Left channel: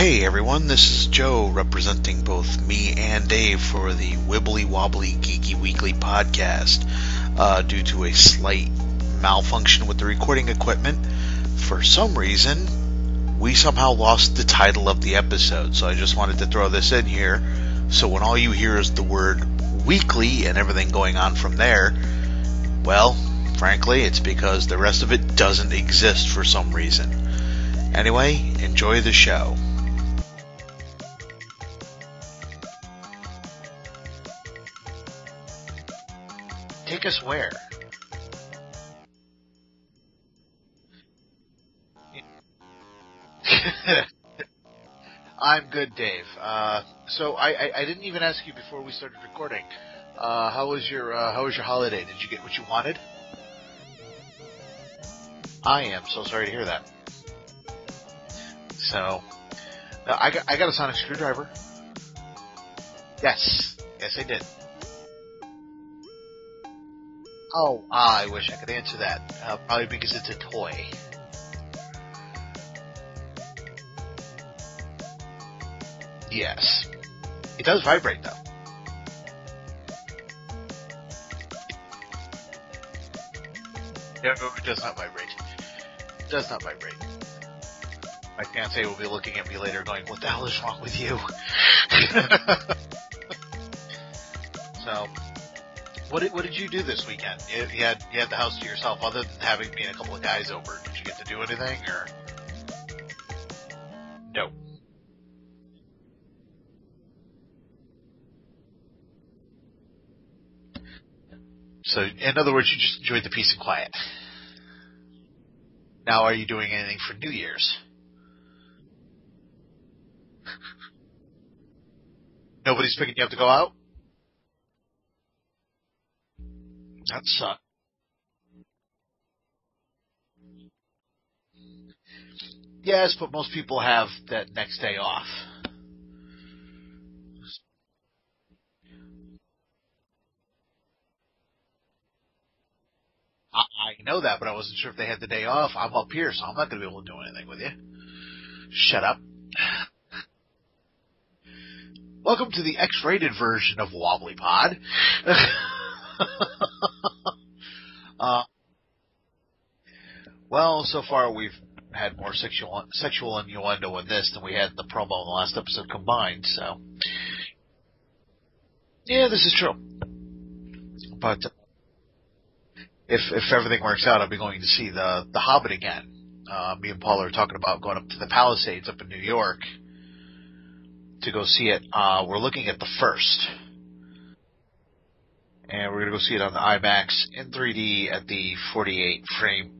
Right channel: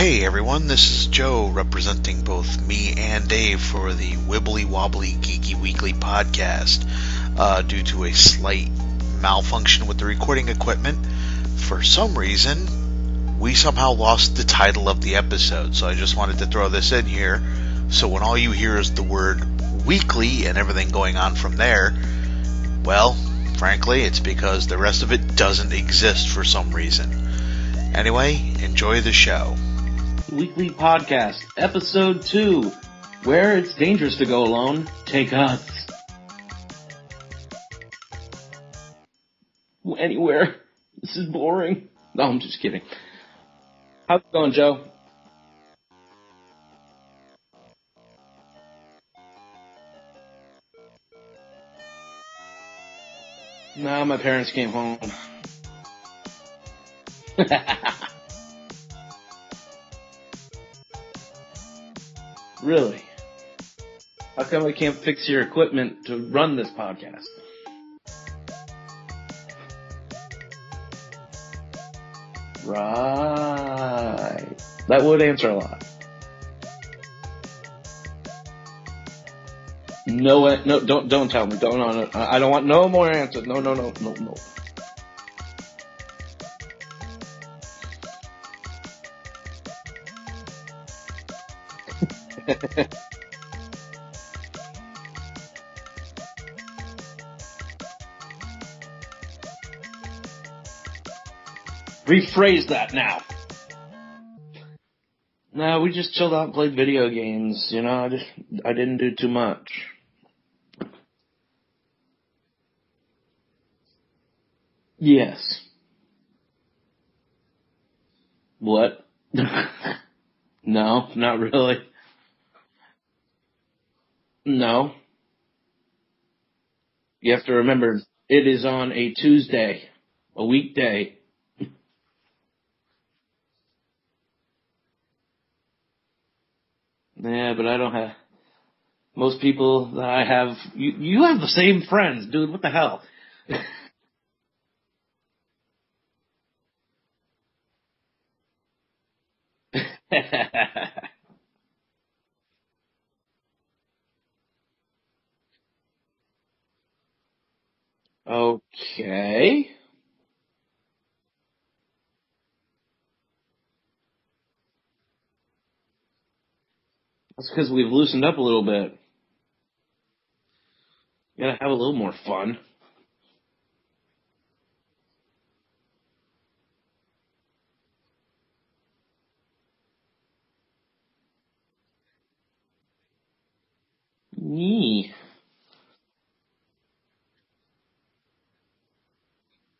Hey everyone, this is Joe representing both me and Dave for the Wibbly Wobbly Geeky Weekly podcast. Due to a slight malfunction with the recording equipment, for some reason, we somehow lost the title of the episode, so I just wanted to throw this in here, so when all you hear is the word weekly and everything going on from there, well, frankly, it's because the rest of it doesn't exist for some reason. Anyway, enjoy the show. Weekly Podcast, Episode 2, Where It's Dangerous to Go Alone, Take Us. Take us where? Anywhere. This is boring. No, I'm just kidding. How's it going, Joe? I'm good, Dave. So I didn't even ask you before we started recording. How was your holiday? Did you get what you wanted? No, my parents came home. I am so sorry to hear that. So, I got a sonic screwdriver. Really? Yes, I did. How come I can't fix your equipment to run this podcast? Oh, I wish I could answer that. Probably because it's a toy. Right. That would answer a lot. Yes. It does vibrate, though. No, don't tell me. No. I don't want no more answers. No. No, it does not vibrate. It does not vibrate. My fiancé will be looking at me later going, what the hell is wrong with you? So, what did you do this weekend? You had the house to yourself, other than having me and a couple of guys over. Did you get to do anything? Or? Rephrase that now. Nope. No, we just chilled out and played video games. You know, I didn't do too much. So, in other words, you just enjoyed the peace and quiet. Yes. Now, are you doing anything for New Year's? What? No, not really. Nobody's picking you up to go out? No. That you sucks. Have to remember, it is on a Tuesday, a weekday. Yes, but most people have that next day off. Yeah, but I don't have... Most people that I have... You have the same friends, dude. What the hell? I know that, but I wasn't sure if they had the day off. I'm up here, so I'm not going to be able to do anything with you. Shut up. Welcome to the X-rated version of Wobblypod. Okay. Well, so far we've had more sexual innuendo in this than we had in the promo in the last episode combined, so... That's because we've loosened up a little bit. Yeah, this is true. But gotta have a little more fun. If everything works out, I'll be going to see the Hobbit again. Me and Paul are talking about going up to the Palisades up in New York to go see it. We're looking at the first. Nee. And we're going to go see it on the IMAX in 3D at the 48 frame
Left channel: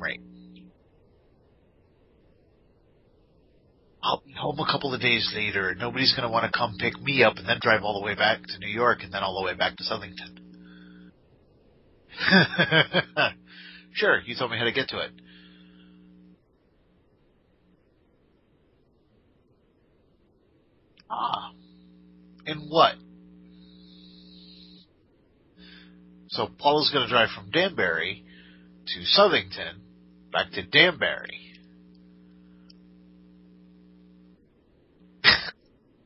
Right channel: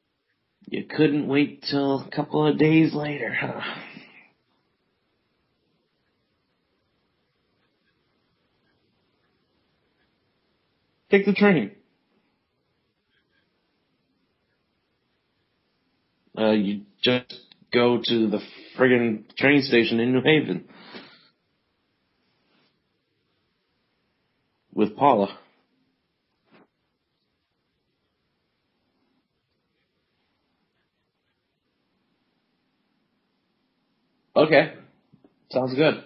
rate. You couldn't wait till a couple of days later, huh? I'll be home a couple of days later. Nobody's going to want to come pick me up and then drive all the way back to New York and then all the way back to Southington. Take the train. Sure, you told me how to get to it. You just go to the friggin' train station in New Haven. Ah. And what? With Paula. So Paula's going to drive from Danbury to Southington, back to Danbury. Okay. Sounds good.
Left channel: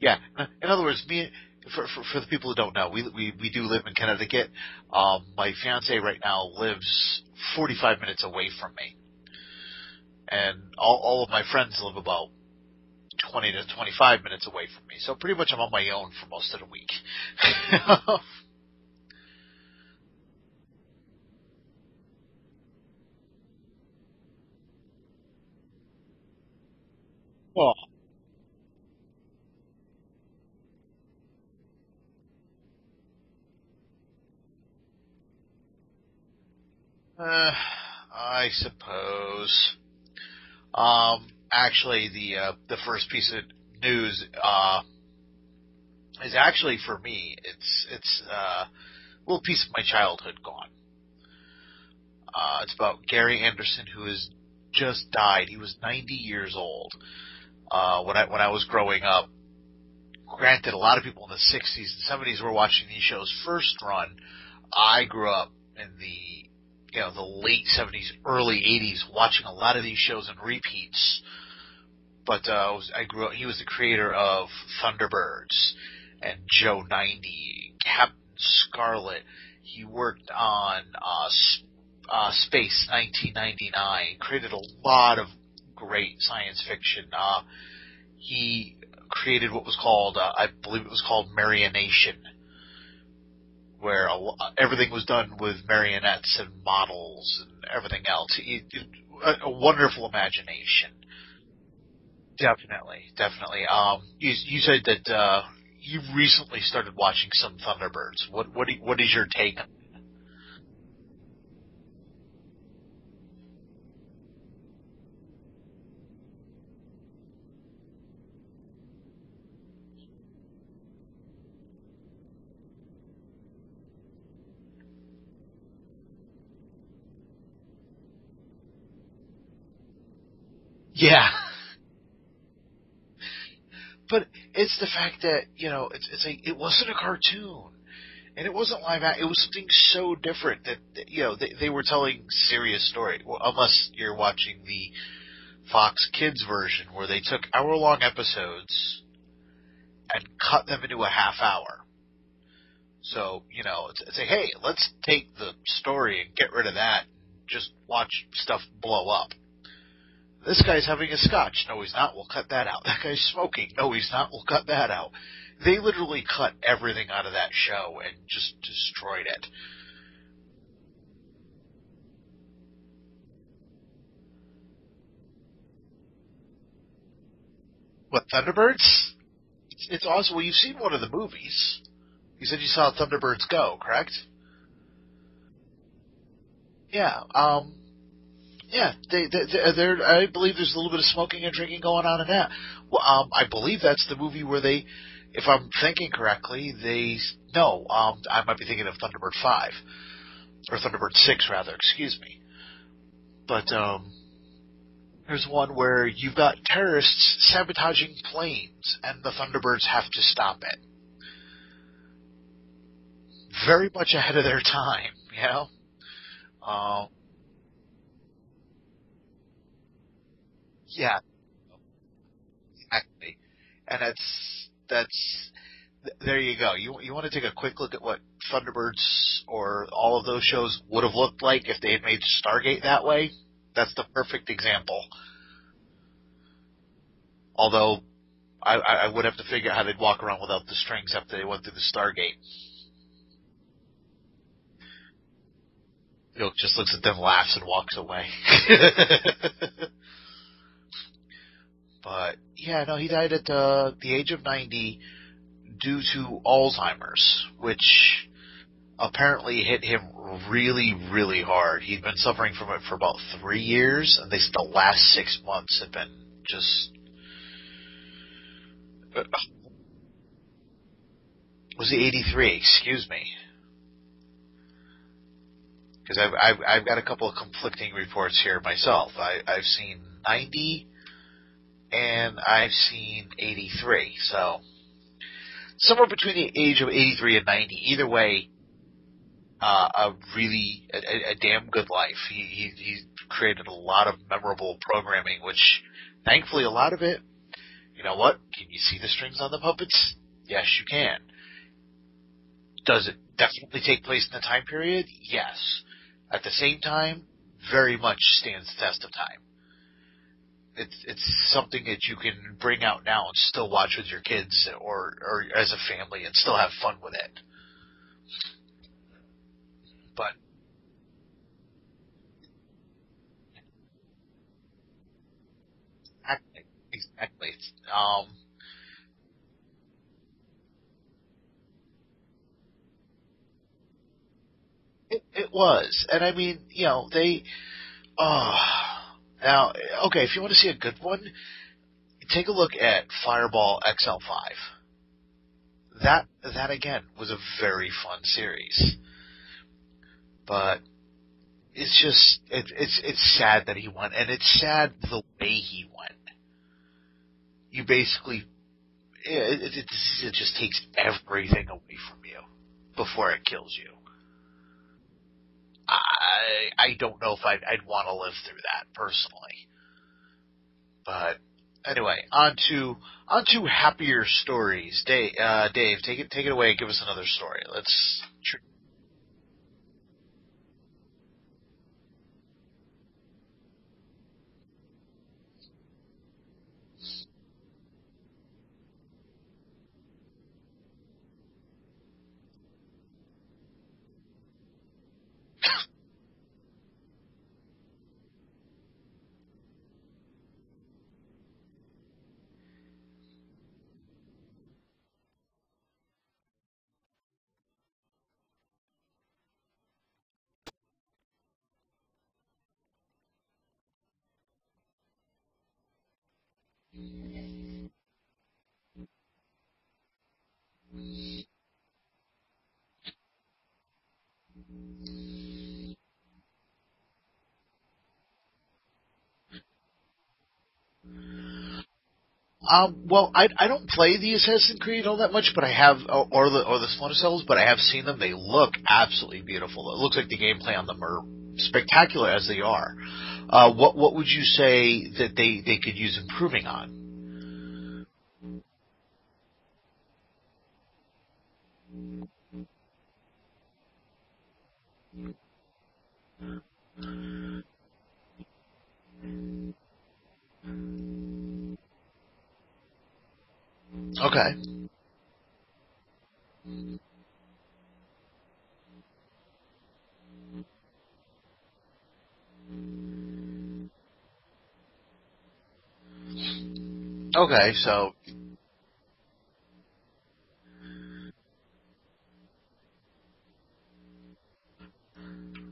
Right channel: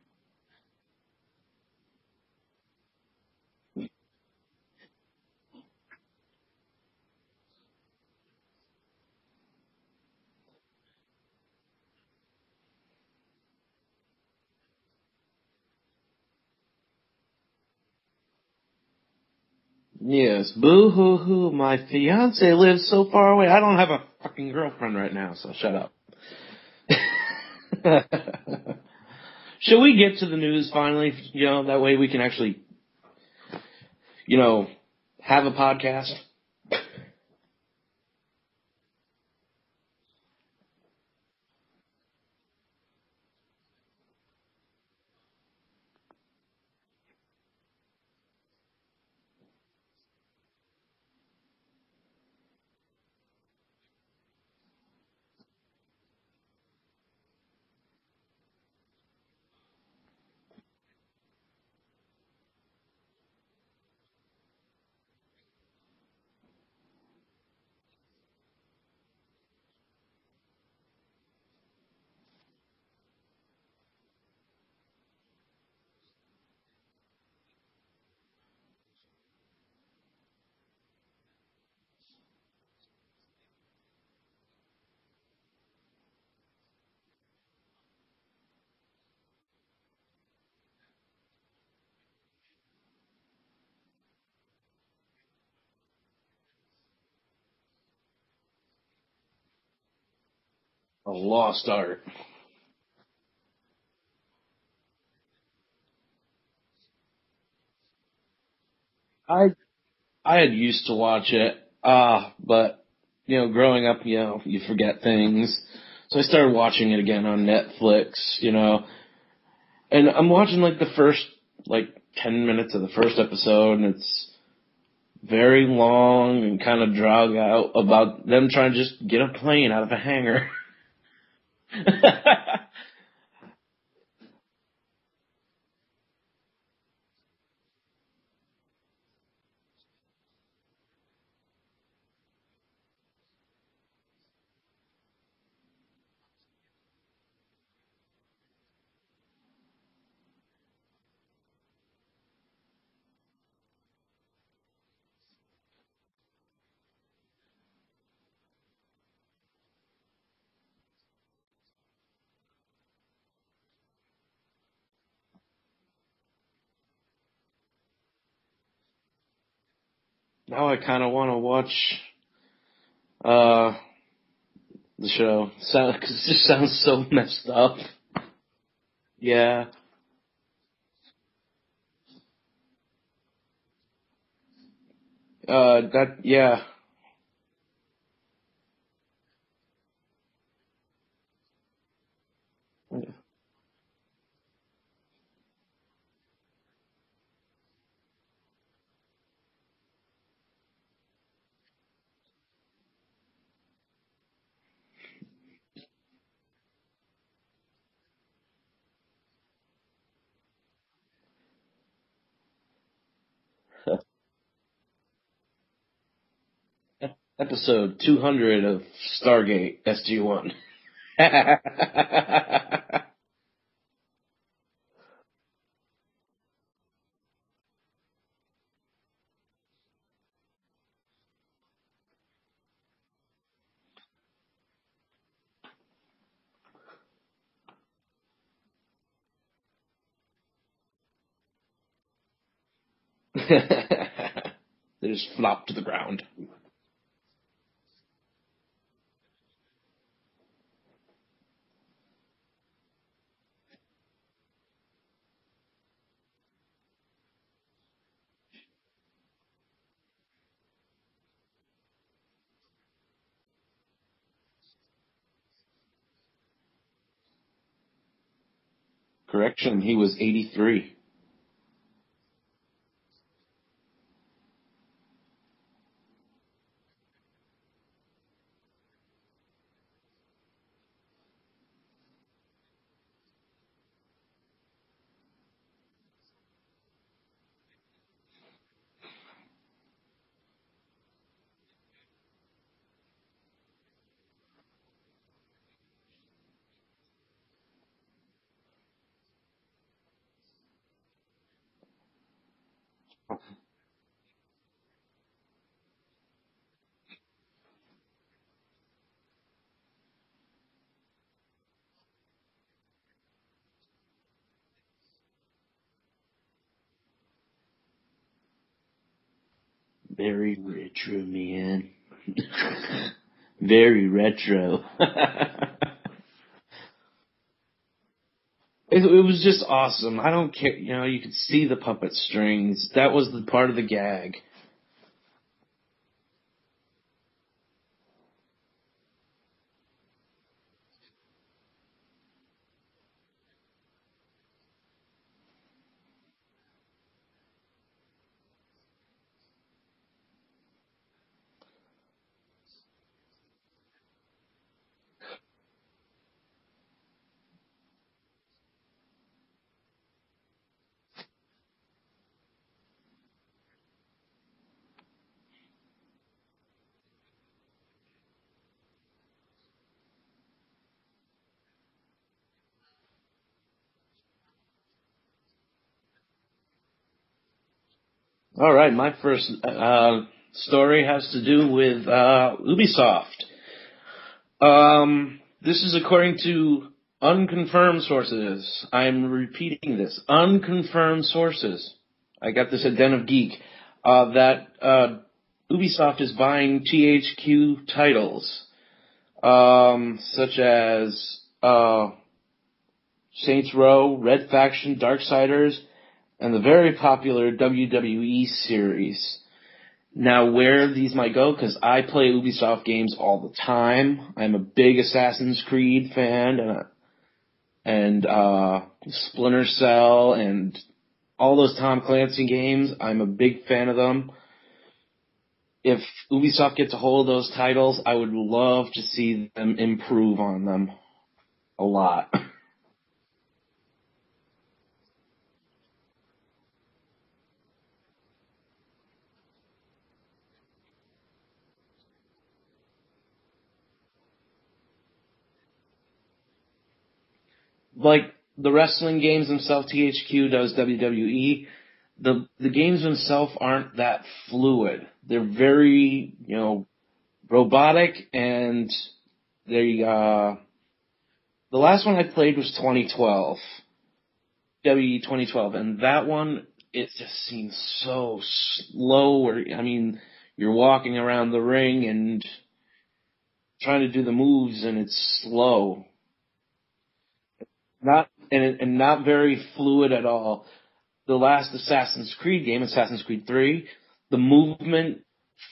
Yeah. In other words, for the people who don't know, we do live in Connecticut. My fiance right now lives 45 minutes away from me. And all of my friends live about 20 to 25 minutes away from me. So pretty much I'm on my own for most of the week. Yes. Boo-hoo-hoo. My fiance lives so far away. I don't have a fucking girlfriend right now, so shut up. Oh. Should we get to the news finally? You know, that way we can actually, have a podcast? I suppose. Actually, the first piece of news is actually for me. It's a little piece of my childhood gone. It's about Gary Anderson, who has just died. He was 90 years old when I was growing up. Granted, a lot of people in the 60s and 70s were watching these shows first run. I grew up in the the late 70s, early 80s, watching a lot of these shows in repeats. But I grew up. He was the creator of Thunderbirds and Joe 90, Captain Scarlet. He worked on Space 1999. Created a lot of great science fiction. He created what was called, I believe it was called Marionation, where everything was done with marionettes and models and everything else. A wonderful imagination. A lost art. Definitely. You said that you recently started watching some Thunderbirds. What is your take? I had used to watch it, but growing up, you forget things. So I started watching it again on Netflix, and I'm watching like the first 10 minutes of the first episode, and it's very long and kind of drag out about them trying to just get a plane out of a hangar. Yeah. But it's the fact that, it's like, it wasn't a cartoon. And it wasn't live action. It was something so different that, they were telling serious story. Well, unless you're watching the Fox Kids version, where they took hour-long episodes and cut them into a half hour. So, it's like, hey, let's take the story and get rid of that and just watch stuff blow up. This guy's having a scotch. No, he's not. We'll cut that out. That guy's smoking. No, he's not. We'll cut that out. They literally cut everything out of that show and just destroyed it. Now I kind of want to watch the show. It just sounds so messed up. What, Thunderbirds? Yeah. It's awesome. Well, you've seen one of the movies. You said you saw Thunderbirds Go, correct? Yeah. Yeah. Yeah. They're, I believe there's a little bit of smoking and drinking going on in that. Well, I believe that's the movie where they, if I'm thinking correctly, I might be thinking of Thunderbird 5. Or Thunderbird 6, rather, excuse me. But, there's one where you've got terrorists sabotaging planes, and the Thunderbirds have to stop it. Very much ahead of their time, Episode 200 of Stargate SG-1. Yeah. Exactly. And that's there you go. You want to take a quick look at what Thunderbirds or all of those shows would have looked like if they had made Stargate that way? That's the perfect example. Although I would have to figure out how they'd walk around without the strings after they went through the Stargate. They just flop to the ground. Yoke just looks at them, laughs, and walks away. But, yeah, no, he died at the age of 90 due to Alzheimer's, which apparently hit him really, really hard. He'd been suffering from it for about 3 years, and they said the last 6 months had been just... Correction, he was 83. Was he 83? Excuse me. Because I've got a couple of conflicting reports here myself. I've seen 90, and I've seen 83. So somewhere between the age of 83 and 90. Either way, a damn good life. He created a lot of memorable programming, which thankfully a lot of it. You know what? Can you see the strings on the puppets? Yes, you can. Does it definitely take place in the time period? Yes. At the same time, very much stands the test of time. It's something that you can bring out now and still watch with your kids or as a family and still have fun with it. Very retro, man. Very retro. Exactly. It was just awesome. I don't care. You could see the puppet strings. That was the part of the gag. It was. And I mean, they... now, okay, if you want to see a good one, take a look at Fireball XL5. That again, was a very fun series. But it's just... It's sad that he won. And it's sad the way he won. You basically... It just takes everything away from you before it kills you. I don't know if I'd want to live through that personally. But anyway, on to happier stories. Dave, take it away. Give us another story. All right, my first story has to do with Ubisoft. This is according to unconfirmed sources. I'm repeating this. Unconfirmed sources. I got this at Den of Geek. That Ubisoft is buying THQ titles, such as Saints Row, Red Faction, Darksiders, and the very popular WWE series. Now, where these might go, because I play Ubisoft games all the time. I'm a big Assassin's Creed fan, and Splinter Cell, and all those Tom Clancy games. I'm a big fan of them. If Ubisoft gets a hold of those titles, I would love to see them improve on them a lot. Well, I don't play the Assassin's Creed all that much, but I have, or the Splinter Cells, but I have seen them. They look absolutely beautiful. It looks like the gameplay on them are spectacular as they are. What would you say that they could use improving on? Like the wrestling games themselves, THQ does WWE. The games themselves aren't that fluid. They're very, robotic, and they the last one I played was 2012. Okay. WWE 2012, and that one, it just seems so slow. You're walking around the ring and trying to do the moves, and it's slow. Okay, so not very fluid at all. The last Assassin's Creed game, Assassin's Creed 3, the movement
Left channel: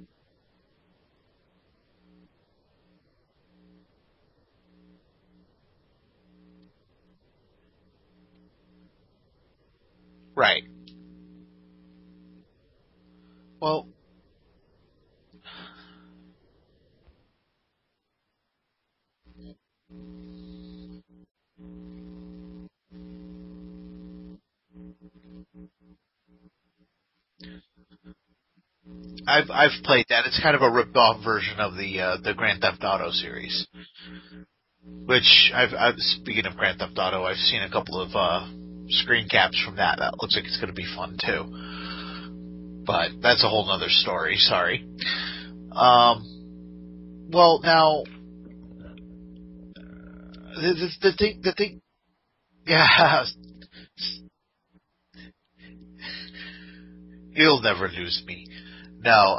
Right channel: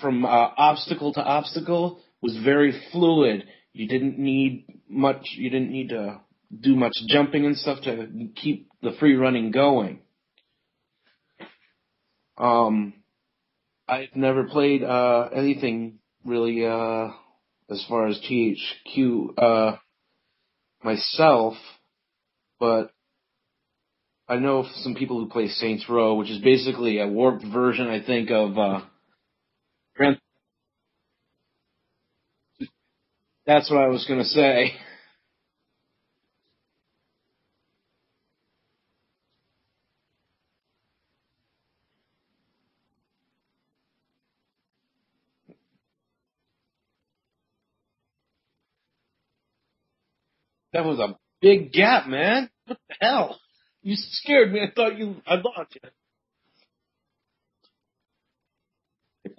from obstacle to obstacle was very fluid. You didn't need to do much jumping and stuff to keep the free running going. Right. Well, I've never played anything really as far as THQ myself, but I know some people who play Saints Row, which is basically a warped version, I think, of. I've played that. It's kind of a ripped-off version of the Grand Theft Auto series. That's what I was going to say. Which speaking of Grand Theft Auto, I've seen a couple of screen caps from that. That looks like it's going to be fun too. But that's a whole other story. Sorry. Well, now that was a big gap, man. Yeah. Wow. You scared me. I thought I lost you. You'll never lose me. No.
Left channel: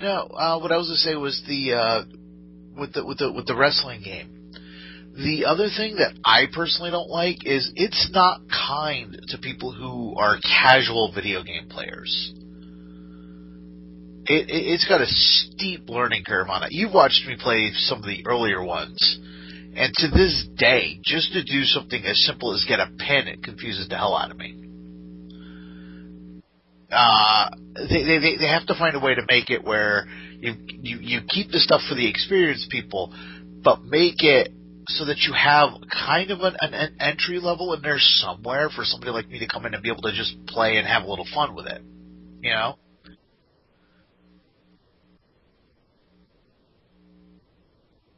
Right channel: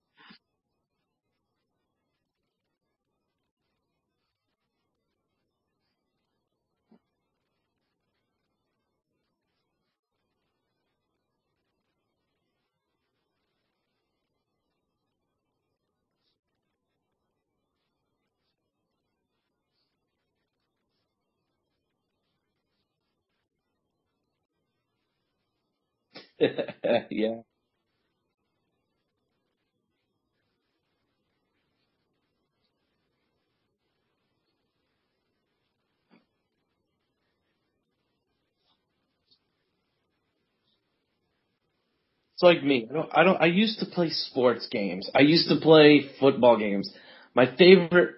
No. What I was going to say was with the wrestling game. The other thing that I personally don't like is it's not kind to people who are casual video game players. It's got a steep learning curve on it. You've watched me play some of the earlier ones, and to this day, just to do something as simple as get a pin, it confuses the hell out of me. They have to find a way to make it where you keep the stuff for the experienced people, but make it so that you have kind of an entry level in there somewhere for somebody like me to come in and be able to just play and have a little fun with it. It's like me. I used to play sports games. I used to play football games. My favorite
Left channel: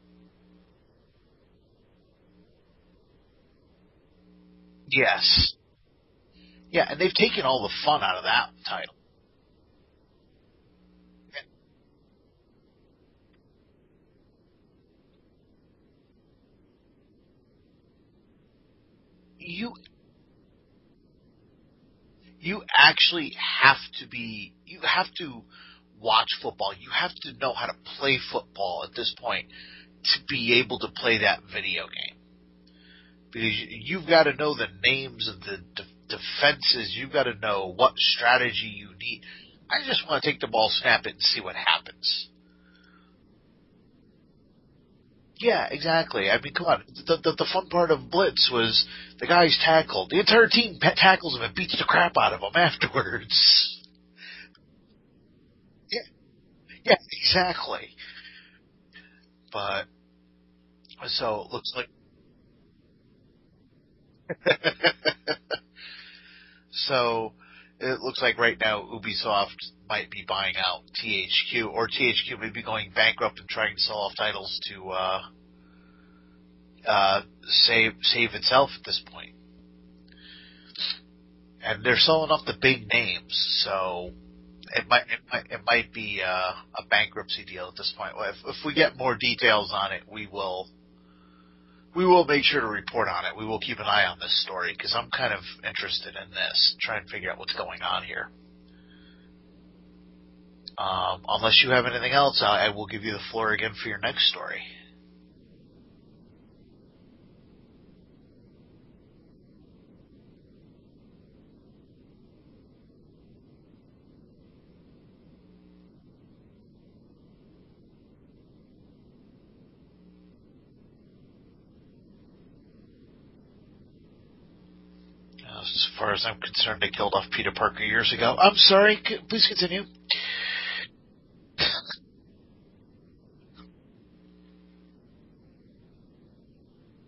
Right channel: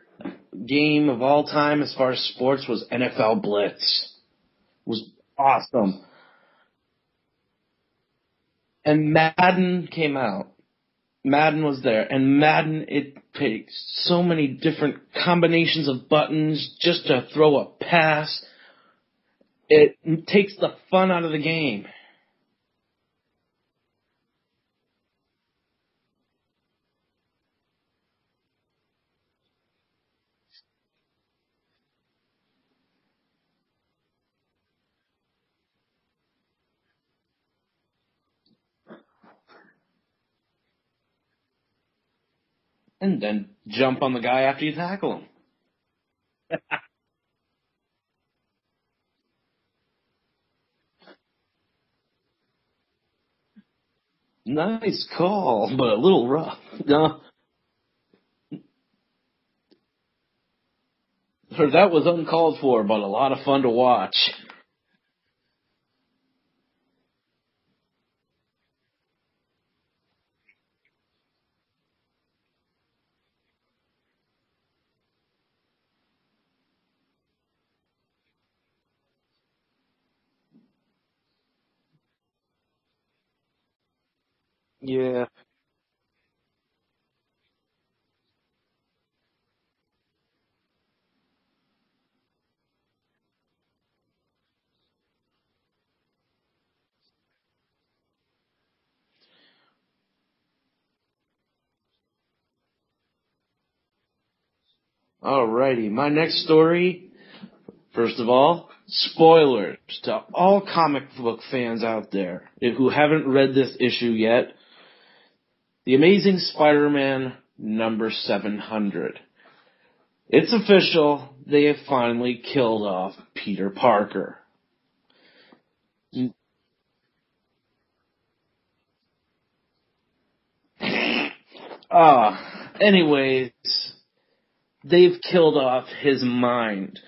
game of all time as far as sports was NFL Blitz. Yes. Awesome. Yeah, and they've taken all the fun out of that title. And Madden came out. Madden was there. And Madden, it takes so many different combinations of buttons just to throw a pass. It takes the fun out of the game. You actually have to watch football. You have to know how to play football at this point to be able to play that video game. Because you've got to know the names of the defenses. You've got to know what strategy you need. I just want to take the ball, snap it, and see what happens. And then jump on the guy after you tackle him. Yeah, exactly. I mean, come on. The fun part of Blitz was the guy's tackled. The entire team tackles him and beats the crap out of him afterwards. Nice call, but a little rough. Yeah, exactly. But, so... that was uncalled for, but a lot of fun to watch. So, it looks like right now Ubisoft might be buying out THQ, or THQ may be going bankrupt and trying to sell off titles to save itself at this point. And they're selling off the big names, so it might be a bankruptcy deal at this point. If we get more details on it, we will make sure to report on it. We will keep an eye on this story because I'm kind of interested in this, trying to figure out what's going on here. Unless you have anything else, I will give you the floor again for your next story. Alrighty, my next story, first of all, spoilers to all comic book fans out there who haven't read this issue yet. The Amazing Spider-Man number 700. It's official. They have finally killed off Peter Parker. As far as I'm concerned, they killed off Peter Parker years ago. I'm sorry. Please continue. Anyways, they've killed off his mind.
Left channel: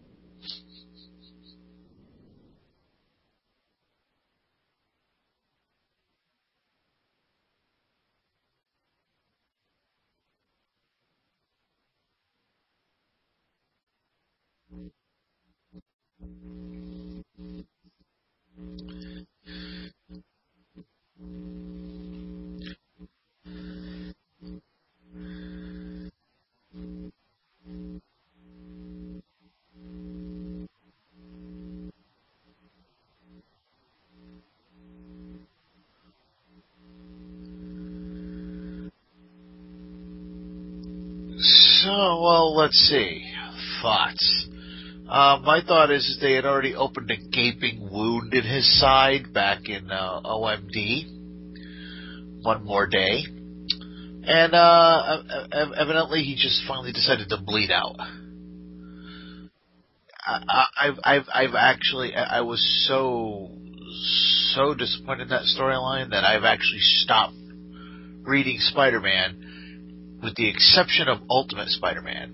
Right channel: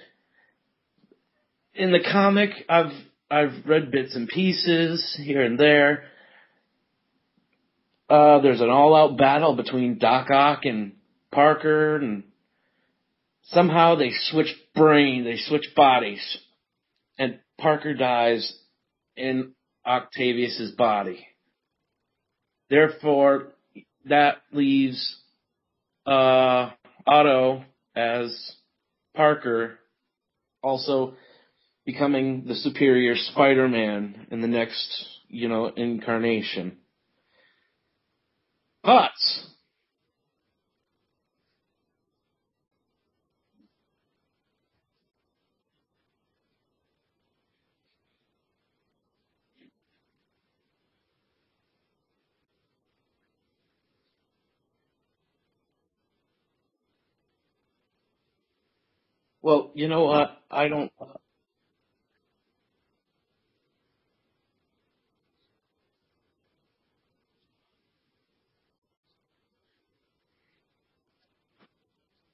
In the comic, I've read bits and pieces here and there. There's an all-out battle between Doc Ock and Parker, and somehow they switch bodies, and Parker dies in Octavius's body. Therefore, that leaves Otto as Parker, also becoming the superior Spider-Man in the next, incarnation. Thoughts? So, let's see. Thoughts. My thought is they had already opened a gaping wound in his side back in OMD. One more day. And evidently he just finally decided to bleed out. Well, you know what? I was so disappointed in that storyline that I've actually stopped reading Spider-Man, with the exception of Ultimate Spider-Man.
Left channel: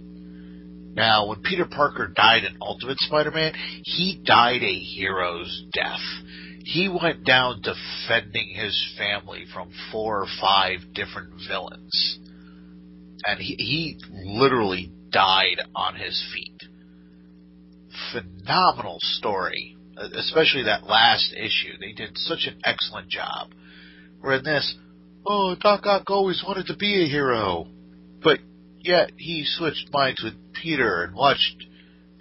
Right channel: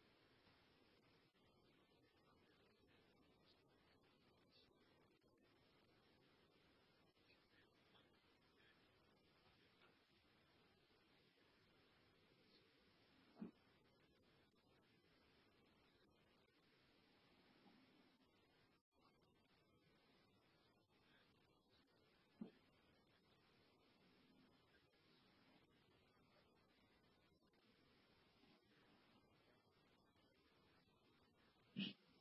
Now, when Peter Parker died in Ultimate Spider-Man, he died a hero's death. He went down defending his family from 4 or 5 different villains. And he literally died on his feet. Phenomenal story, especially that last issue. They did such an excellent job. Where in this, Doc Ock always wanted to be a hero, but yet he switched minds with Peter and watched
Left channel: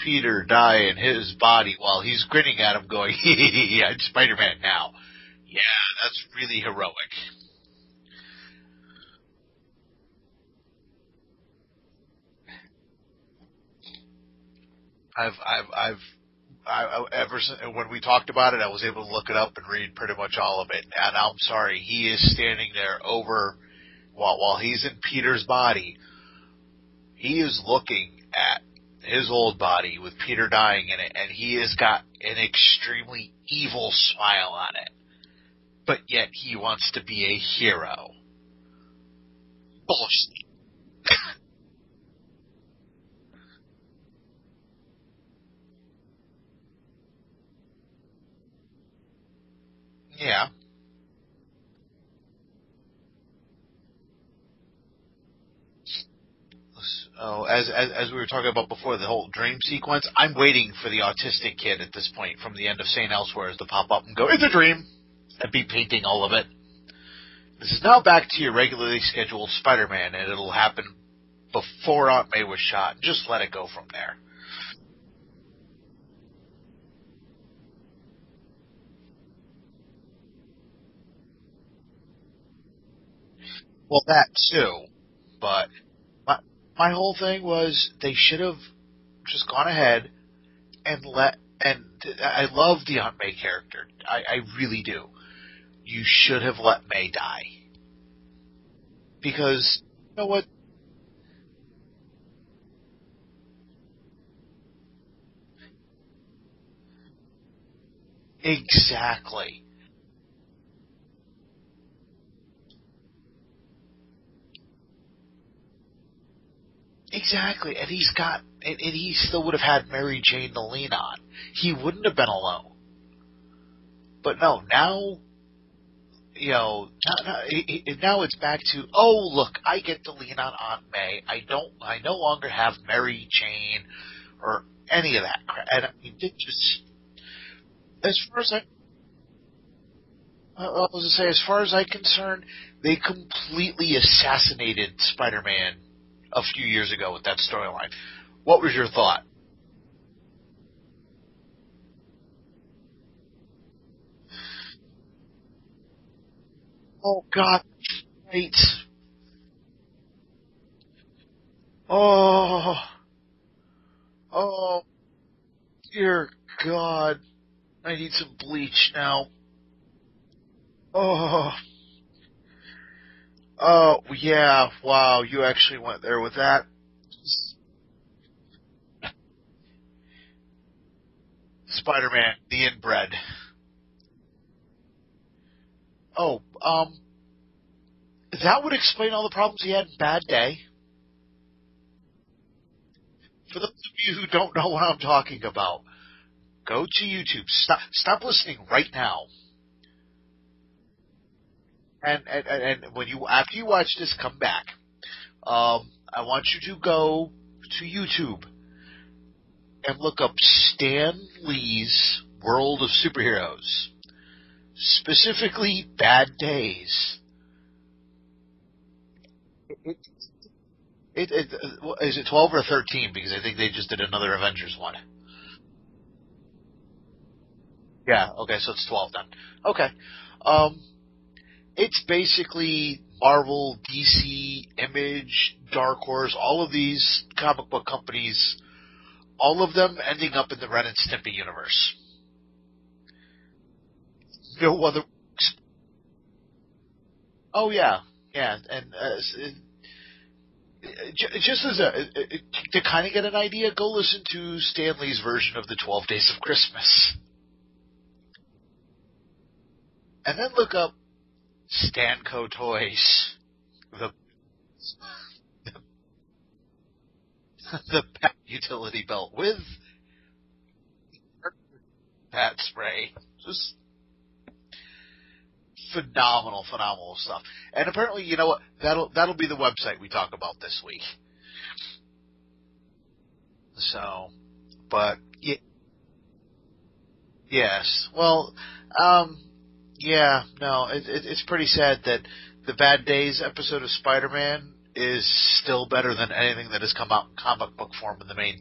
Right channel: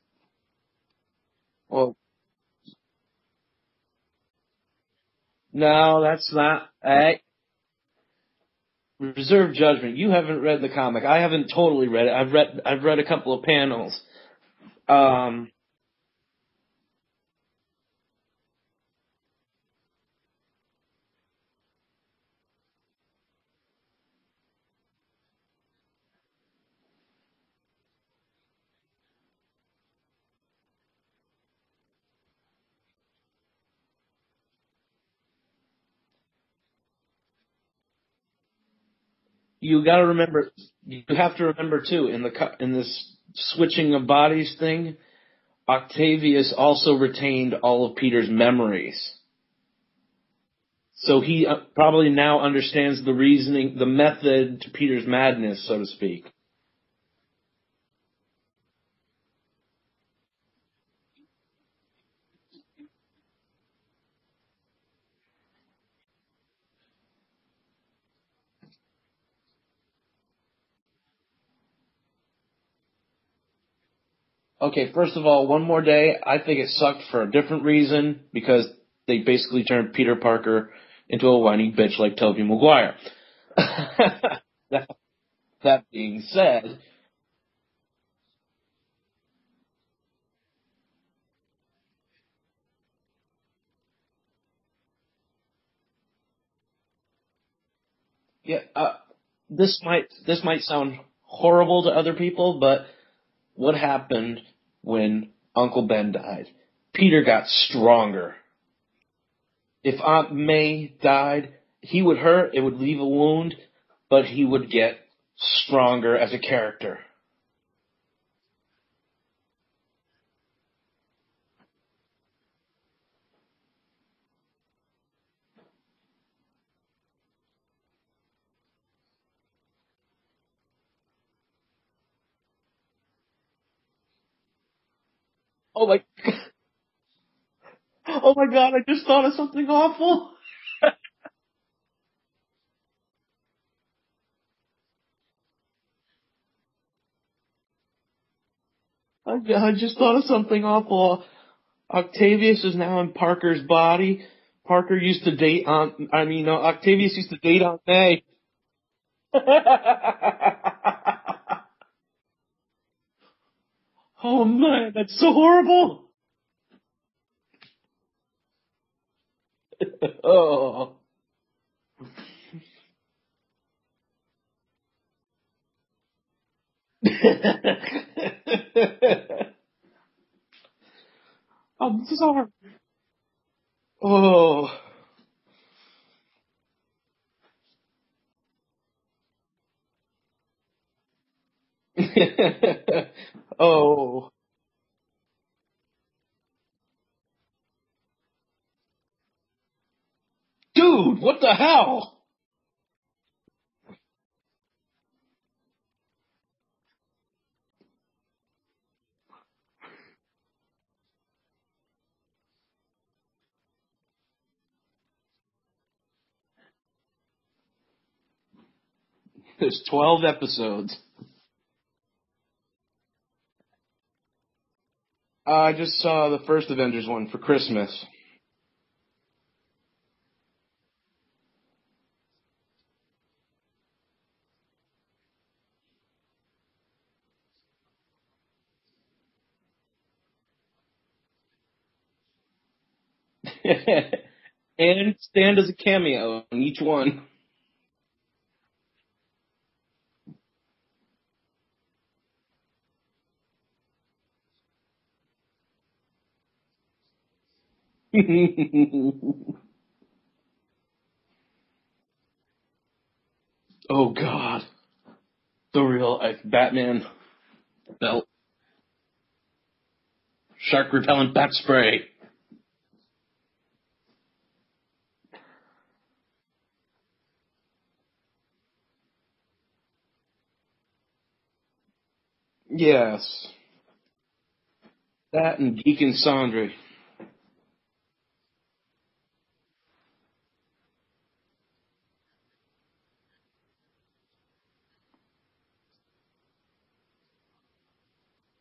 Peter die in his body while he's grinning at him going, I'm Spider-Man now. Yeah, that's really not heroic. Reserve judgment. You haven't read the comic. I haven't totally read it. I've read a couple of panels. Ever since when we talked about it, I was able to look it up and read pretty much all of it. And I'm sorry, he is standing there while he's in Peter's body. He is looking at his old body with Peter dying in it, and he has got an extremely evil smile on it. But yet he wants to be a hero. You gotta remember. You have to remember too in this switching of bodies thing. Octavius also retained all of Peter's memories. Yeah. So he probably now understands the reasoning, the method to Peter's madness, so to speak. Oh, as we were talking about before, the whole dream sequence, I'm waiting for the autistic kid at this point from the end of St. Elsewhere to pop up and go, it's a dream, and be painting all of it. This is now back to your regularly scheduled Spider-Man, and it'll happen before Aunt May was shot. Just let it go from there. Okay, first of all, one more day. I think it sucked for a different reason, because they basically turned Peter Parker into a whiny bitch like Tobey Maguire. Well, that too. But that being said, my whole thing was they should have just gone ahead and I love the Aunt May character. I really do. You should have let May die. Yeah, because this might sound horrible to other people, but what happened when Uncle Ben died? Peter got stronger. Exactly. If Aunt May died, he would hurt, it would leave a wound, but he would get stronger as a character. Exactly. And he still would have had Mary Jane to lean on. He wouldn't have been alone. But no, now now it's back to, oh, look, I get to lean on Aunt May. I no longer have Mary Jane or any of that crap. And Oh they just, oh my God! I just thought of something awful. I was going to say, as far as I'm concerned, they completely assassinated Spider-Man a few years ago with that storyline. What was your thought? I just thought of something awful. Octavius is now in Parker's body. Parker used to date Octavius used to date Aunt May. Oh. Oh man, that's so horrible. Dear God. I need some bleach now. Oh. Oh, yeah. Wow, you actually went there with that. Spider-Man, the inbred. Oh. Oh, that would explain all the problems he had in Bad Day. For those of you who don't know what I'm talking about, go to YouTube. Stop listening right now. Dude, what the hell? And after you watch this, come back. I want you to go to YouTube and look up Stan Lee's World of Superheroes, specifically Bad Days. There's 12 episodes. Is it 12 or 13? Because I think they just did another Avengers one. I just saw the first Avengers one for Christmas. Yeah, okay, so it's 12 then. Okay. It's basically Marvel, DC, Image, Dark Horse, all of these comic book companies, all of them ending up in the Ren and Stimpy universe. And Stan does a cameo in each one. Oh, yeah. Yeah, and just as to kind of get an idea, go listen to Stan Lee's version of the 12 Days of Christmas. And then look up Stanco Toys. Oh, God. The real Batman the belt. Bat utility belt with shark repellent bat spray. Bat spray. Just phenomenal stuff. And apparently, you know what? That'll be the website we talk about this week. Yes. So, but that and Geek and Sandry. Yes. Well, yeah. No, it's pretty sad that the Bad Days episode of Spider-Man is still better than anything that has come out in comic book form in the main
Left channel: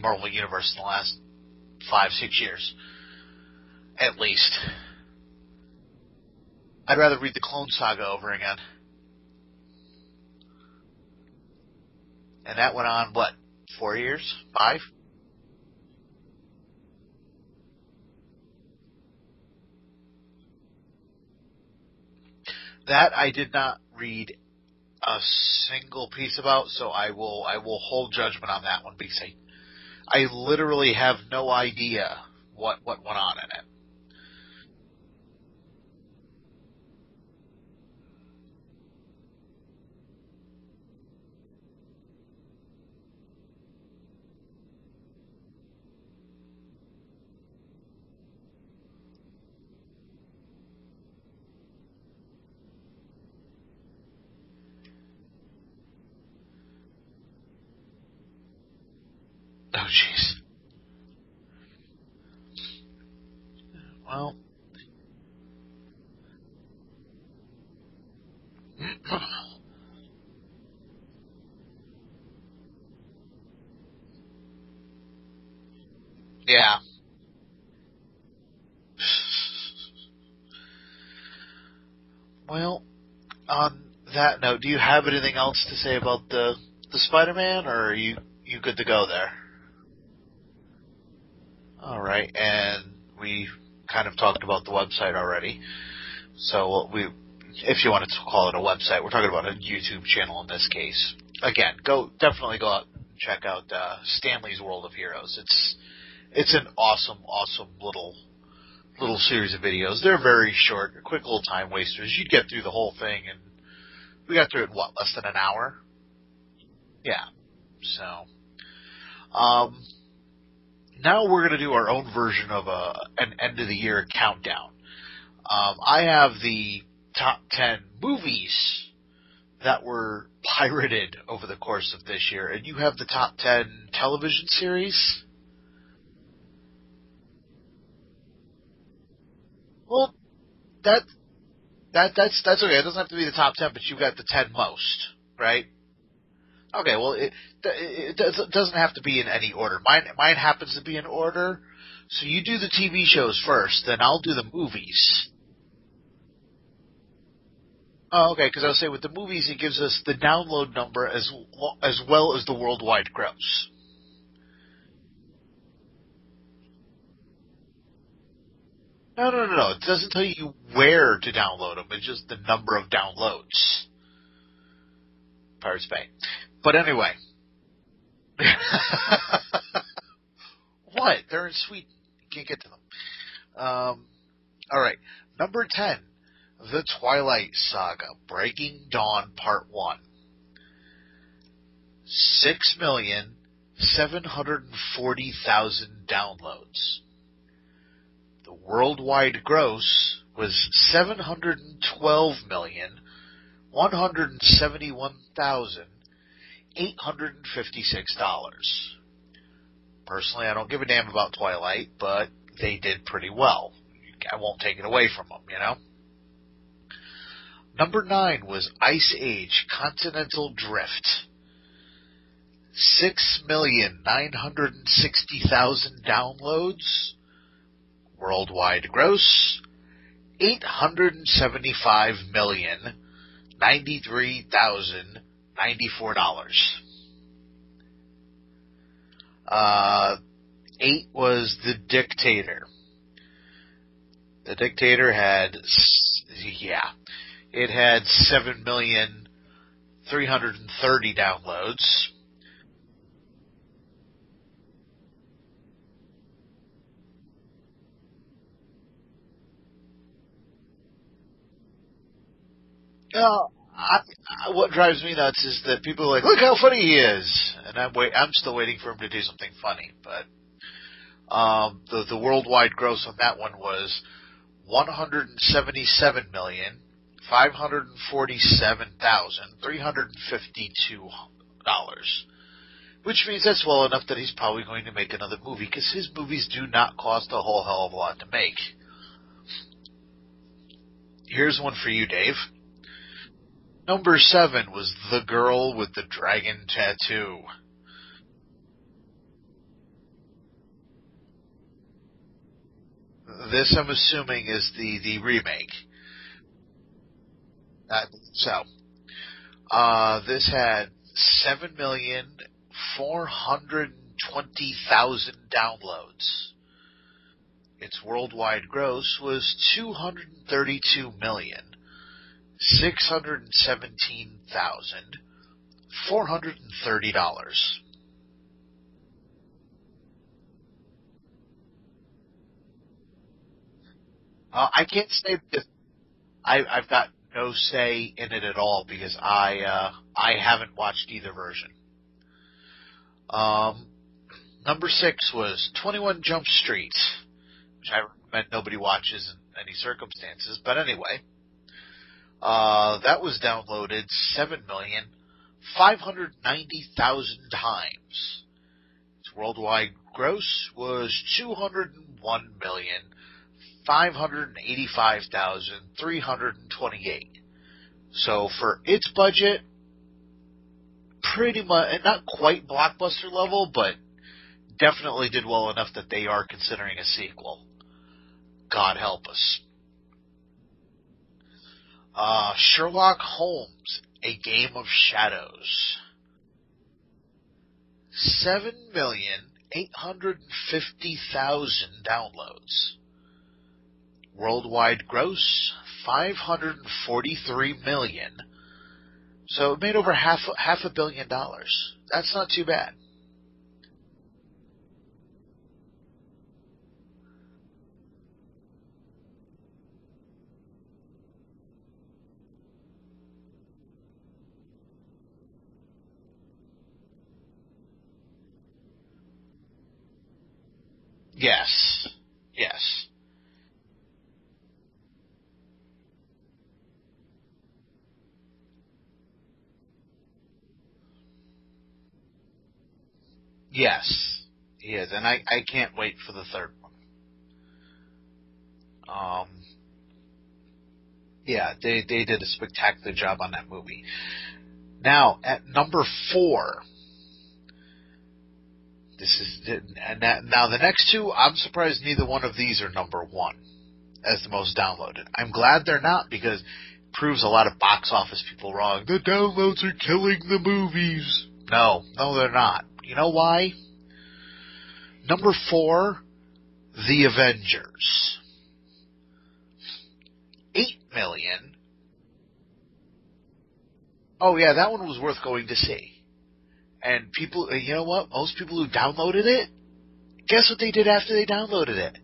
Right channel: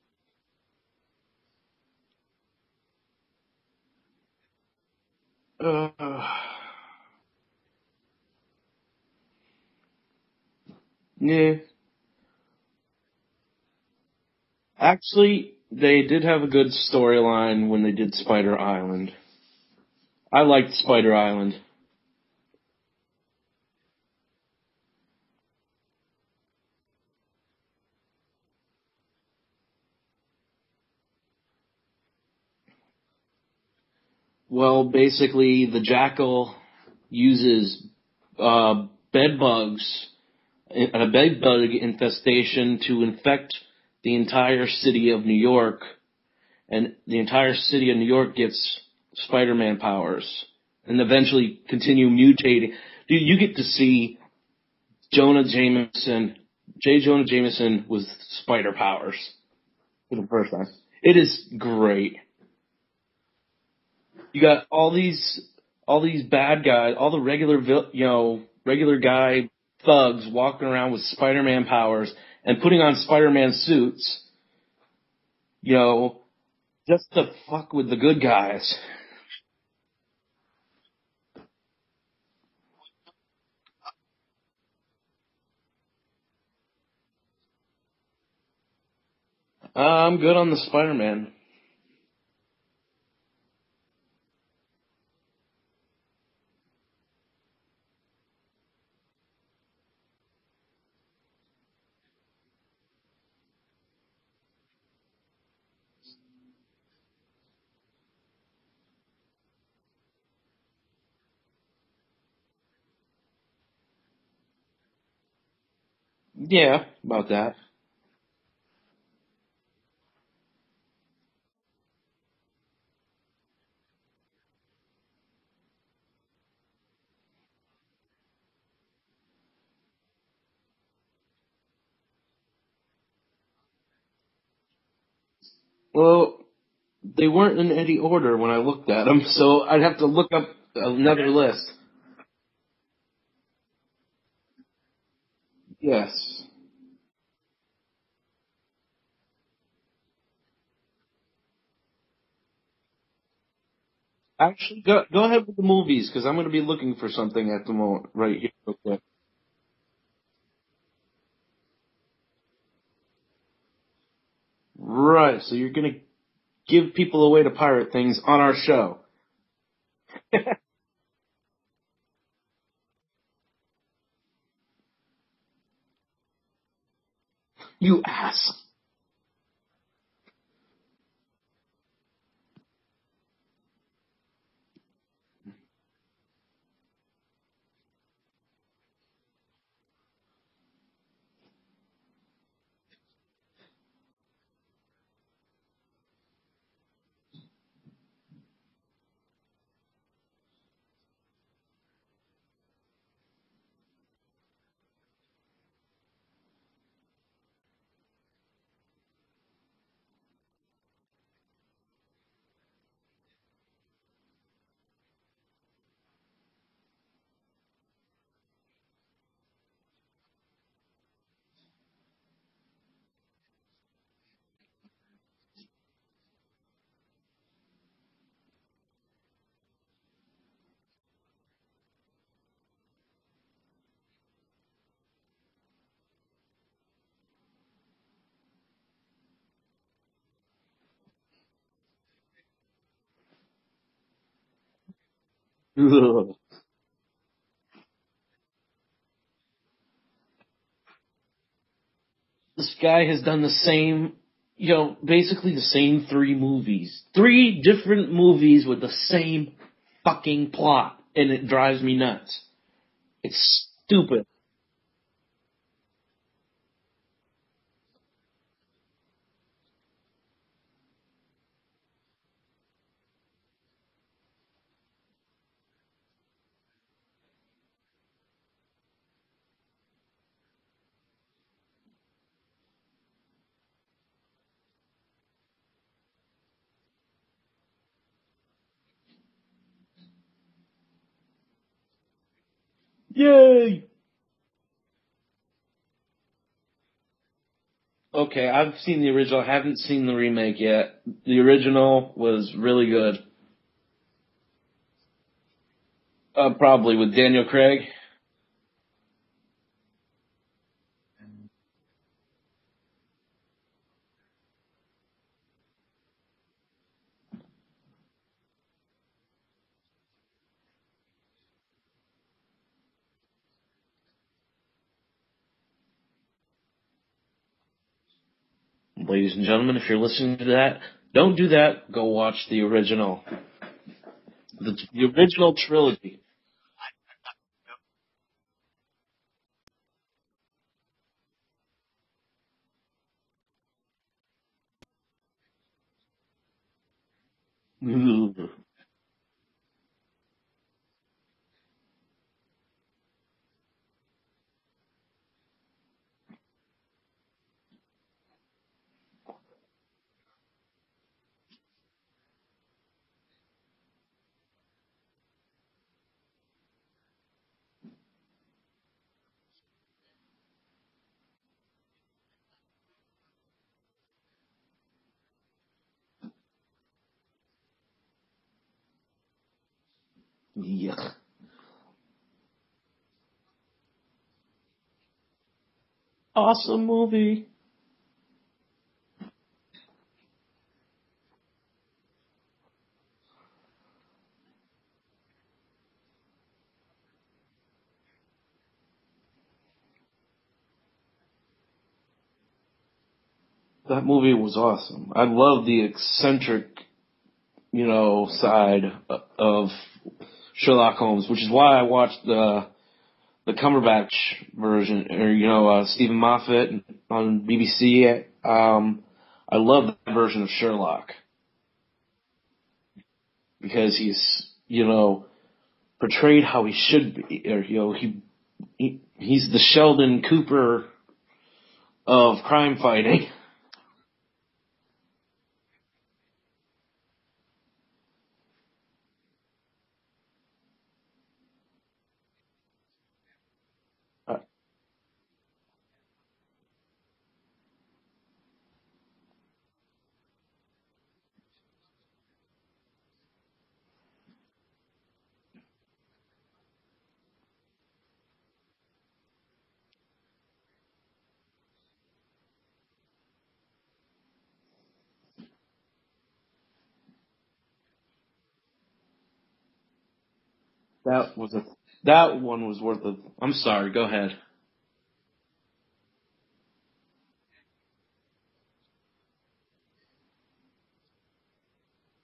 Marvel universe in the last 5-6 years, at least. I'd rather read the Clone Saga over again. Yeah. And that went on, 4 years? 5? Actually, they did have a good storyline when they did Spider Island. I liked Spider Island. That I did not read a single piece about, so I will hold judgment on that one because I literally have no idea what went on in it. Well, basically, the Jackal uses bed bugs, a bed bug infestation to infect the entire city of New York, and the entire city of New York gets Spider-Man powers, and eventually continue mutating. Dude, you get to see J. Jonah Jameson with spider powers. Oh, jeez. For the first time. It is great. Well, you got all these bad guys, all the regular guy thugs walking around with Spider-Man powers and putting on Spider-Man suits. Yeah. Just to fuck with the good guys. Well, on that note, do you have anything else to say about the Spider-Man, or are you good to go there? I'm good on the Spider-Man. All right, and we kind of talked about the website already. So if you wanted to call it a website, we're talking about a YouTube channel in this case. Again, definitely go out and check out Stanley's World of Heroes. It's an awesome little series of videos. They're very short, quick little time wasters. You'd get through the whole thing, and we got through it in less than an hour? Yeah, about that. So, now we're going to do our own version of an end of the year countdown. I have the top 10 movies that were pirated over the course of this year, and you have the top 10 television series? Well, they weren't in any order when I looked at them, so I'd have to look up another list. That's okay. It doesn't have to be the top 10, but you've got the 10 most, right? Yes. Okay, well, it doesn't have to be in any order. Mine happens to be in order. So you do the TV shows first, then I'll do the movies. Go ahead with the movies, because I'm going to be looking for something at the moment. Oh, okay, because I was saying with the movies, it gives us the download number as well as the worldwide gross. Right, so you're going to give people a way to pirate things on our show. No. It doesn't tell you where to download them. It's just the number of downloads. Pirates Bay. But anyway. You ass. What? They're in Sweden. You can't get to them. All right. Number 10. The Twilight Saga. Breaking Dawn Part 1. 6,740,000 downloads. The worldwide gross was $712,171,856. Personally, I don't give a damn about Twilight, but they did pretty well. I won't take it away from them, you know? Number 9 was Ice Age Continental Drift. 6,960,000 downloads. Worldwide gross, $875,093,094. 8 was The Dictator. The Dictator had, it had 7,330,000 downloads. This guy has done the same, basically the same 3 movies. 3 different movies with the same fucking plot, and it drives me nuts. It's stupid. What drives me nuts is that people are like, look how funny he is. And I'm still waiting for him to do something funny. But the worldwide gross on that one was $177,547,352. Which means that's well enough that he's probably going to make another movie, because his movies do not cost a whole hell of a lot to make. Here's one for you, Dave. Yay! Number 7 was The Girl with the Dragon Tattoo. Okay, I've seen the original. I haven't seen the remake yet. The original was really good. This, I'm assuming, is the remake. Probably, with Daniel Craig. So, this had 7,420,000 downloads. Its worldwide gross was $232,617,430. Ladies and gentlemen, if you're listening to that, don't do that. Go watch the original. I can't the original trilogy. I've got no say in it at all, because I haven't watched either version. Number 6 was 21 Jump Street, which I bet nobody watches in any circumstances. But anyway, that was downloaded 7,590,000 times. Its worldwide gross was $201,585,328. So for its budget, pretty much, not quite blockbuster level, but definitely did well enough that they are considering a sequel. God help us. Yeah. Sherlock Holmes, A Game of Shadows. Awesome movie. 7,850,000 downloads. Worldwide gross, $543 million. So it made over half $500 million. That's not too bad. That movie was awesome. I love the eccentric, side of Sherlock Holmes, which is why I watched the Cumberbatch version, or Stephen Moffat on BBC. I love that version of Sherlock. Yes. Because he's, portrayed how he should be. Or, he's the Sheldon Cooper of crime fighting. Yes, he is, and I can't wait for the third one. Yeah, they did a spectacular job on that movie. Now, at number 4, now the next two, I'm surprised neither one of these are number 1 as the most downloaded. I'm glad they're not, because it proves a lot of box office people wrong. The downloads are killing the movies. No, they're not. You know why? Number 4, The Avengers. 8 million. That one was worth it. I'm sorry, go ahead. Oh, yeah, that one was worth going to see. And people, you know what? Most people who downloaded it, guess what they did after they downloaded it?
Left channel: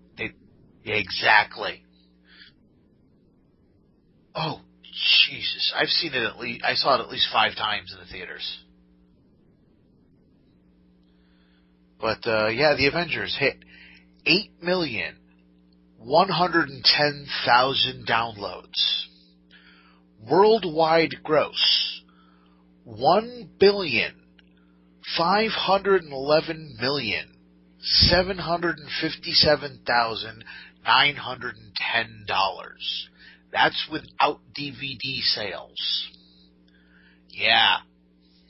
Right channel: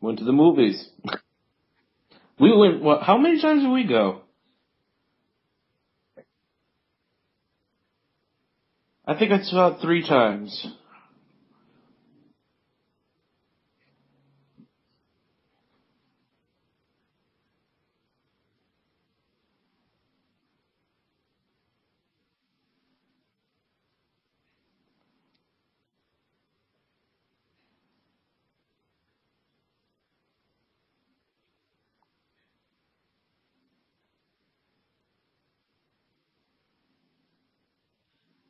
Went to the movies. Exactly. We went, how many times did we go? Oh, Jesus. I saw it at least 5 times in the theaters. I think I saw it 3 times. But, yeah, The Avengers hit 8,110,000 downloads. Worldwide gross, $1,511,757,910. That's without DVD sales. Yeah,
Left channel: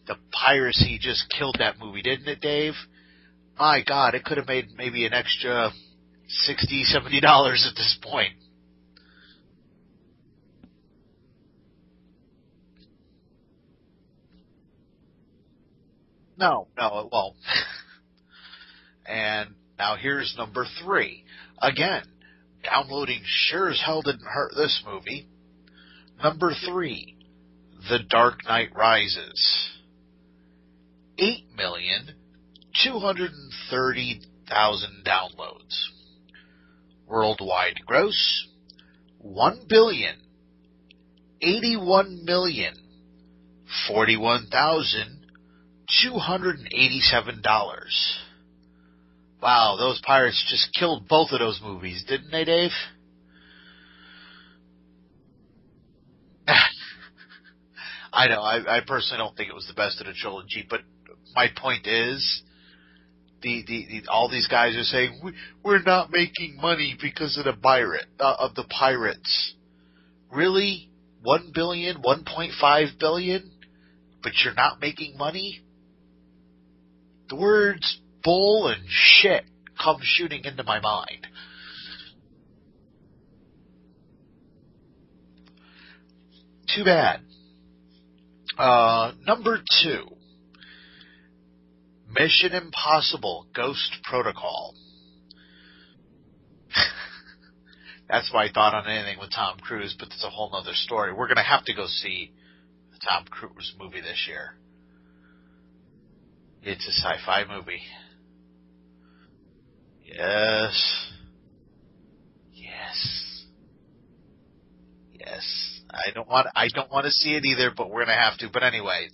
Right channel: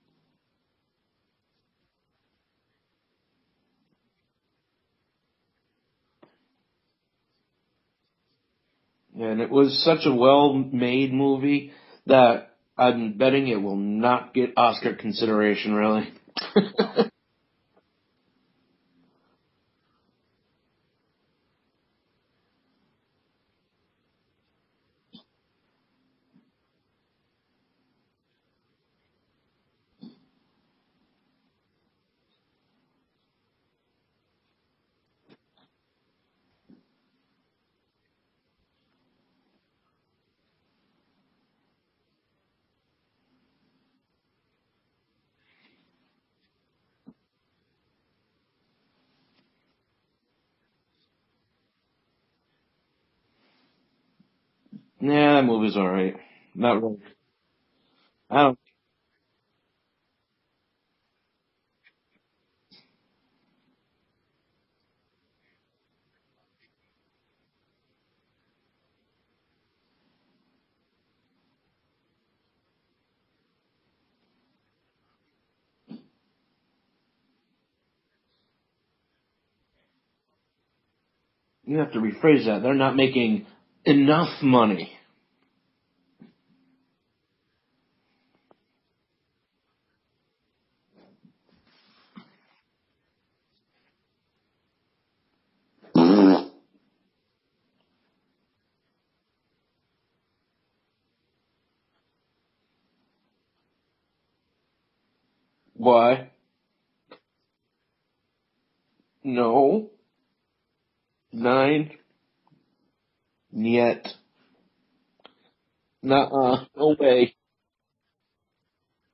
the piracy just killed that movie, didn't it, Dave? My God, it could have made maybe an extra $60, $70 at this point. And it was such a well-made movie that I'm betting it will not get Oscar consideration, really. No, it won't. And now here's number 3. Again, downloading sure as hell didn't hurt this movie. Number 3, The Dark Knight Rises. 8,230,000 downloads. Worldwide gross, $1,081,041,287. Wow, those pirates just killed both of those movies, didn't they, Dave? Yeah, that movie's alright. Not really. I know. I personally don't think it was the best of the trilogy, but my point is, all these guys are saying we're not making money because of the pirates. Really? 1 billion, 1.5 billion, but you're not making money? The words bull and shit come shooting into my mind. You have to rephrase that. They're not making enough money. Too bad. Number 2. Mission Impossible Ghost Protocol. That's my thought on anything with Tom Cruise, but it's a whole other story. We're going to have to go see the Tom Cruise movie this year. Why? It's a sci-fi movie. No. Yes. 9. Yes. Niet. Yes. I don't want to see it either, but we're going to have to. But anyway,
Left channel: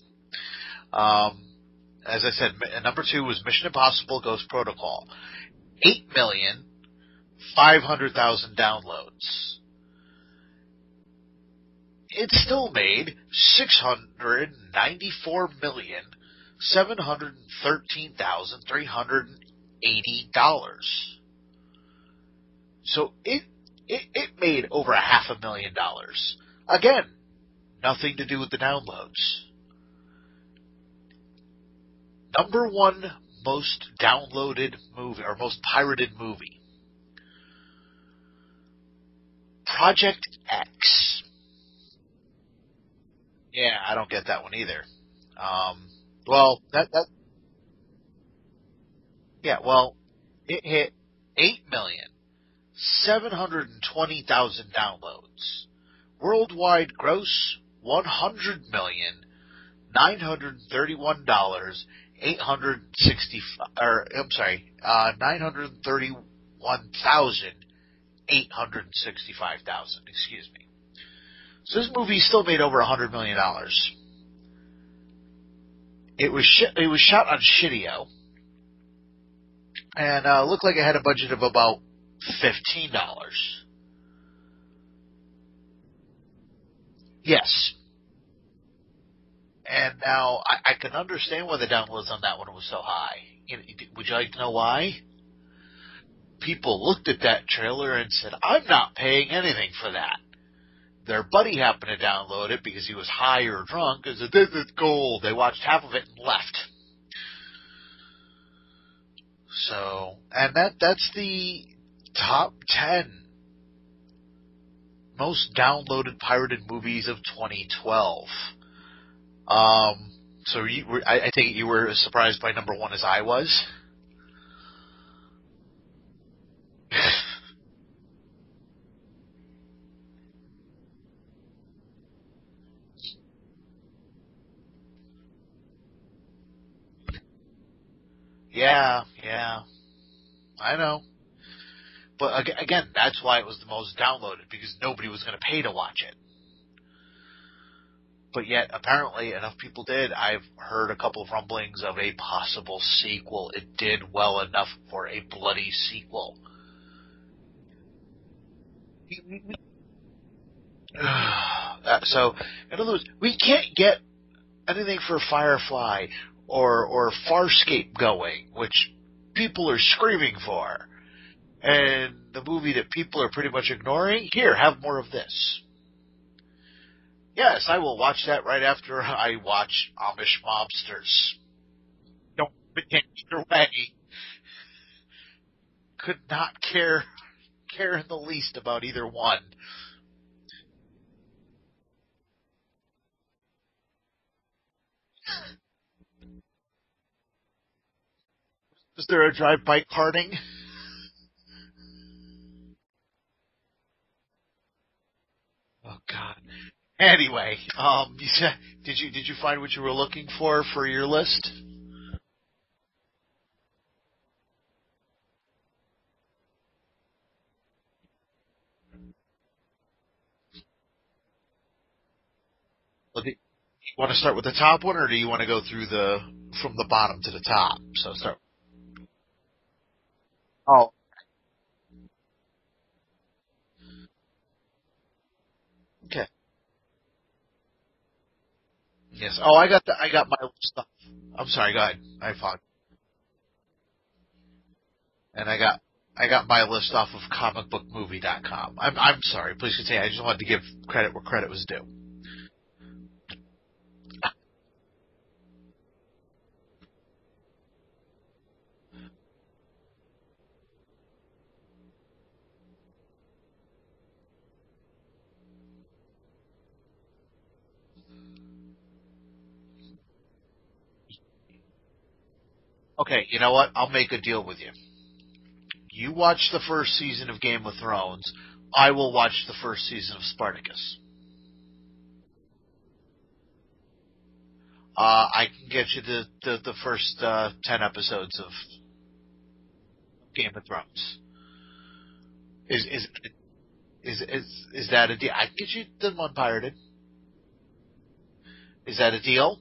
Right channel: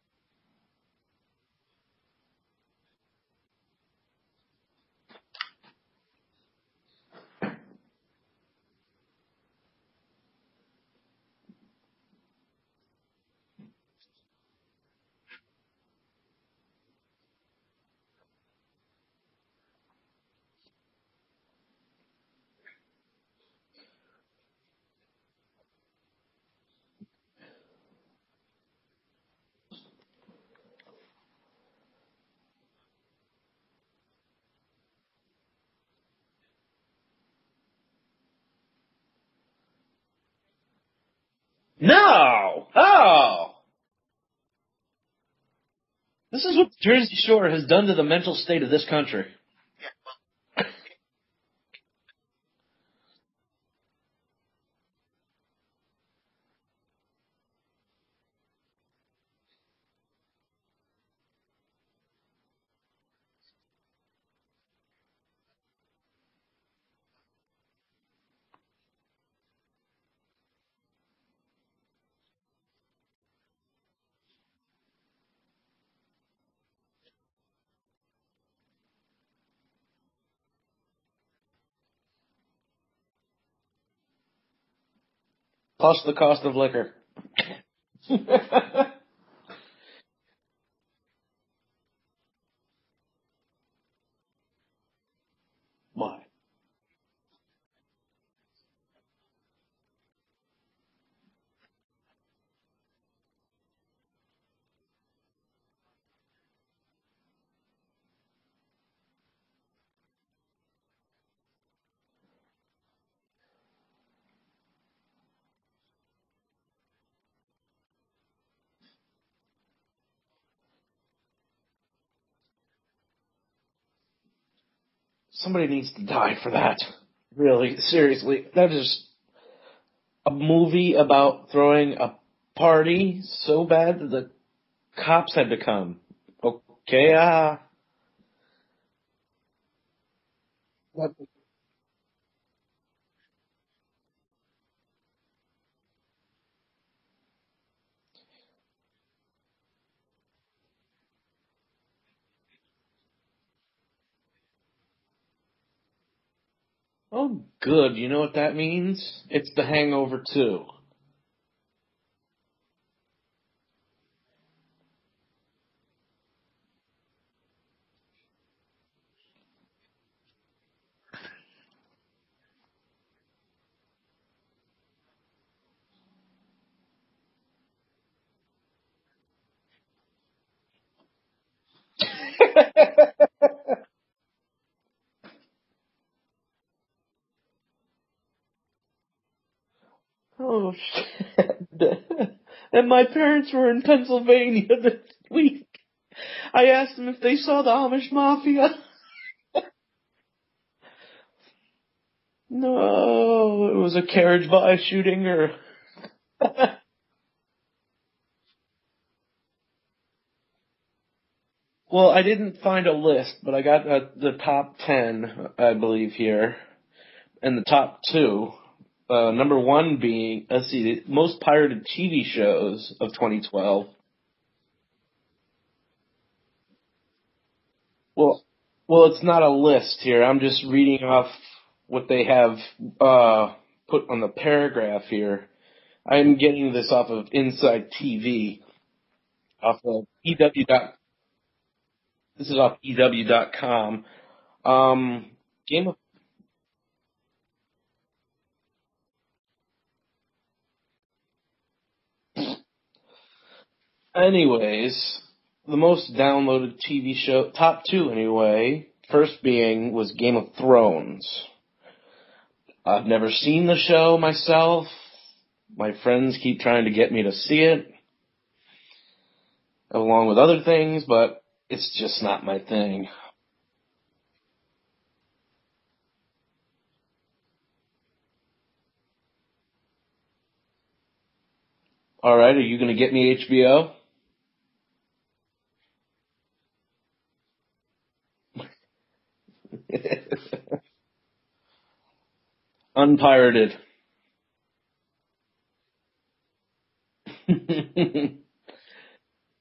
as I said, number 2 was Mission Impossible Ghost Protocol. 8,500,000 downloads. It still made $694,713,380. So it made over $500,000. Again, nothing to do with the downloads. Number 1 most downloaded movie, or most pirated movie. Project X. No! Oh! Yeah, I don't get that one either. This is what Jersey Shore has done to the mental state of this country. Yeah, well, it hit 8,720,000 downloads. Worldwide gross, $931,865. Excuse me. So this movie still made over $100 million. It was shot on Shitio, and looked like it had a budget of about $15. Plus the cost of liquor. Yes. And now, I can understand why the downloads on that one was so high. Would you like to know why? Why? People looked at that trailer and said, I'm not paying anything for that. Their buddy happened to download it because he was high or drunk and said, this is gold. They watched half of it and left. So, and that's the top 10 most downloaded pirated movies of 2012. So I think you were as surprised by number 1 as I was. Somebody needs to die for that. Really, seriously. That is a movie about throwing a party so bad that the cops had to come. Okay, Yeah, I know. But again, that's why it was the most downloaded, because nobody was going to pay to watch it. But yet, apparently, enough people did. I've heard a couple of rumblings of a possible sequel. It did well enough for a bloody sequel. Oh, good. You know what that means? It's The Hangover 2. So, in other words, we can't get anything for Firefly or Farscape going, which people are screaming for. And the movie that people are pretty much ignoring, here, have more of this. Yes, I will watch that right after I watch Amish Mobsters. Either way, could not care in the least about either one. Oh, shit. And my parents were in Pennsylvania this week. I asked them if they saw the Amish Mafia. Is there a drive-by karting? No, it was a carriage-by shooting or... Oh, God. Anyway, did you find what you were looking for your list? Well, I didn't find a list, but I got the top 10, I believe, here. And the top 2. Number 1 being, let's see, the most pirated TV shows of 2012. You want to start with the top one, or do you want to go through from the bottom to the top? Well, it's not a list here. I'm just reading off what they have put on the paragraph here. I'm getting this off of Inside TV. Yes. Oh, I got EW. I'm sorry. Go ahead. This is off EW.com. And I got my list off of comicbookmovie.com. I'm sorry. Please continue. I just wanted to give credit where credit was due. Anyways, the most downloaded TV show, top 2 anyway, first being was Game of Thrones. I've never seen the show myself. My friends keep trying to get me to see it, along with other things, but it's just not my thing. Okay, you know what? I'll make a deal with you. You watch the first season of Game of Thrones. I will watch the first season of Spartacus. All right, are you going to get me HBO? I can get you the first 10 episodes of Game of Thrones. Unpirated. Is that a deal? I can get you them unpirated. Is that a deal?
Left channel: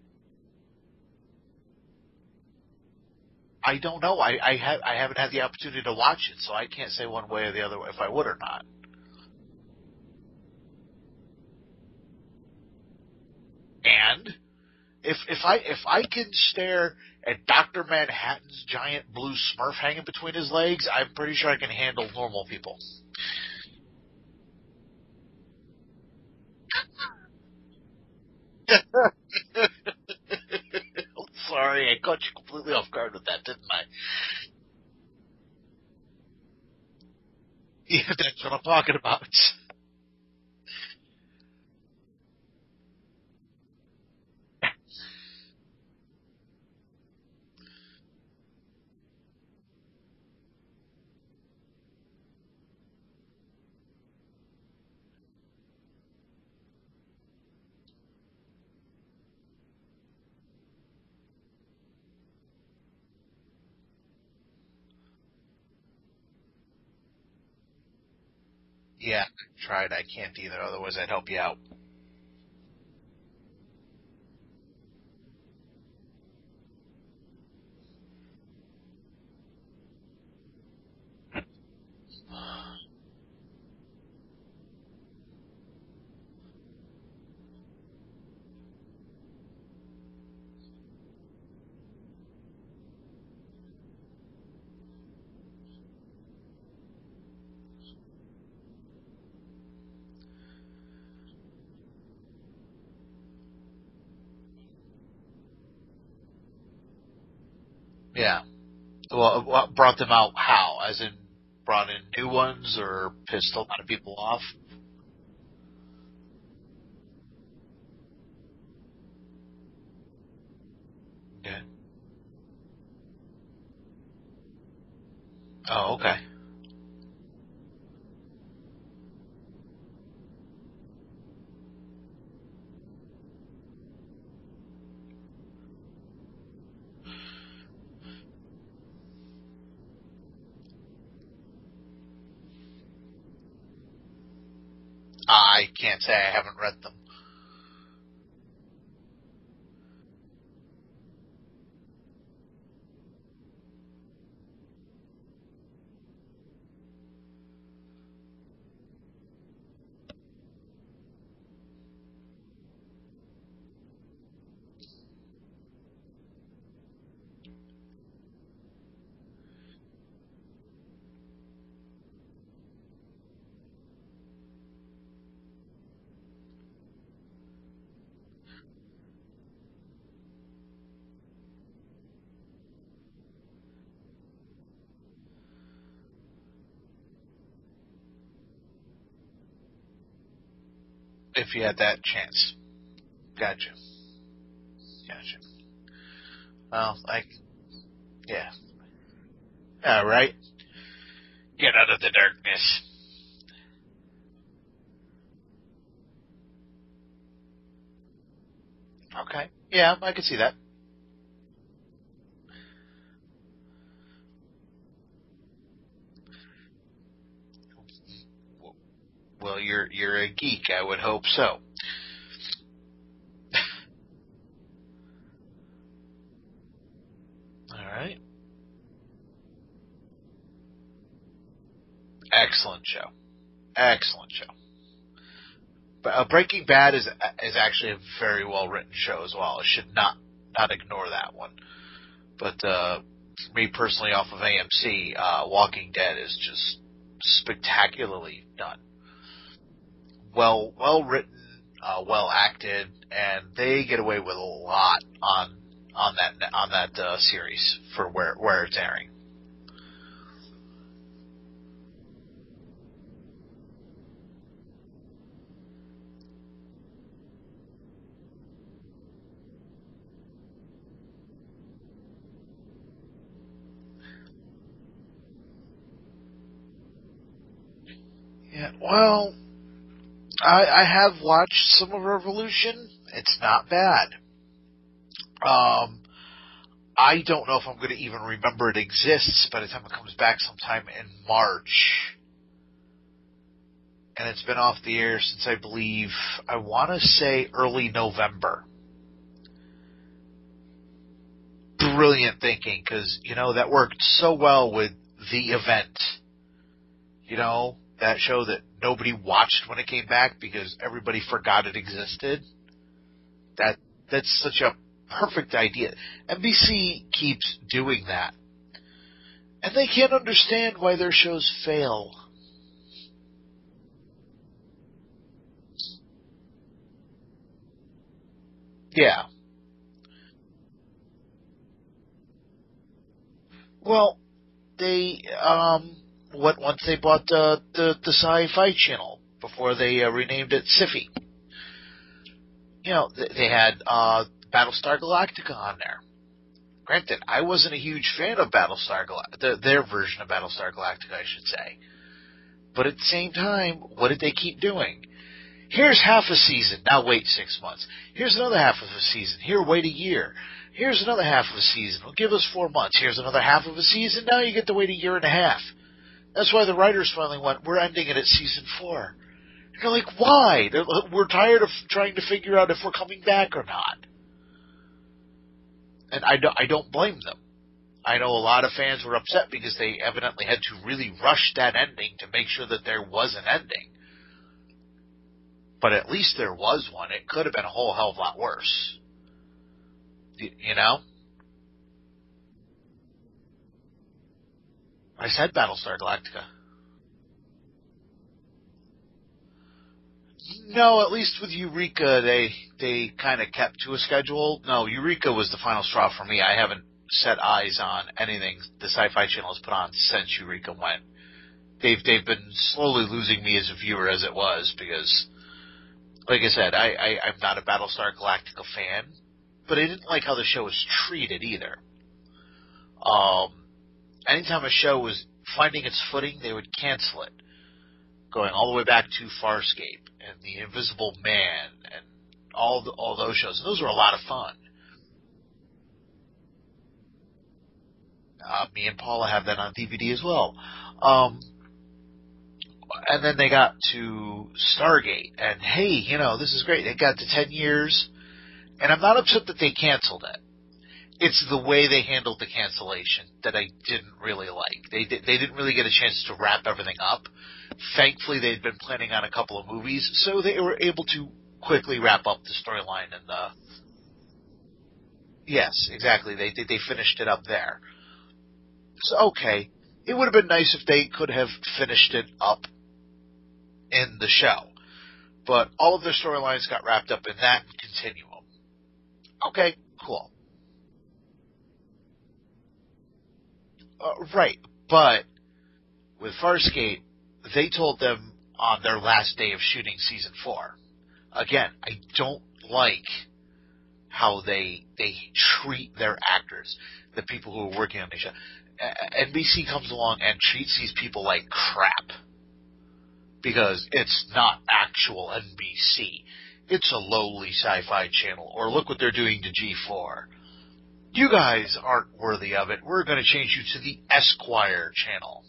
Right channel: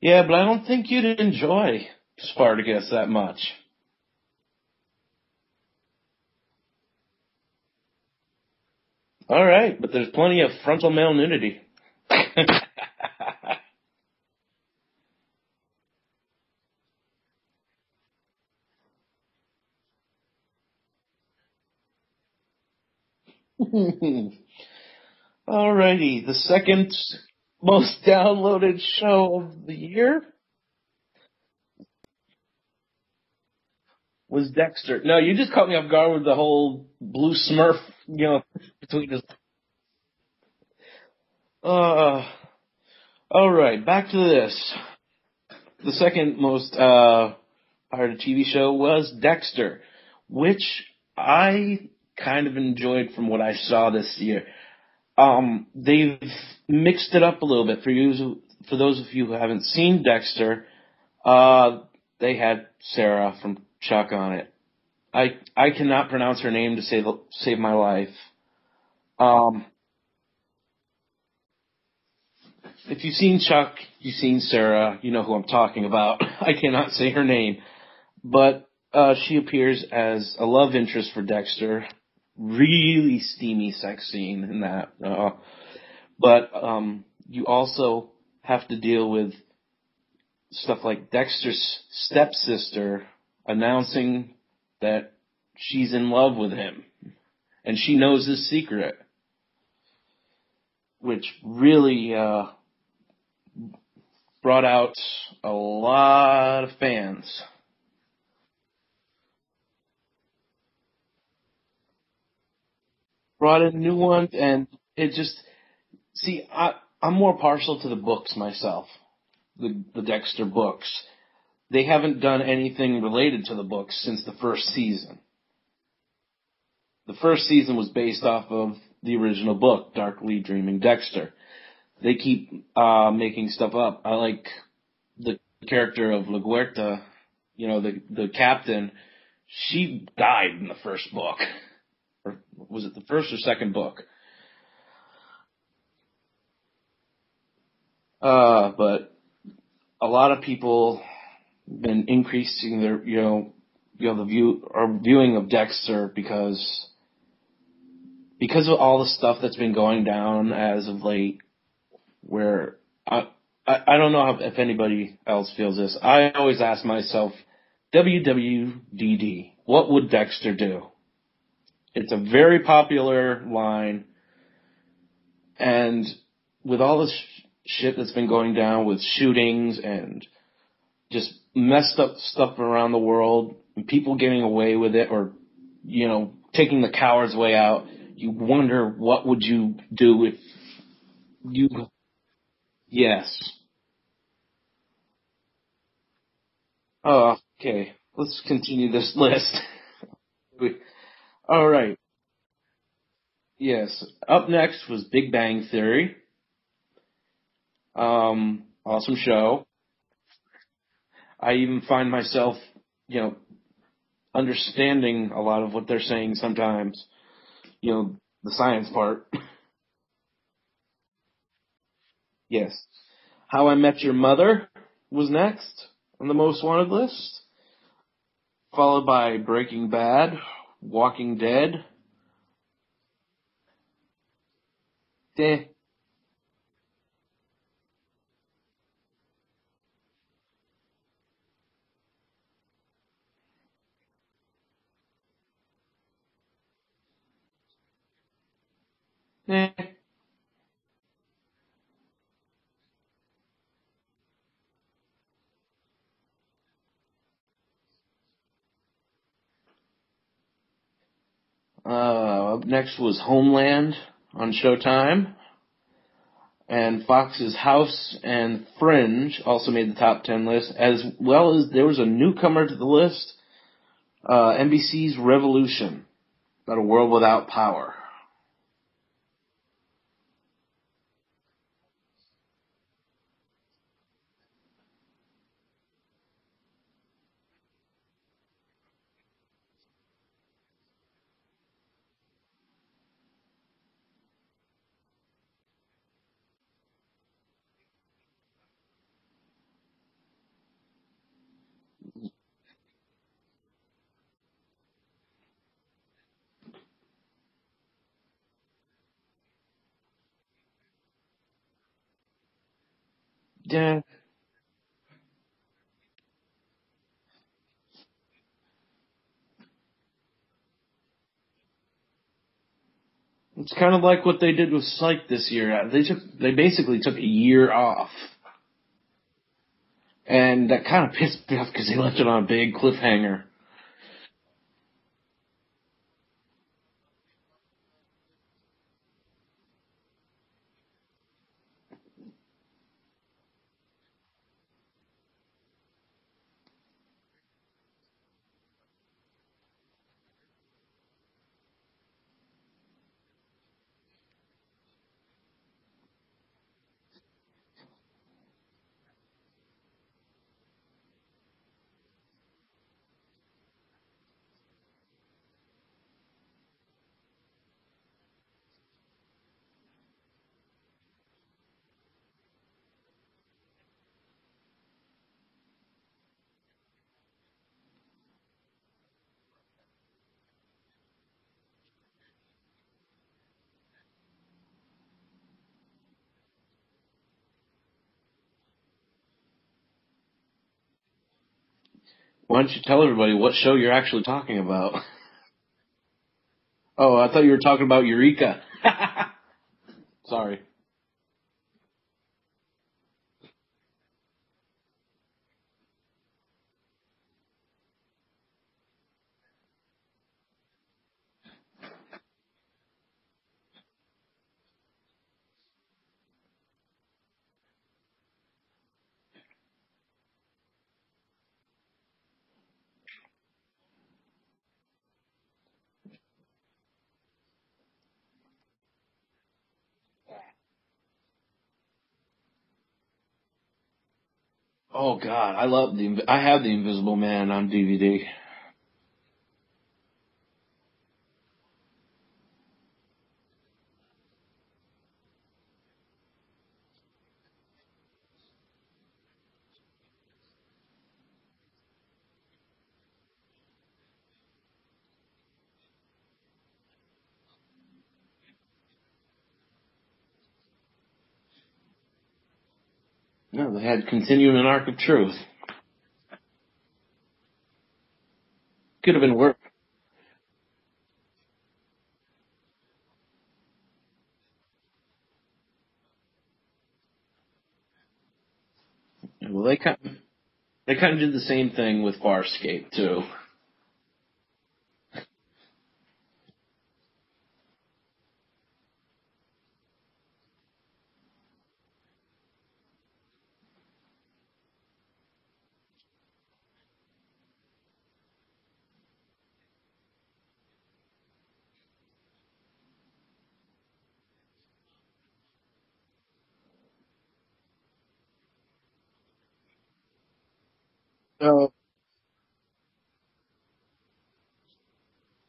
Yeah, but I don't think you'd enjoy Spartacus that much. I don't know. I haven't had the opportunity to watch it, so I can't say one way or the other if I would or not. All right, but there's plenty of frontal male nudity. And if I can stare at Dr. Manhattan's giant blue Smurf hanging between his legs, I'm pretty sure I can handle normal people. Alrighty, the second most downloaded show of the year. Sorry, I caught you completely off guard with that, didn't I? Was Dexter. No, you just caught me off guard with the whole blue Smurf. Yeah, that's what I'm talking about. Alright, back to this. The second most pirated TV show was Dexter, which I kind of enjoyed from what I saw this year. They've mixed it up a little bit. For those of you who haven't seen Dexter, they had Sarah from Chuck on it. I cannot pronounce her name to save my life. Yeah, I tried. I can't either. Otherwise, I'd help you out. If you've seen Chuck, you've seen Sarah, you know who I'm talking about. I cannot say her name. But she appears as a love interest for Dexter. really steamy sex scene in that. But you also have to deal with stuff like Dexter's stepsister announcing that she's in love with him, and she knows his secret, which really brought out a lot of fans. Yeah. Well, what brought them out how? As in brought in new ones or pissed a lot of people off? And it just... See, I'm more partial to the books myself, the Dexter books. Yeah. They haven't done anything related to the books since the first season. Oh, okay. The first season was based off of the original book, Darkly Dreaming Dexter. They keep making stuff up. I like the character of La Guerta, the captain. She died in the first book. Or was it the first or second book? I can't say, I haven't read them. But a lot of people have been increasing their, viewing of Dexter because of all the stuff that's been going down as of late. Where I don't know if anybody else feels this. I always ask myself, WWDD, what would Dexter do? It's a very popular line, and with all this shit that's been going down with shootings and just messed up stuff around the world, and people getting away with it, or taking the coward's way out, you wonder what would you do if you had that chance. Yes. Gotcha. Well, okay. Let's continue this list. All right. All Get right. out of the darkness. Yes. Up next was Big Bang Theory. Awesome show. Yeah, I could see that. I even find myself, understanding a lot of what they're saying sometimes. The science part. Well, you're a geek. I would hope so. Yes. How I Met Your Mother was next on the most wanted list. All right. Followed by Breaking Bad, Walking Dead. Excellent show. Eh. Breaking Bad is actually a very well written show as well. I should not ignore that one. But for me personally, off of AMC, Walking Dead is just spectacularly done. Well written, well acted, and they get away with a lot on that series for where it's airing. Up next was Homeland on Showtime. And Fox's House and Fringe also made the top 10 list, as well as there was a newcomer to the list, NBC's Revolution, about a world without power. Yeah, well, I have watched some of Revolution. It's not bad. I don't know if I'm going to even remember it exists by the time it comes back sometime in March. And it's been off the air since I want to say early November. Brilliant thinking, because, that worked so well with The Event. That show that nobody watched when it came back because everybody forgot it existed. That's such a perfect idea. NBC keeps doing that. And they can't understand why their shows fail. It's kind of like what they did with Psych this year. They basically took a year off. Yeah. And that kind of pissed me off because they left it on a big cliffhanger. Well, they once they bought the sci-fi channel before they renamed it Sci-fi. They had Battlestar Galactica on there. Granted, I wasn't a huge fan of Battlestar Galactica, their version of Battlestar Galactica, I should say. But at the same time, what did they keep doing? Here's half a season. Now wait 6 months. Here's another half of a season. Here, wait a year. Here's another half of a season. Well, give us 4 months. Here's another half of a season. Now you get to wait a year and a half. That's why the writers finally went, we're ending it at season 4. You're like, why? We're tired of trying to figure out if we're coming back or not. And I don't blame them. I know a lot of fans were upset because they evidently had to really rush that ending to make sure that there was an ending. But at least there was one. It could have been a whole hell of a lot worse. You know? Why don't you tell everybody what show you're actually talking about? I said Battlestar Galactica. Oh, I thought you were talking about Eureka. Sorry. No, at least with Eureka, they kind of kept to a schedule. No, Eureka was the final straw for me. I haven't set eyes on anything the Sci-Fi Channel has put on since Eureka went. They've been slowly losing me as a viewer as it was because, like I said, I'm not a Battlestar Galactica fan, but I didn't like how the show was treated either. Anytime a show was finding its footing, they would cancel it, going all the way back to Farscape and The Invisible Man and all those shows. And those were a lot of fun. Oh God, I have The Invisible Man on DVD. Me and Paula have that on DVD as well. And then they got to Stargate, and hey, this is great. They got to 10 years, and I'm not upset that they canceled it. It's the way they handled the cancellation that I didn't really like. They didn't really get a chance to wrap everything up. Thankfully, they'd been planning on a couple of movies, so they were able to quickly wrap up the storyline. No, they had continued an arc of truth. Yes, exactly. They finished it up there. Could have been okay, it would have been nice if they could have finished it up in the show, but all of their storylines got wrapped up in that continuum. Okay, well, cool. They kind of did the same thing with Farscape, too. Right, but with Farscape, they told them on their last day of shooting season 4. Again, I don't like how they treat their actors, the people who are working on the show. NBC comes along and treats these people like crap because it's not actual NBC. It's a lowly sci-fi channel, or look what they're doing to G4. You guys aren't worthy of it. We're going to change you to the Esquire channel.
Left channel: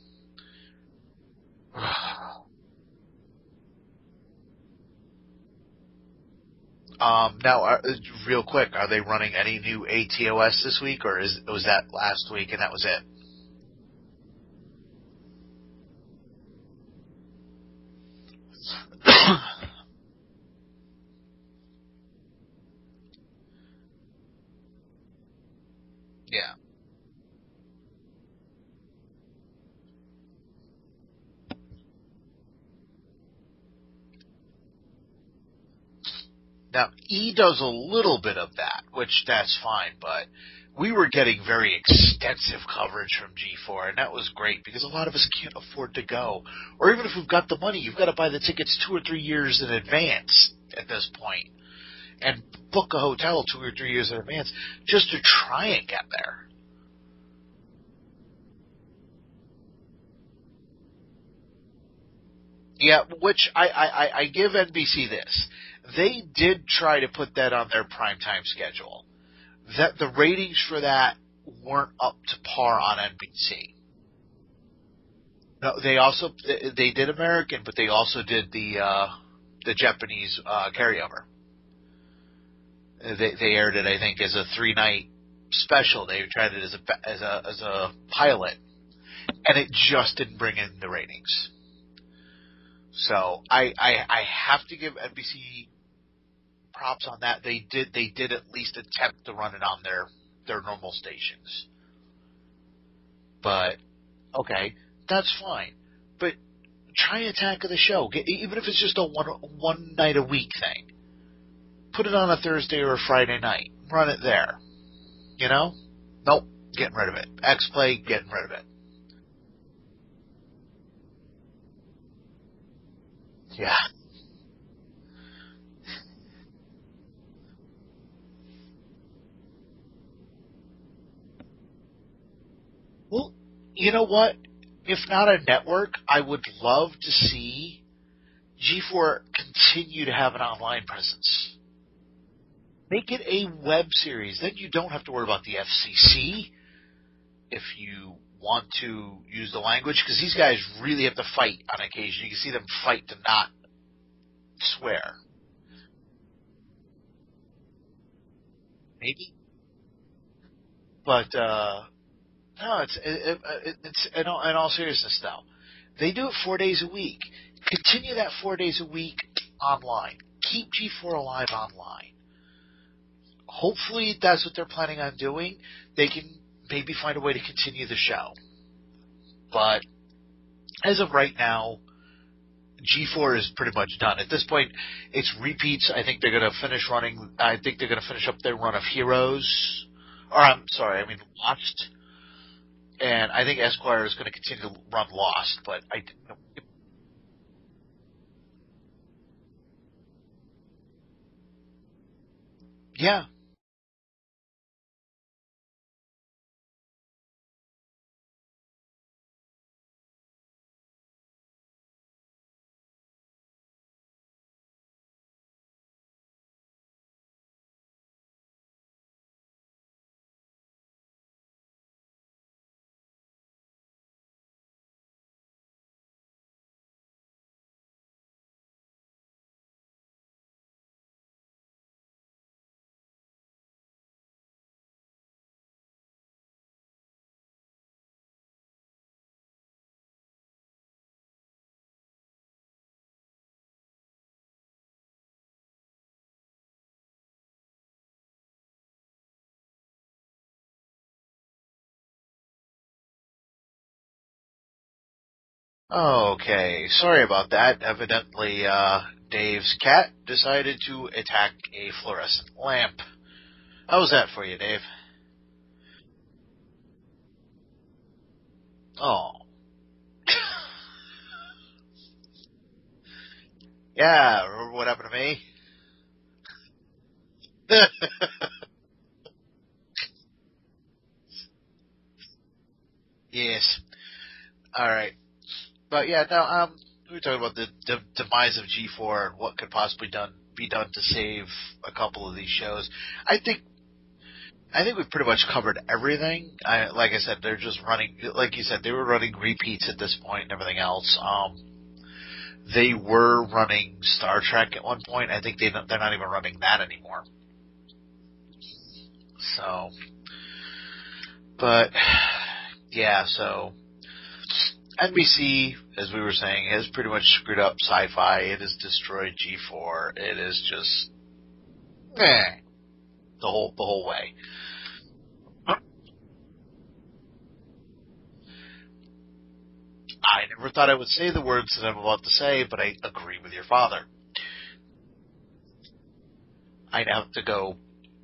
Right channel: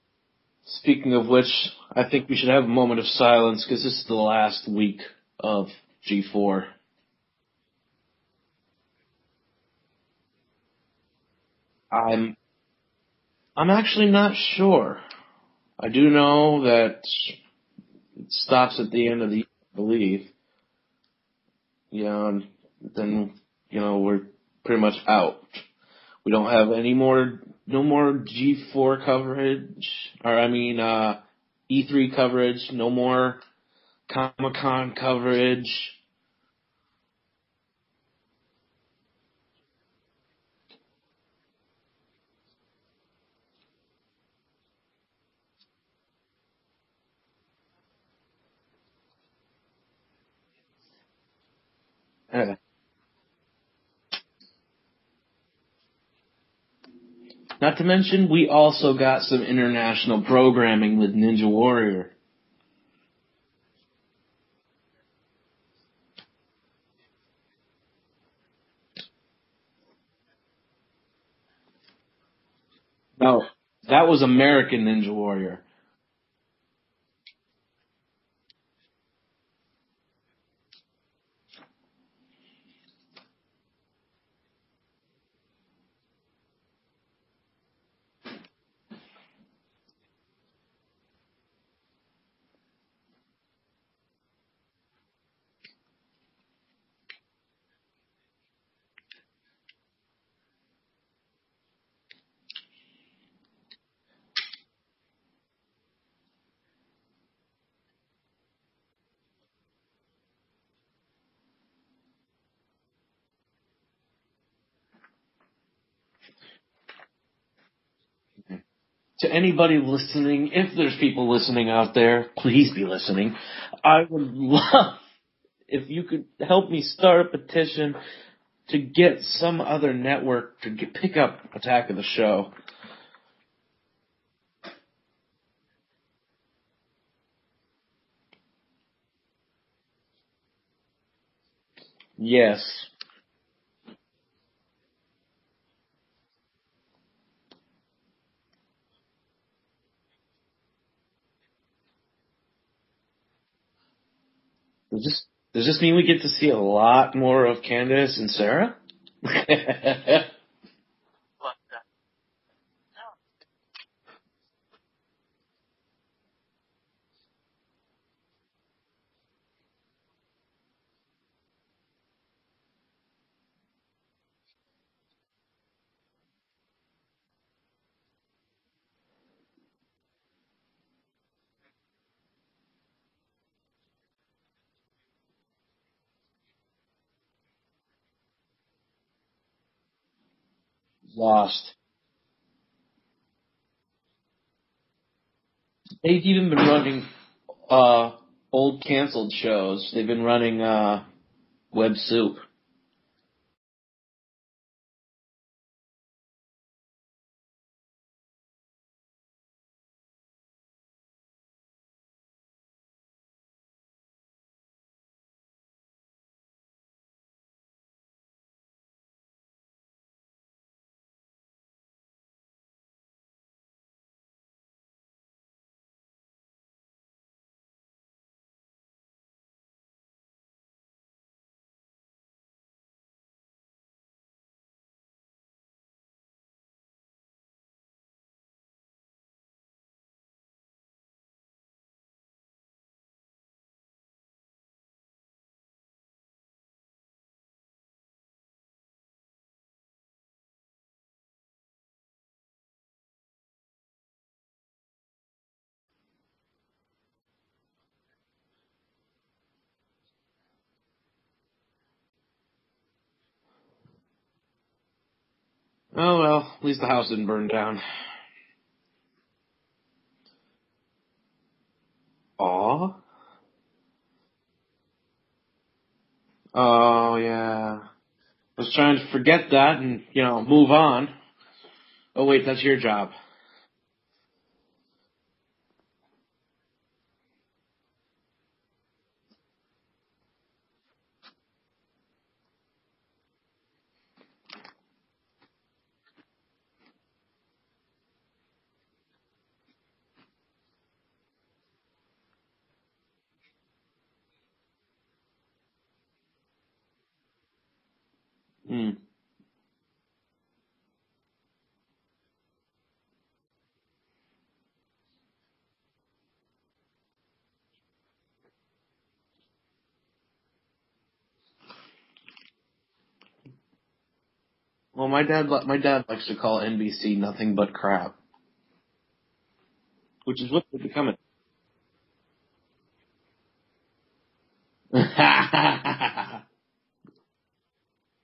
Speaking of which, I think we should have a moment of silence because this is the last week of G4. Now, real quick, are they running any new ATOS this week, or was that last week and that was it? I'm actually not sure. I do know that it stops at the end of the week, I believe. Yeah, and then, we're pretty much out. We don't have no more G4 coverage, E3 coverage, no more Comic-Con coverage. Now, E does a little bit of that, which that's fine, but we were getting very extensive coverage from G4, and that was great because a lot of us can't afford to go. Or even if we've got the money, you've got to buy the tickets 2 or 3 years in advance at this point. And book a hotel 2 or 3 years in advance just to try and get there. Not to mention, we also got some international programming with Ninja Warrior. Yeah, which I give NBC this. They did try to put that on their primetime schedule. That the ratings for that weren't up to par on NBC. No, that was American Ninja Warrior. No, they did American, but they also did the Japanese carryover. They aired it, I think, as a 3-night special. They tried it as a pilot, and it just didn't bring in the ratings. So I have to give NBC props on that. They did at least attempt to run it on their normal stations. But okay, that's fine. But try Attack of the Show, even if it's just a one night a week thing. Put it on a Thursday or a Friday night. Run it there. Nope, getting rid of it. X-Play, getting rid of it. To anybody listening, if there's people listening out there, please be listening. Yeah. I would love if you could help me start a petition to get some other network to pick up Attack of the Show. Well, you know what? If not a network, I would love to see G4 continue to have an online presence. Yes. Make it a web series. Then you don't have to worry about the FCC if you want to use the language, because these guys really have to fight on occasion. You can see them fight to not swear. Does this mean we get to see a lot more of Candace and Sarah? Maybe. But No, it's in all seriousness though. They do it 4 days a week. Continue that 4 days a week online. Keep G4 alive online. Hopefully that's what they're planning on doing. They can maybe find a way to continue the show. But as of right now, G4 is pretty much done. At this point, it's repeats. I think they're going to finish up their run of Heroes. Or, I'm sorry, I mean Lost. And I think Esquire is going to continue to run Lost. But they've even been running old canceled shows. They've been running Web Soup. Yeah. Okay, sorry about that. Evidently, Dave's cat decided to attack a fluorescent lamp. How was that for you, Dave? Oh, well, at least the house didn't burn down. Oh. Aw? Yeah, remember what happened to me? Oh, yeah. I was trying to forget that and, move on. Oh, wait, that's your job. Yes. All right. But yeah, now we were talking about the demise of G4 and what could possibly be done to save a couple of these shows. I think we've pretty much covered everything. Like I said, they're just running, like you said, they were running repeats at this point and everything else. They were running Star Trek at one point. I think they're not even running that anymore. So, but yeah, so NBC, as we were saying, has pretty much screwed up sci-fi. It has destroyed G4. It is just the whole way. Well, my dad likes to call NBC nothing but crap. I never thought I would say the words that I'm about to say, but I agree with your father. I'd have to go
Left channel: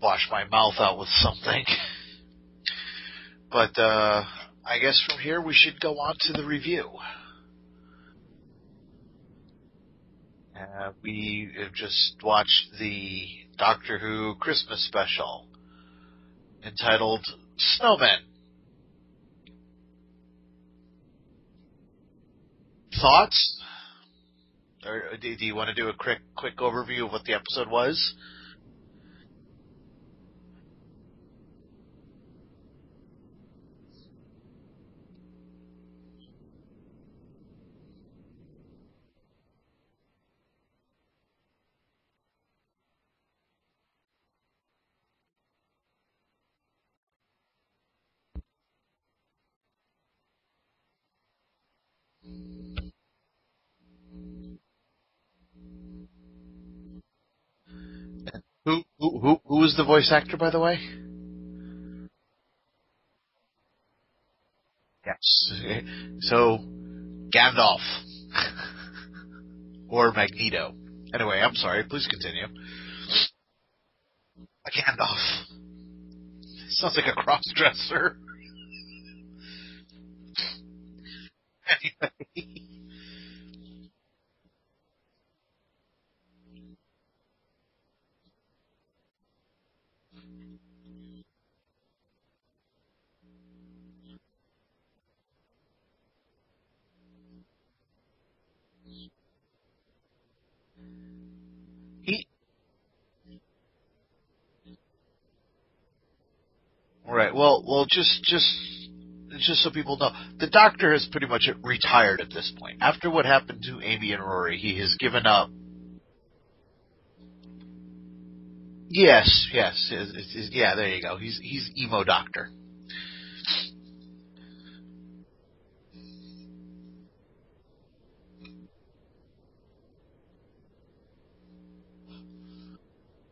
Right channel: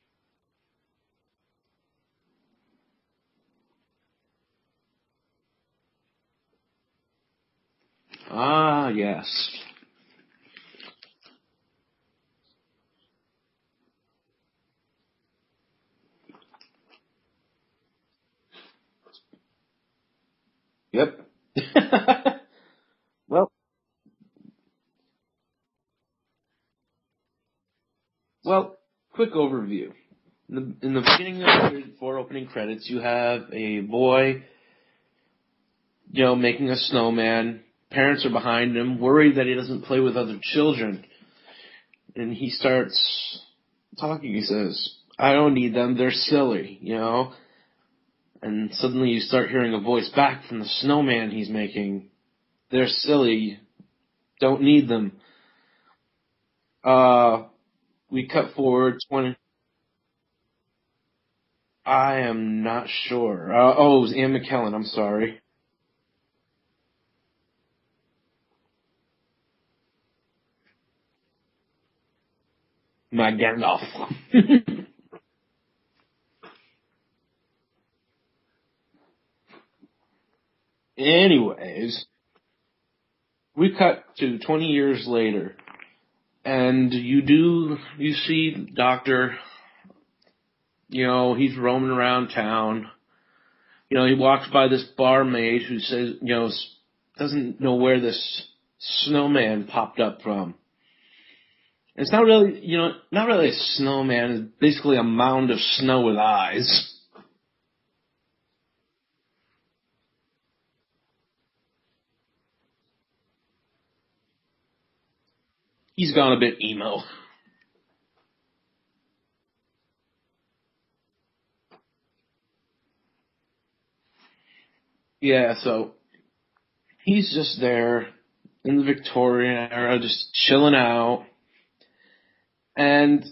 wash my mouth out with something. But I guess from here we should go on to the review. Ah, yes. We have just watched the Doctor Who Christmas special entitled Snowmen. Yep. Thoughts? Well, or do you want to do a quick overview of what the episode was? Well, quick overview. In the beginning of the 4 opening credits, you have a boy, making a snowman. Parents are behind him, worried that he doesn't play with other children. And he starts talking. He says, "I don't need them. They're silly," And suddenly you start hearing a voice back from the snowman he's making. "They're silly. Don't need them." We cut forward. Who was the voice actor, by the way? I am not sure. It was Ian McKellen. I'm sorry. So, Gandalf. Or Magneto. Anyway, I'm sorry. Please continue. My Gandalf. Gandalf. Sounds like a cross-dresser. Anyways, we cut to 20 years later, and you see Doctor, he's roaming around town. He walks by this barmaid who says, doesn't know where this snowman popped up from. It's not really, not really a snowman. It's basically a mound of snow with eyes. Right. Well, just so people know, the Doctor has pretty much retired at this point. After what happened to Amy and Rory, he has given up. He's gone a bit emo. Yes. Yeah, there you go. He's emo Doctor. Yeah, so he's just there in the Victorian era, just chilling out. And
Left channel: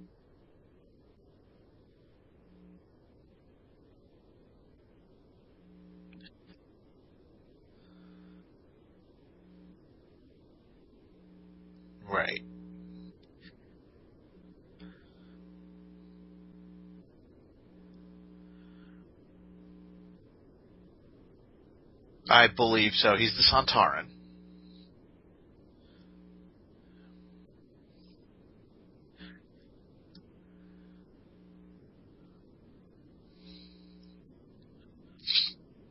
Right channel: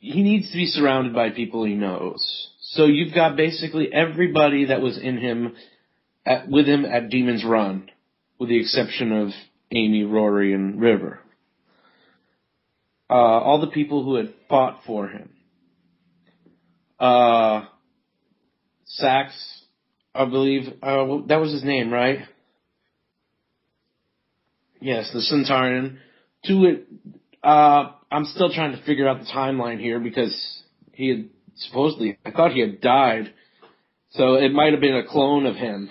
he needs to be surrounded by people he knows. So you've got basically everybody that was with him at Demon's Run, with the exception of Amy, Rory, and River. Right. All the people who had fought for him. Sax, I believe, that was his name, right? I believe so. He's the Sontaran. Yes, the Centaurian. I'm still trying to figure out the timeline here because he had I thought he had died. So it might have been a clone of him.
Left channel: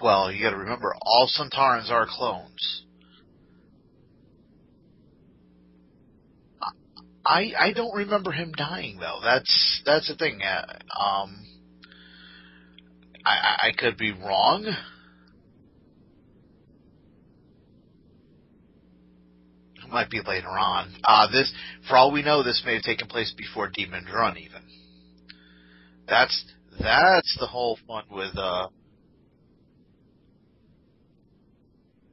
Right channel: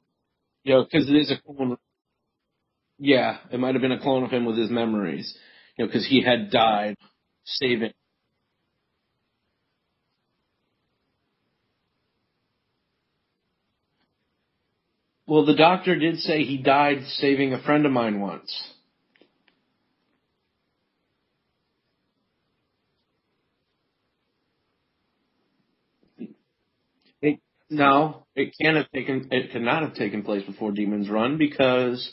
Well, you got to remember, all Sontarans are clones. Yeah, it might have been a clone of him with his memories. Because he had died. I don't remember him dying, though. That's the thing. I could be wrong. Well, the doctor did say he died saving a friend of mine once. It might be later on. For all we know, this may have taken place before Demon's Run, even. That's the whole no, thing with. It could not have taken place before Demon's Run because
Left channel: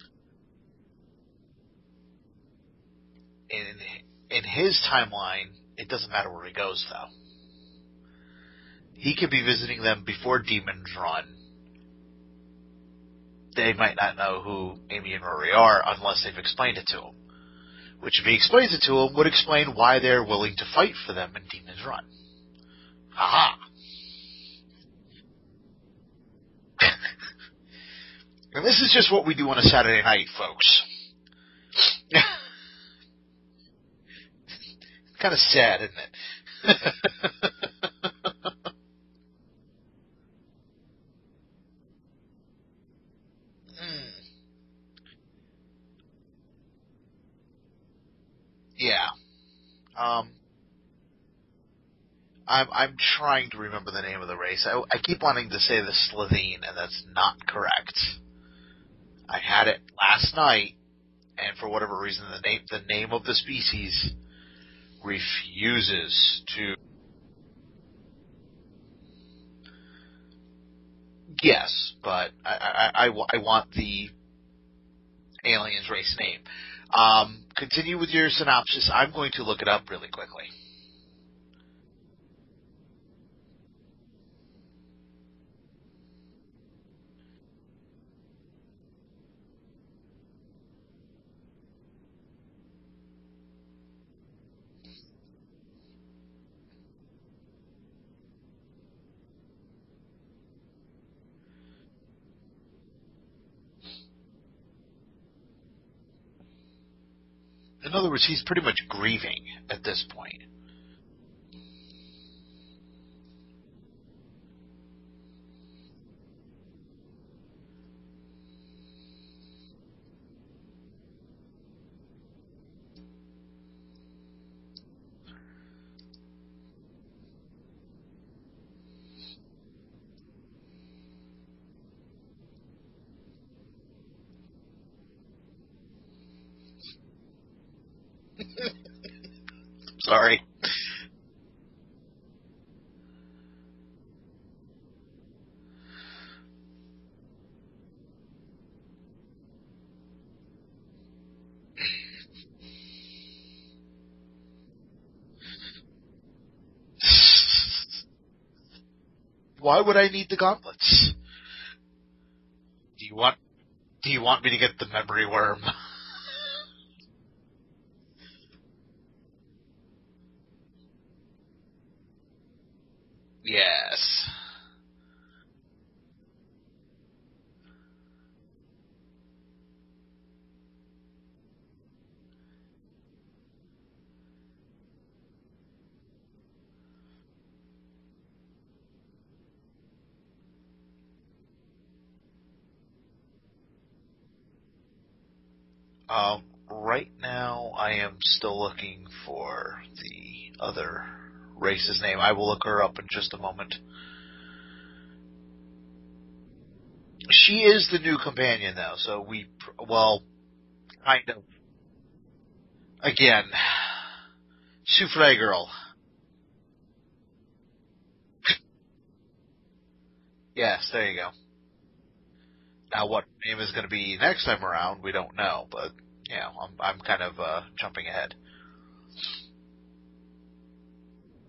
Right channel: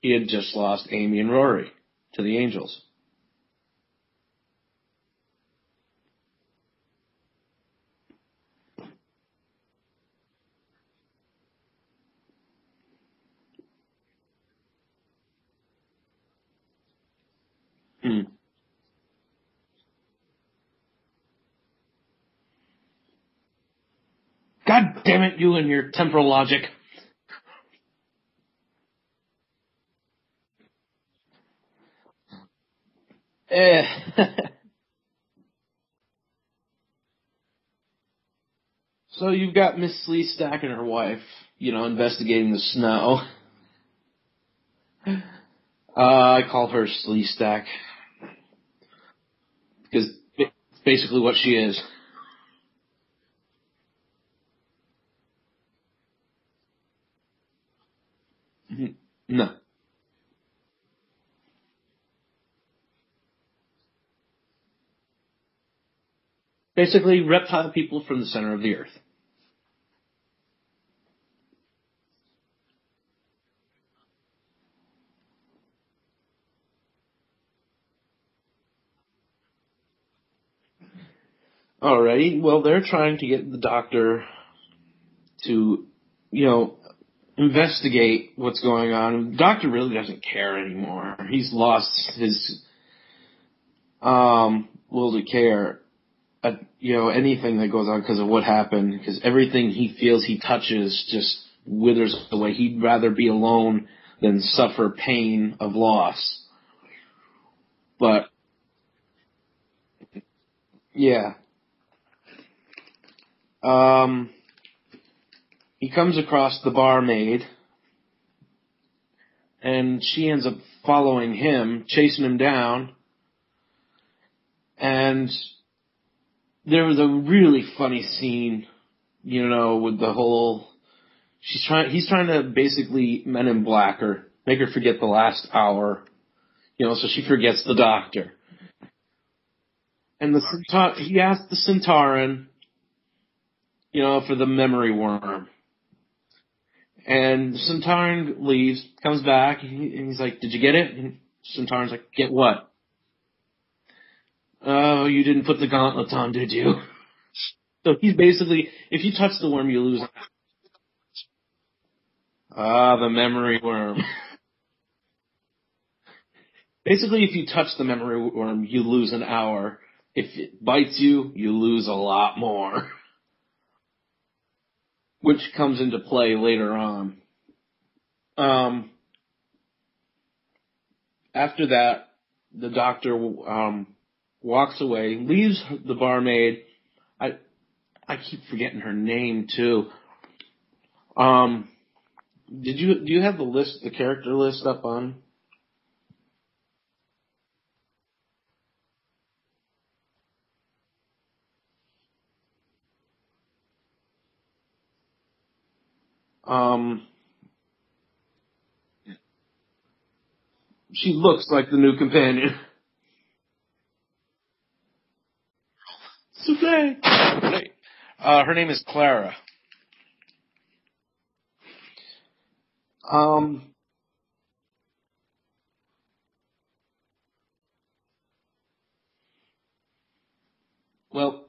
he had just lost Amy and Rory to the Angels. In his timeline, it doesn't matter where he goes, though. He could be visiting them before Demon's Run. They might not know who Amy and Rory are unless they've explained it to him. Which, if he explains it to him, would explain why they're willing to fight for them in Demon's Run. Aha! God damn it, you and your temporal logic. And this is just what we do on a Saturday night, folks. Kind of sad, isn't it? So you've got Miss Sleestack and her wife, investigating the snow. I call her Sleestack. Yeah. Because it's basically what she is. I'm trying to remember the name of the race. I keep wanting to say the Slitheen, and that's not correct. No. I had it last night, and for whatever reason, the name of the species refuses to. Basically, reptile people from the center of the earth. Yes, but I want the alien's race name. Continue with your synopsis. I'm going to look it up really quickly. Alrighty. Well, they're trying to get the doctor to, investigate what's going on. The doctor really doesn't care anymore. He's lost his will to care. Anything that goes on because of what happened, because everything he feels he touches just withers away. He'd rather be alone than suffer pain of loss. In other words, he's pretty much grieving at this point. Yeah. He comes across the barmaid, and she ends up following him, chasing him down, and there was a really funny scene, with the whole. He's trying to basically Men in Black her, make her forget the last hour, so she forgets the doctor. Sorry. He asked the Centauran, for the memory worm. And the Centauran leaves, comes back, and he's like, "Did you get it?" And Centauran's like, "Get what?" "Oh, you didn't put the gauntlets on, did you?" So he's basically, if you touch the worm... Why would I need the gauntlets? The memory worm. Do you want me to get the memory worm? Basically, if you touch the memory worm, you lose an hour. If it bites you, you lose a lot more. Yes. Which comes into play later on. After that, the doctor walks away, leaves the barmaid. I keep forgetting her name too. Do you have the character list up on? Right now, I am still looking for the other race's name. I will look her up in just a moment. She is the new companion, though, so she looks like the new companion. Again, Souffle Girl. Souffle! Her name is Clara. Yes, there you go. Now, what the name is going to be next time around, we don't know, but I'm kind of jumping ahead. Well,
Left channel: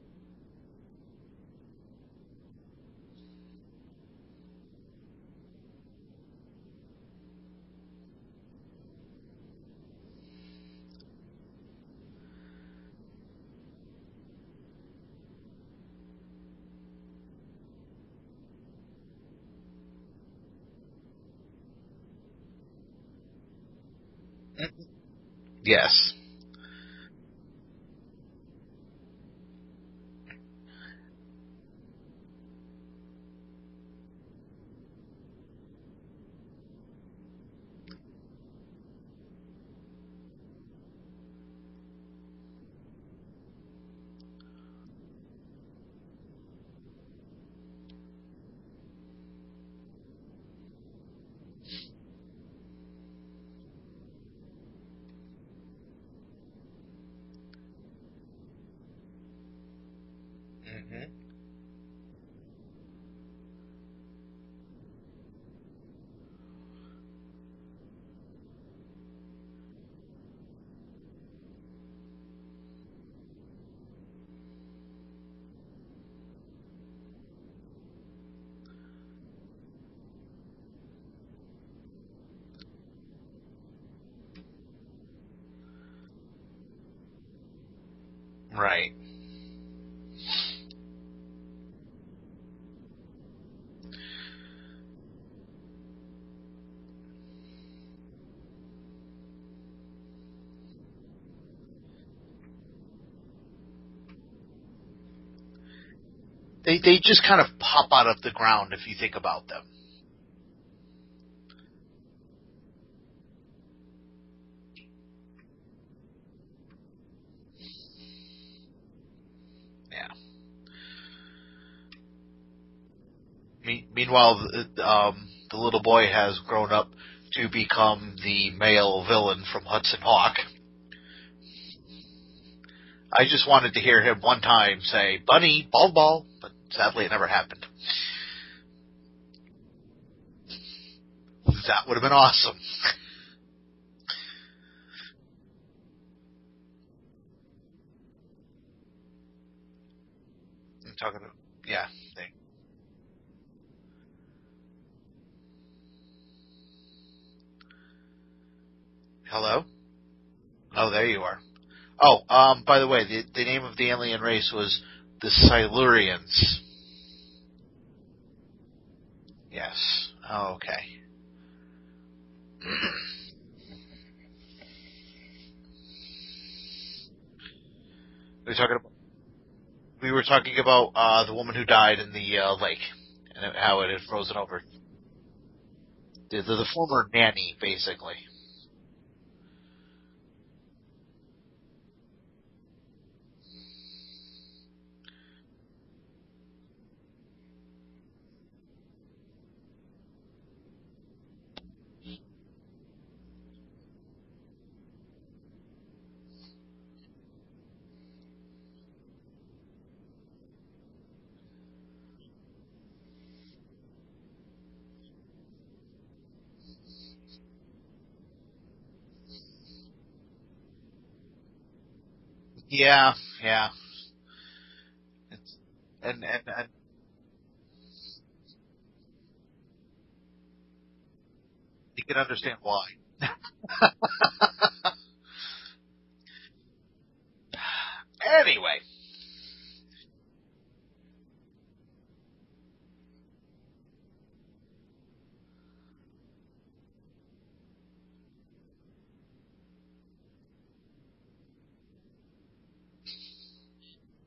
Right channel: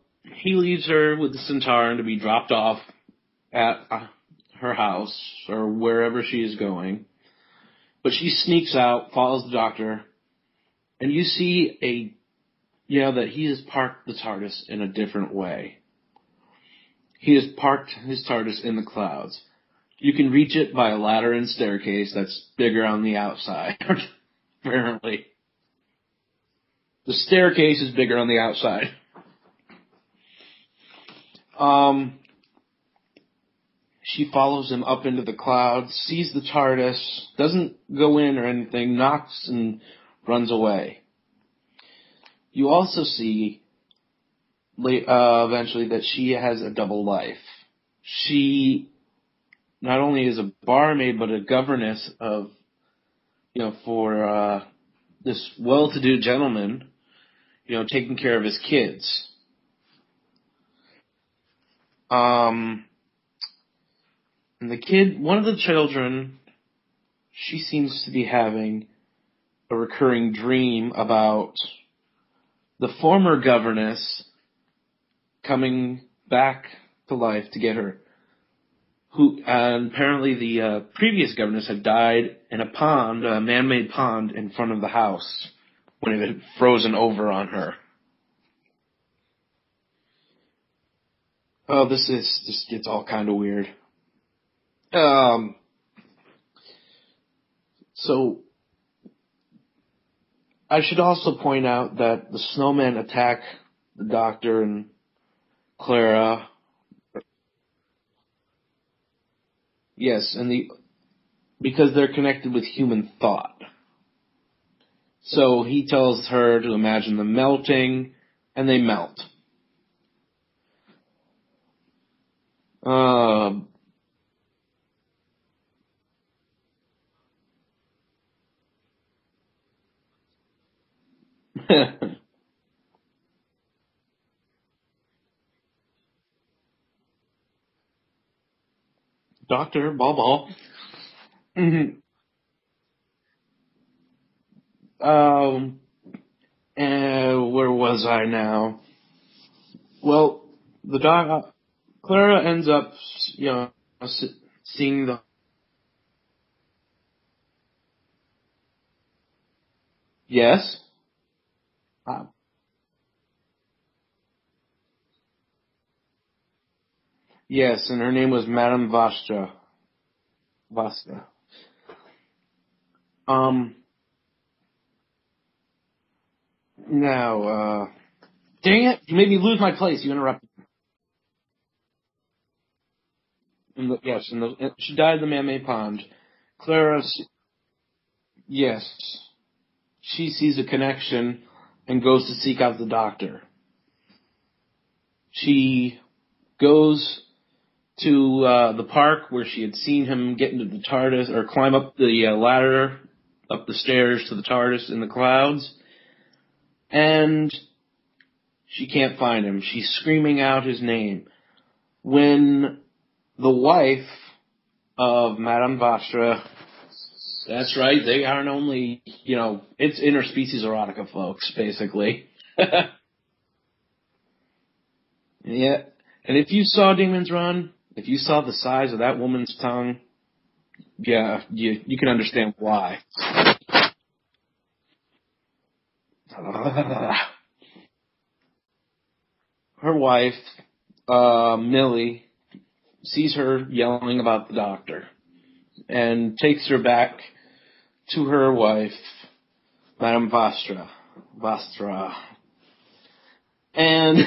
he leaves her with the Centauran to be dropped off at her house or wherever she is going. But she sneaks out, follows the Doctor, and you see that he has parked the TARDIS in a different way. He has parked his TARDIS in the clouds. You can reach it by a ladder and staircase that's bigger on the outside, apparently. Yes. The staircase is bigger on the outside. She follows him up into the clouds, sees the TARDIS, doesn't go in or anything, knocks and runs away. You also see eventually that she has a double life. She not only is a barmaid, but a governess of, for this well-to-do gentleman, taking care of his kids. Mm-hmm. And the kid, one of the children, she seems to be having a recurring dream about the former governess coming back to life to get her. And apparently the previous governess had died in a pond, a man-made pond in front of the house when it had frozen over on her. Right. Oh, this gets all kind of weird. So I should also point out that the snowmen attack the Doctor and Clara. They just kind of pop out of the ground if you think about them. Yes, because they're connected with human thought. So he tells her to imagine them melting, and they melt. Yeah. Meanwhile, the little boy has grown up to become the male villain from Hudson Hawk. I just wanted to hear him one time say, "Bunny, ball," but sadly it never happened. Doctor, ball. That would have been awesome. And where was I now? Well, Clara ends up, seeing the... Hello? Yes? Oh, there you are. Oh, by the way, the name of the alien race was the Silurians. Yes, and her name was Madame Vastra. Yes. Oh, okay. Vastra. Now, dang it, you made me lose my place. We were talking about the woman who died in the lake and how it had frozen over. She died in the man-made pond. The former nanny, basically. Yes. She sees a connection and goes to seek out the Doctor. She goes to the park where she had seen him get into the TARDIS, or climb up the ladder, up the stairs to the TARDIS in the clouds, and she can't find him. She's screaming out his name. When the wife of Madame Vastra... That's right, they aren't only, it's interspecies erotica, folks, basically. Yeah. Yeah. And if you saw Demons Run, if you saw the size of that woman's tongue, yeah, you can understand why. Anyway. Her wife, Millie, sees her yelling about the Doctor and takes her back to her wife, Madame Vastra. And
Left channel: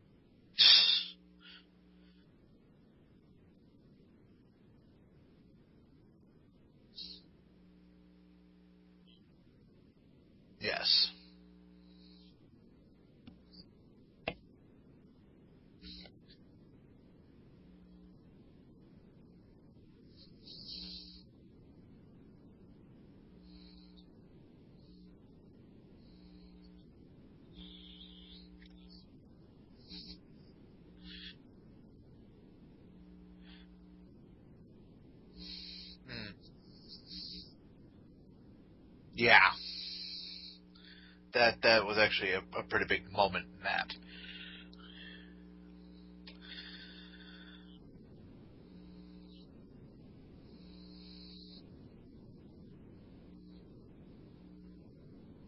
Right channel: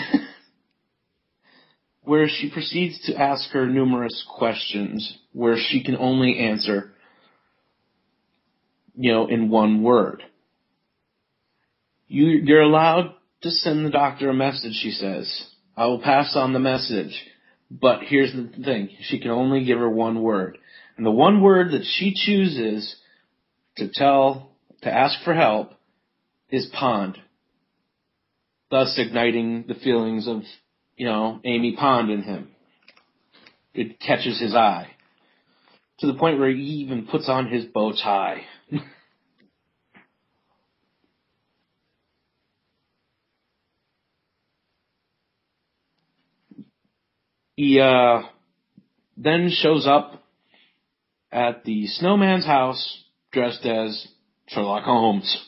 where she proceeds to ask her numerous questions where she can only answer, in one word. Yes. You're allowed to send the Doctor a message, she says. I will pass on the message. But here's the thing. She can only give her one word. And the one word that she chooses to ask for help is pond. Thus igniting the feelings of, Amy Pond in him. it catches his eye. To the point where he even puts on his bow tie. Yeah. That was actually a pretty big moment in that. He then shows up at the snowman's house dressed as Sherlock Holmes.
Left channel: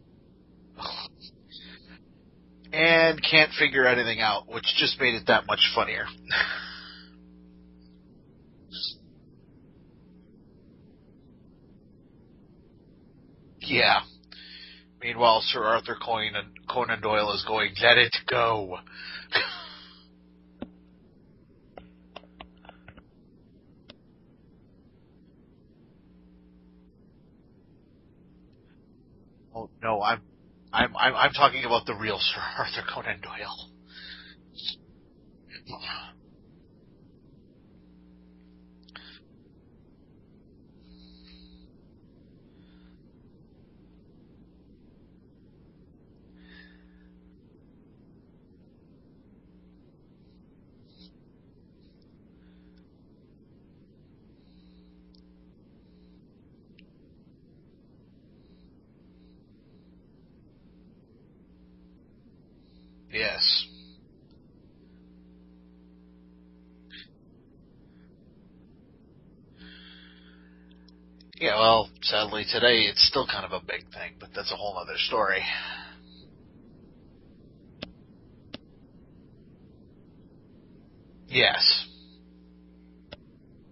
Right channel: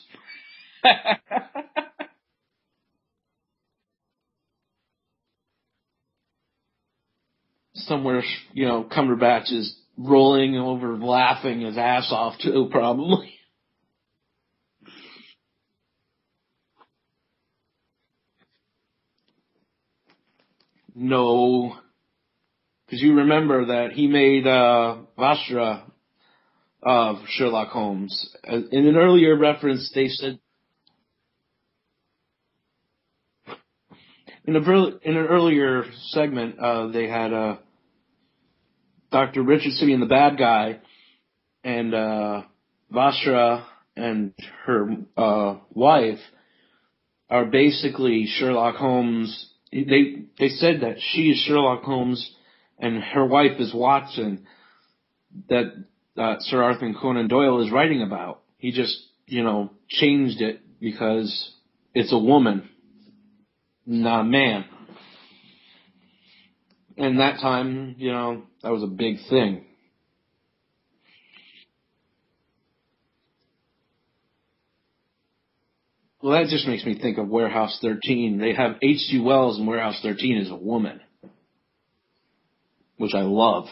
And can't figure anything out, which just made it that much funnier. Somewhere, Cumberbatch is rolling over, laughing his ass off too, probably. Yeah. Meanwhile, Sir Arthur Conan Doyle is going, let it go. No. Because you remember that he made Vastra of Sherlock Holmes. In an earlier reference, said... I'm talking about the real Sir Arthur Conan Doyle. In an earlier segment, they had Dr. Richardson being the bad guy, and Vastra and her wife are basically Sherlock Holmes. They said that she is Sherlock Holmes and her wife is Watson, that Sir Arthur Conan Doyle is writing about. He just, changed it because it's a woman. Yes. Not a man. And that time, that was a big thing. Yeah, well, sadly today it's still kind of a big thing, but that's a whole other story. Well, that just makes me think of Warehouse 13. They have H.G. Wells in Warehouse 13 as a woman. Yes. Which I loved.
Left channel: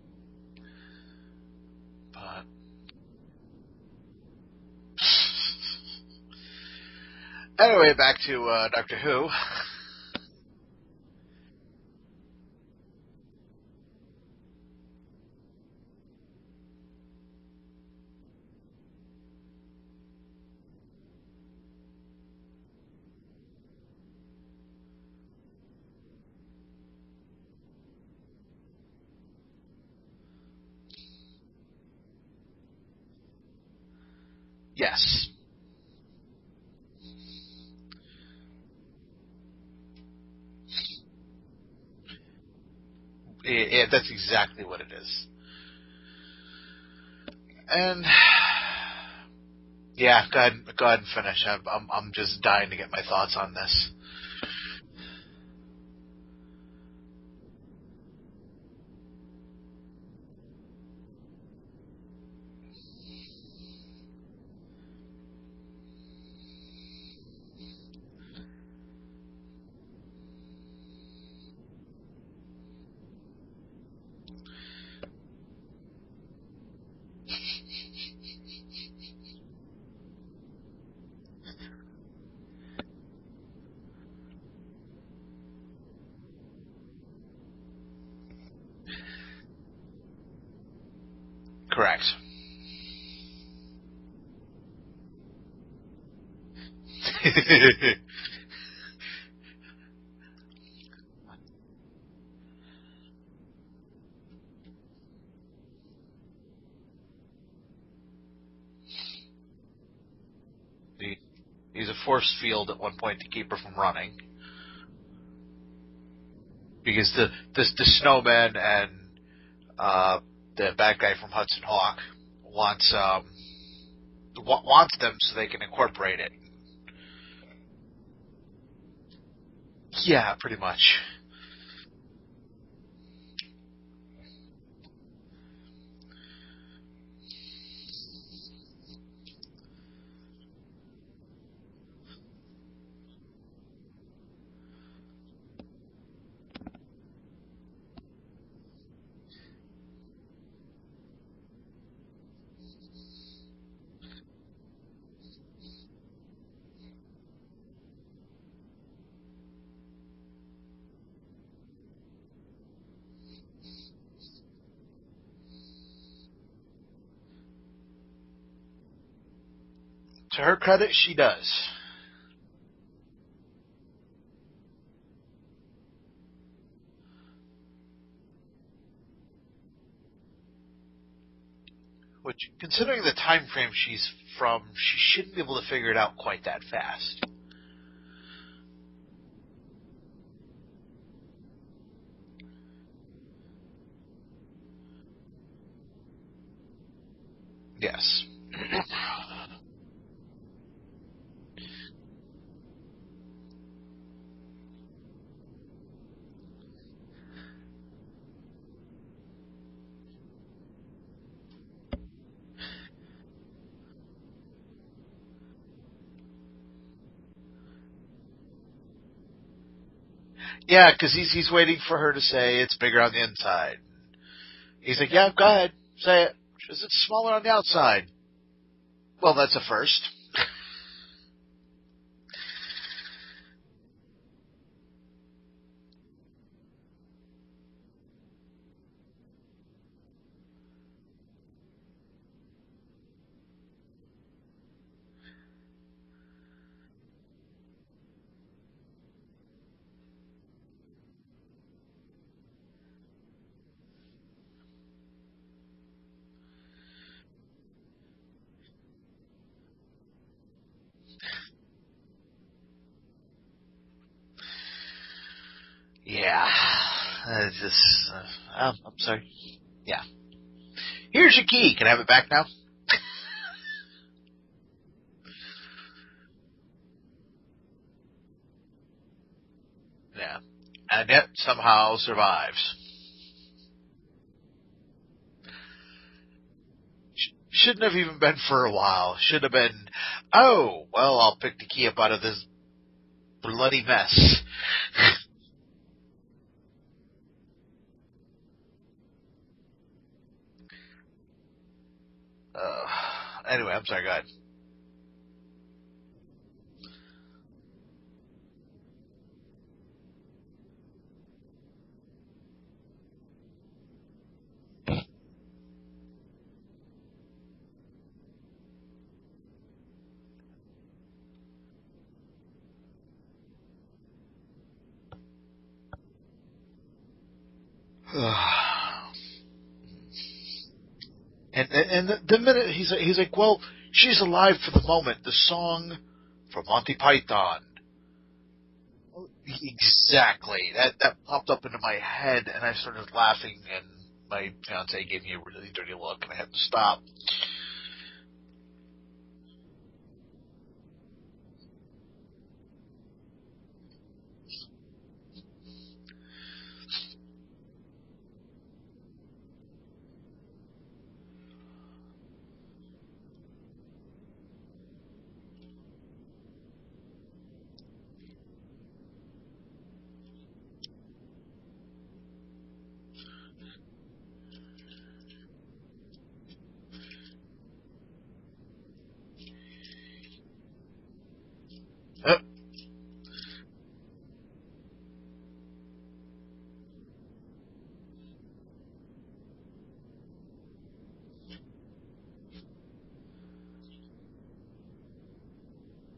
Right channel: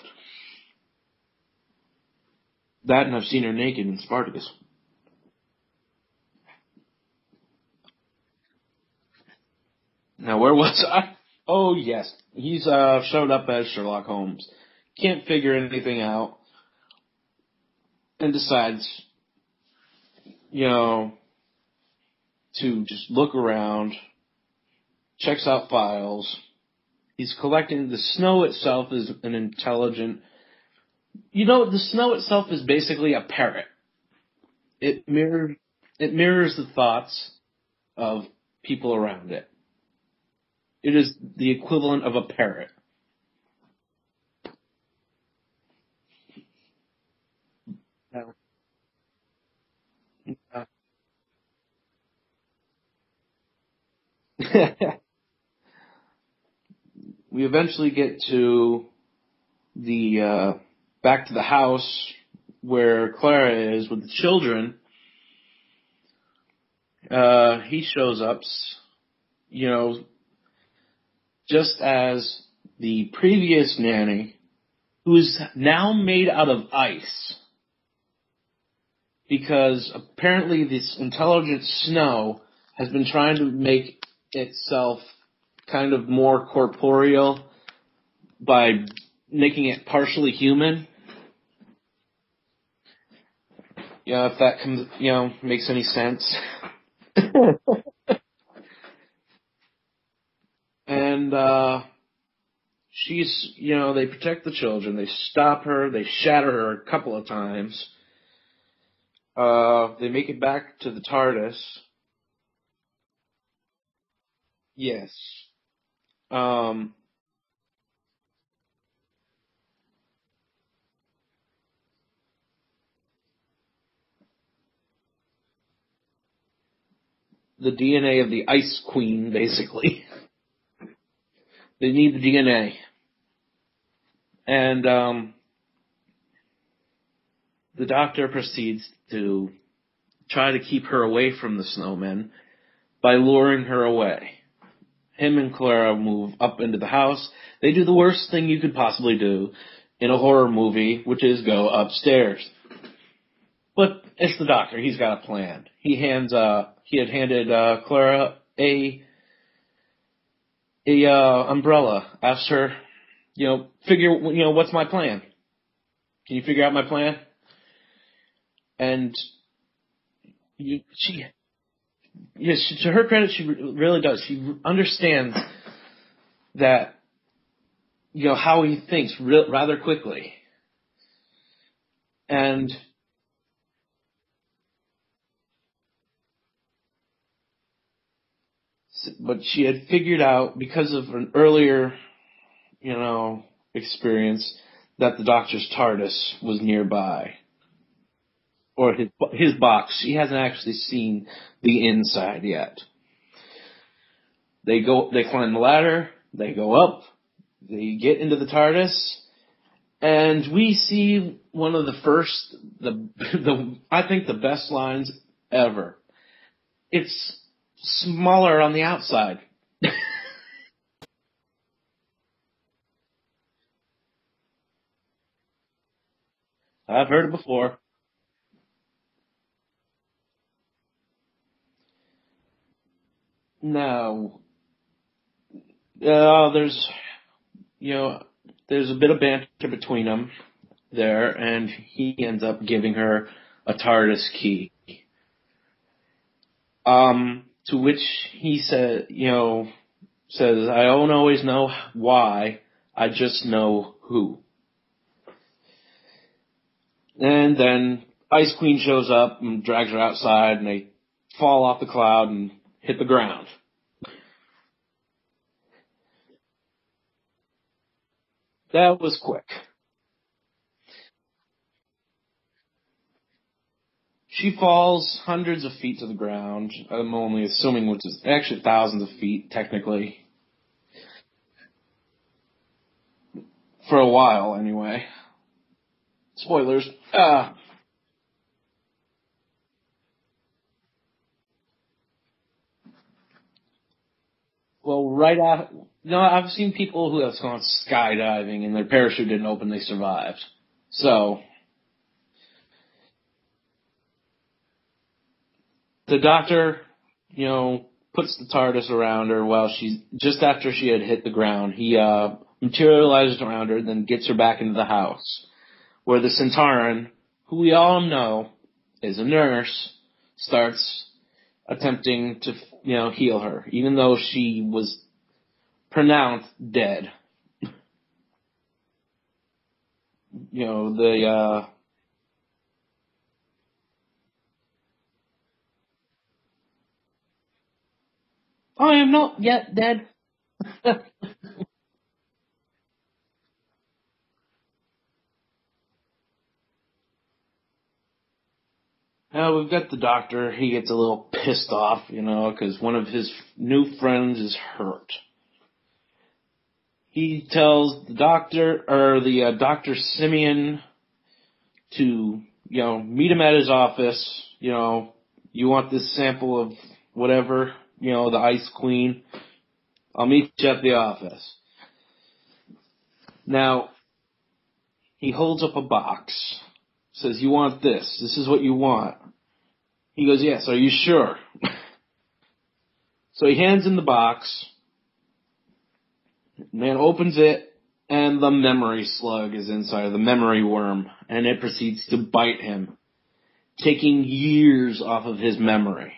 But that, and I've seen her naked in Spartacus. Anyway, back to Doctor Who. Now, where was I? Oh, yes. He's showed up as Sherlock Holmes. Can't figure anything out. And decides, to just look around. Checks out files. He's collecting... The snow itself is an intelligent... the snow itself is basically a parrot. Yes. It mirrors the thoughts of people around it. It is the equivalent of a parrot. Yeah, that's exactly what it is. And yeah, go ahead and finish. I'm just dying to get my thoughts on this. We eventually get to the back to the house where Clara is with the children. He shows up, just as the previous nanny, who is now made out of ice. Because apparently this intelligent snow has been trying to make itself kind of more corporeal by making it partially human. Correct. If that makes any sense. And she's, they protect the children. They stop her. They shatter her a couple of times. They make it back to the TARDIS. Use a force field at one point to keep her from running. Yes. Because the snowman and the bad guy from Hudson Hawk wants them so they can incorporate it. The DNA of the Ice Queen, basically. Yeah, pretty much. They need the DNA. And the Doctor proceeds to try to keep her away from the snowmen by luring her away. Him and Clara move up into the house. They do the worst thing you could possibly do in a horror movie, which is go upstairs. But it's the Doctor. He's got a plan. He had handed Clara a umbrella. Asked her, what's my plan? Can you figure out my plan? And to her credit, she does. Yes, to her credit, she really does. She understands that, how he thinks rather quickly. And considering the time frame she's from, she shouldn't be able to figure it out quite that fast. But she had figured out, because of an earlier, experience that the Doctor's TARDIS was nearby. Yes. Or his box. She hasn't actually seen the inside yet. They climb the ladder, they go up, they get into the TARDIS, and we see one of the first, I think the best lines ever. It's smaller on the outside. Yeah, because he's waiting for her to say it's bigger on the inside. He's like, yeah, go ahead, say it. It's I've smaller heard it on the before. outside. Well, that's a first. Now, there's a bit of banter between them there, and he ends up giving her a TARDIS key. To which he says, I don't always know why, I just know who. And then Ice Queen shows up and drags her outside, and they fall off the cloud and hit the ground. Yeah. That was quick. Yeah. Here's your key. Can I have it back now? She falls hundreds of feet to the ground. I'm only assuming, which is actually thousands of feet, technically. Yeah. And yet somehow survives. For a while, anyway. Spoilers. Shouldn't have even been for a while. Should have been, oh, well, I'll pick the key up out of this bloody mess. Well, right after... No, I've seen people who have gone skydiving and their parachute didn't open, they survived. So... Anyway, I'm sorry, go ahead. The Doctor, puts the TARDIS around her while just after she had hit the ground. He materializes around her, then gets her back into the house, where the Centauran, who we all know is a nurse, starts attempting to, heal her, even though she was pronounced dead. And the minute he's like, well, she's alive for the moment. The song from Monty Python. I am not yet dead. Exactly. That popped up into my head, and I started laughing, and my fiance gave me a really dirty look, and I had to stop. Now we've got the Doctor. He gets a little pissed off, because one of his new friends is hurt. He tells the Dr. Simeon to, meet him at his office. You want this sample of whatever, the Ice Queen. I'll meet you at the office. Now, he holds up a box. Says, you want this. This is what you want. He goes, yes, are you sure? So he hands him the box. Man opens it, and the memory slug is inside, the memory worm, and it proceeds to bite him, taking years off of his memory.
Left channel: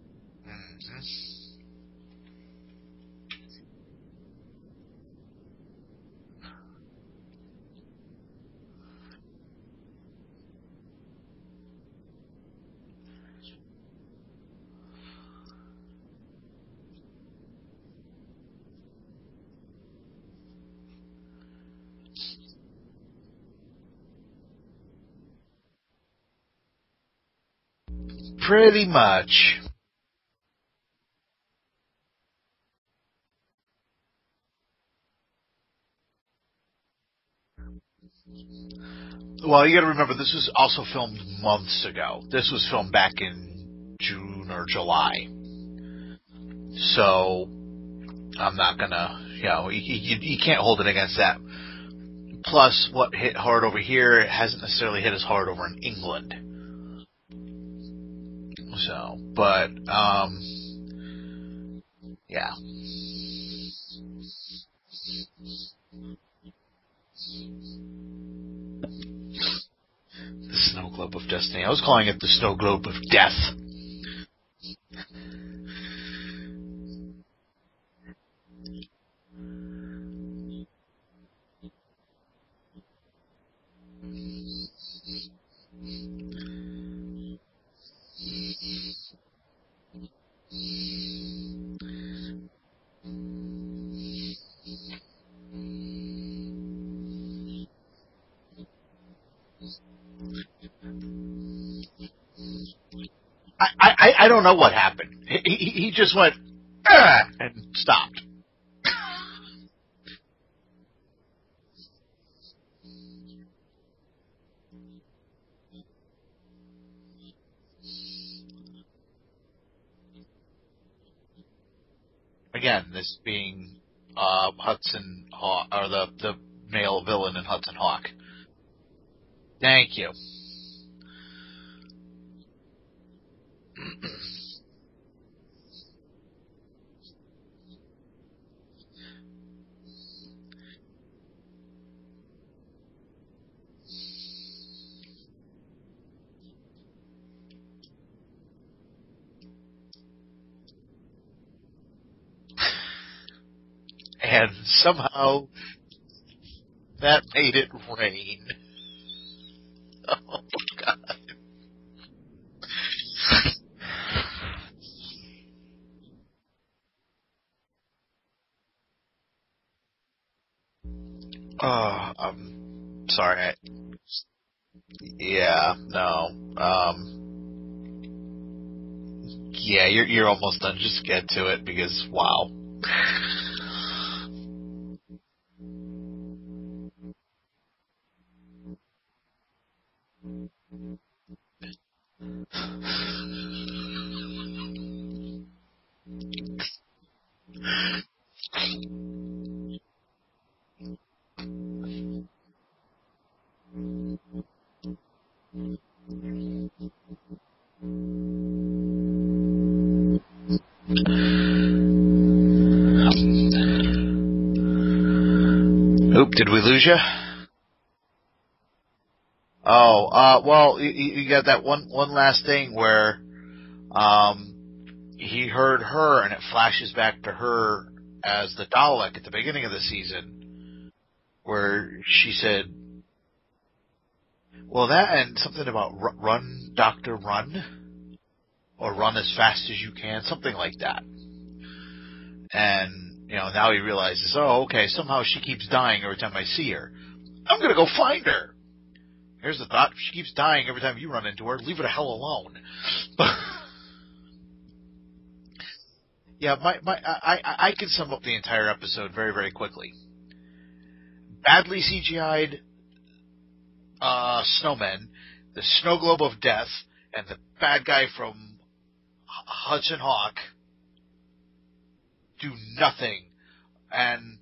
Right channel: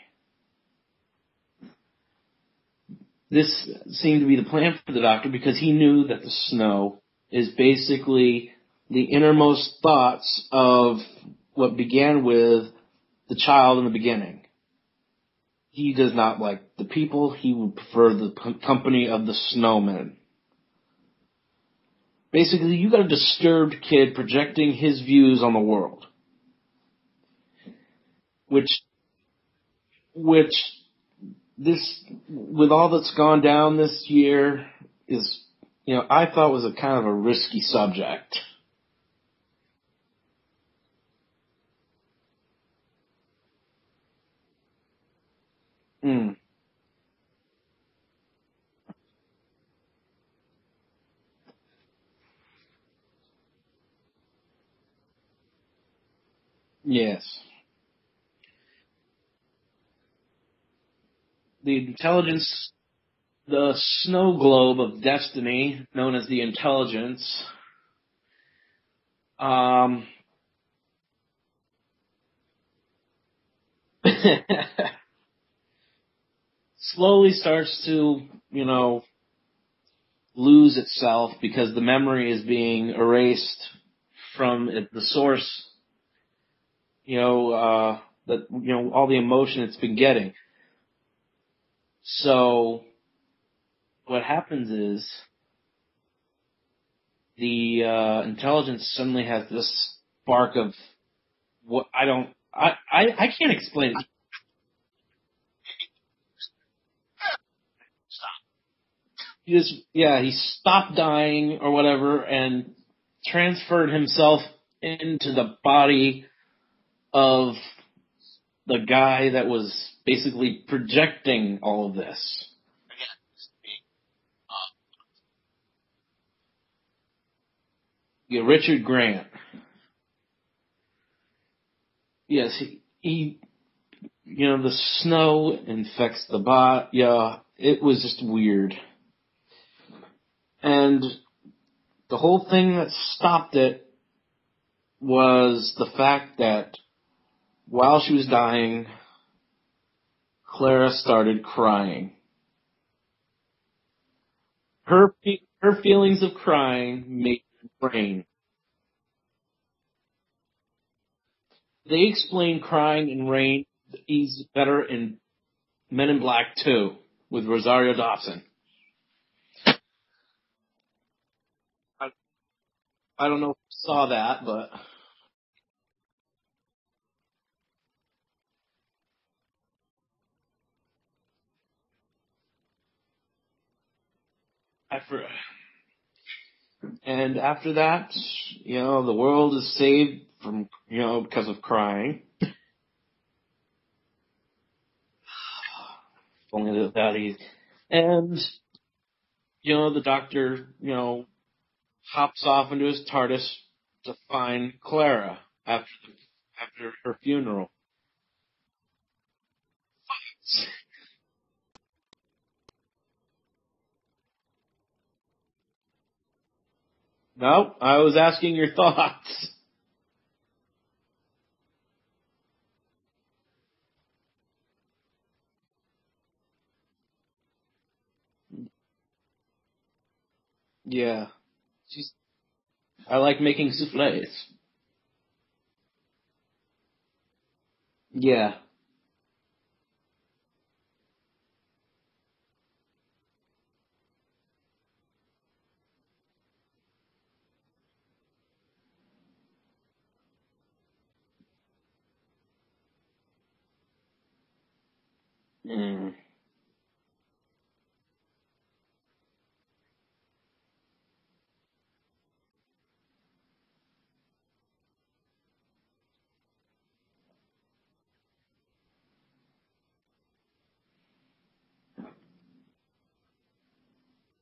This seemed to be the plan for the Doctor because he knew that the snow is basically the innermost thoughts of what began with the child in the beginning. He does not like the people. He would prefer the company of the snowmen. Basically, you got a disturbed kid projecting his views on the world. Pretty much. Which, with all that's gone down this year, is, I thought was a kind of a risky subject. Well, you got to remember, this was also filmed months ago. This was filmed back in June or July. So, I'm not gonna, you can't hold it against that. Plus, what hit hard over here hasn't necessarily hit as hard over in England. Yes. So, but, the intelligence, the snow globe of destiny, known as the intelligence, the snow globe of destiny. I was calling it the snow globe of death. Slowly starts to, lose itself because the memory is being erased from the source, all the emotion it's been getting. So what happens is the intelligence suddenly has this spark of what I can't explain. I don't know what happened. He just went and stopped. He stopped dying or whatever and transferred himself into the body of the guy that was basically projecting all of this. Again, this being Hudson Hawk, or the male villain in Hudson Hawk. Yeah, Richard Grant. Thank you. Yes, he the snow infects the body. Yeah, it was just weird. And the whole thing that stopped it was the fact that while she was dying, Clara started crying. And somehow her feelings of crying that made it rain. Oh, God. They explain crying in rain is better in Men in Black 2 with Rosario Dawson. I'm sorry. I don't know if you saw that, but... Yeah, no. Yeah, you're almost done. Just get to it because, wow. And after that, the world is saved from, because of crying. Only that easy. And, the doctor, hops off into his TARDIS to find Clara after her funeral. Oop, did we lose you? No, I was asking your thoughts. Oh, well, you got that one last thing where he heard her, and it flashes back to her as the Dalek at the beginning of the season. Yeah. Where she said... I like making souffles. Well, that and something about run, doctor, run. Yeah. Or run as fast as you can, something like that. And, now he realizes, oh, okay, somehow she keeps dying every time I see her. I'm going to go find her. Here's the thought. If she keeps dying every time you run into her, leave her the hell alone. Yeah, I can sum up the entire episode very, very quickly. Badly CGI'd snowmen, the snow globe of death, and the bad guy from Hudson Hawk do nothing. And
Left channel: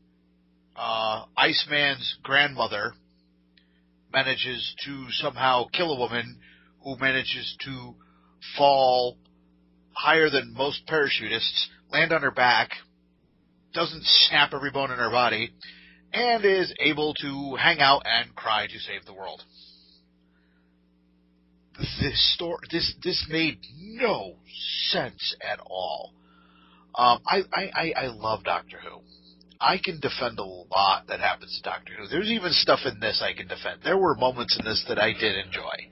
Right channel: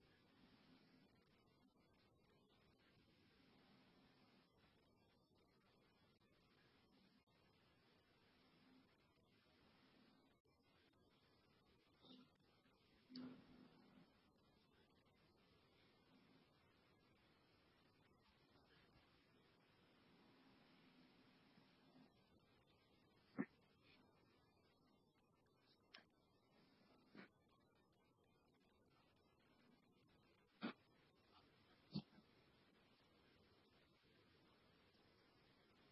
Iceman's grandmother manages to somehow kill a woman who manages to fall higher than most parachutists, land on her back, doesn't snap every bone in her body, and is able to hang out and cry to save the world. This made no sense at all. I love Doctor Who. I can defend a lot that happens to Doctor Who. There's even stuff in this I can defend. There were moments in this that I did enjoy.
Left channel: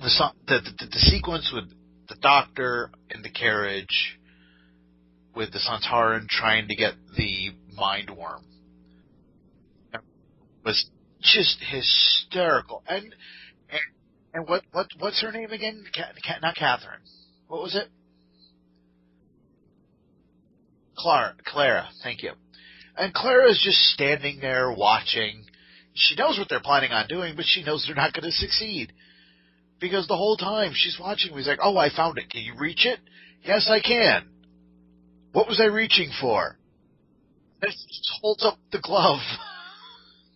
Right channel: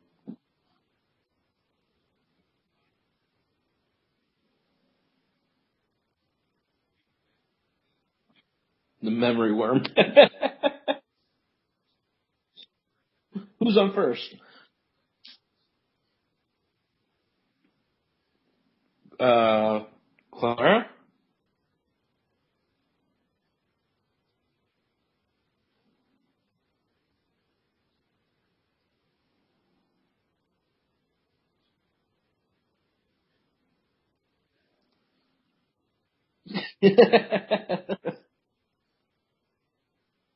The sequence with the Doctor in the carriage with the Santaran trying to get the mind worm. The memory worm. was just hysterical. And who's on first? And what's her name again? Not Catherine. What was it? Clara? Clara, thank you. And Clara is just standing there watching. She knows what they're planning on doing, but she knows they're not going to succeed. Because the whole time she's watching, he's like, oh, I found it. Can you reach it? Yes, I can. What was I reaching for? Just holds up the glove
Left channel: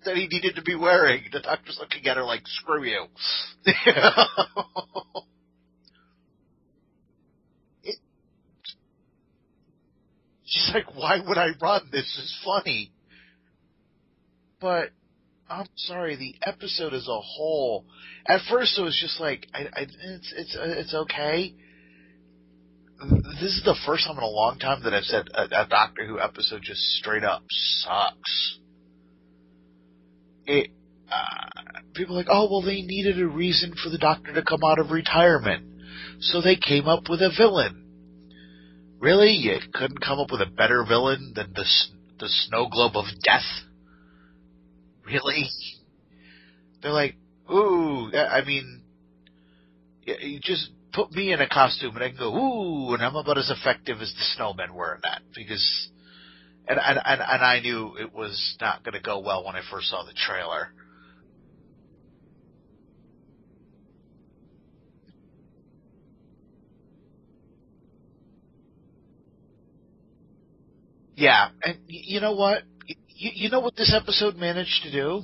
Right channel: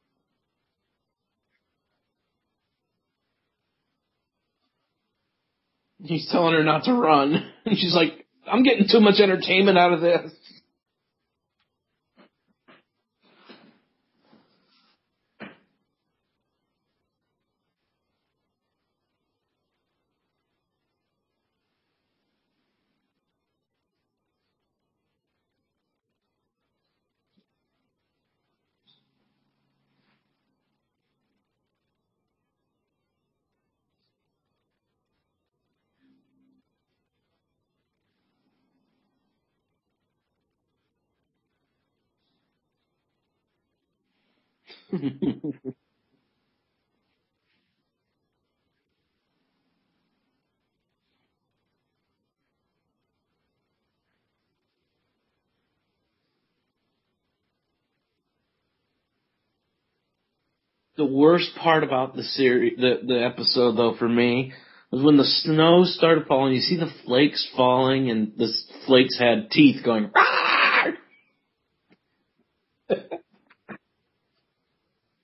that he needed to be wearing. The doctor's looking at her like, screw you. He's telling her not to run. And she's like, I'm getting too much entertainment out of this. She's like, why would I run? This is funny. But, I'm sorry, the episode as a whole, at first it was just like, it's okay. This is the first time in a long time that I've said a Doctor Who episode just straight up sucks. People are like, oh, well, they needed a reason for the Doctor to come out of retirement, so they came up with a villain. Really? You couldn't come up with a better villain than the the snow globe of death. Really? They're like, ooh, I mean, you just put me in a costume and I can go, ooh, and I'm about as effective as the snowmen were in that. Because, and I knew it was not going to go well when I first saw the trailer. The worst part about the series, the episode though, for me, was when the snow started falling. You see the flakes falling, and the flakes had teeth going. Rawr! Yeah, and you know what? You know what this episode managed to do?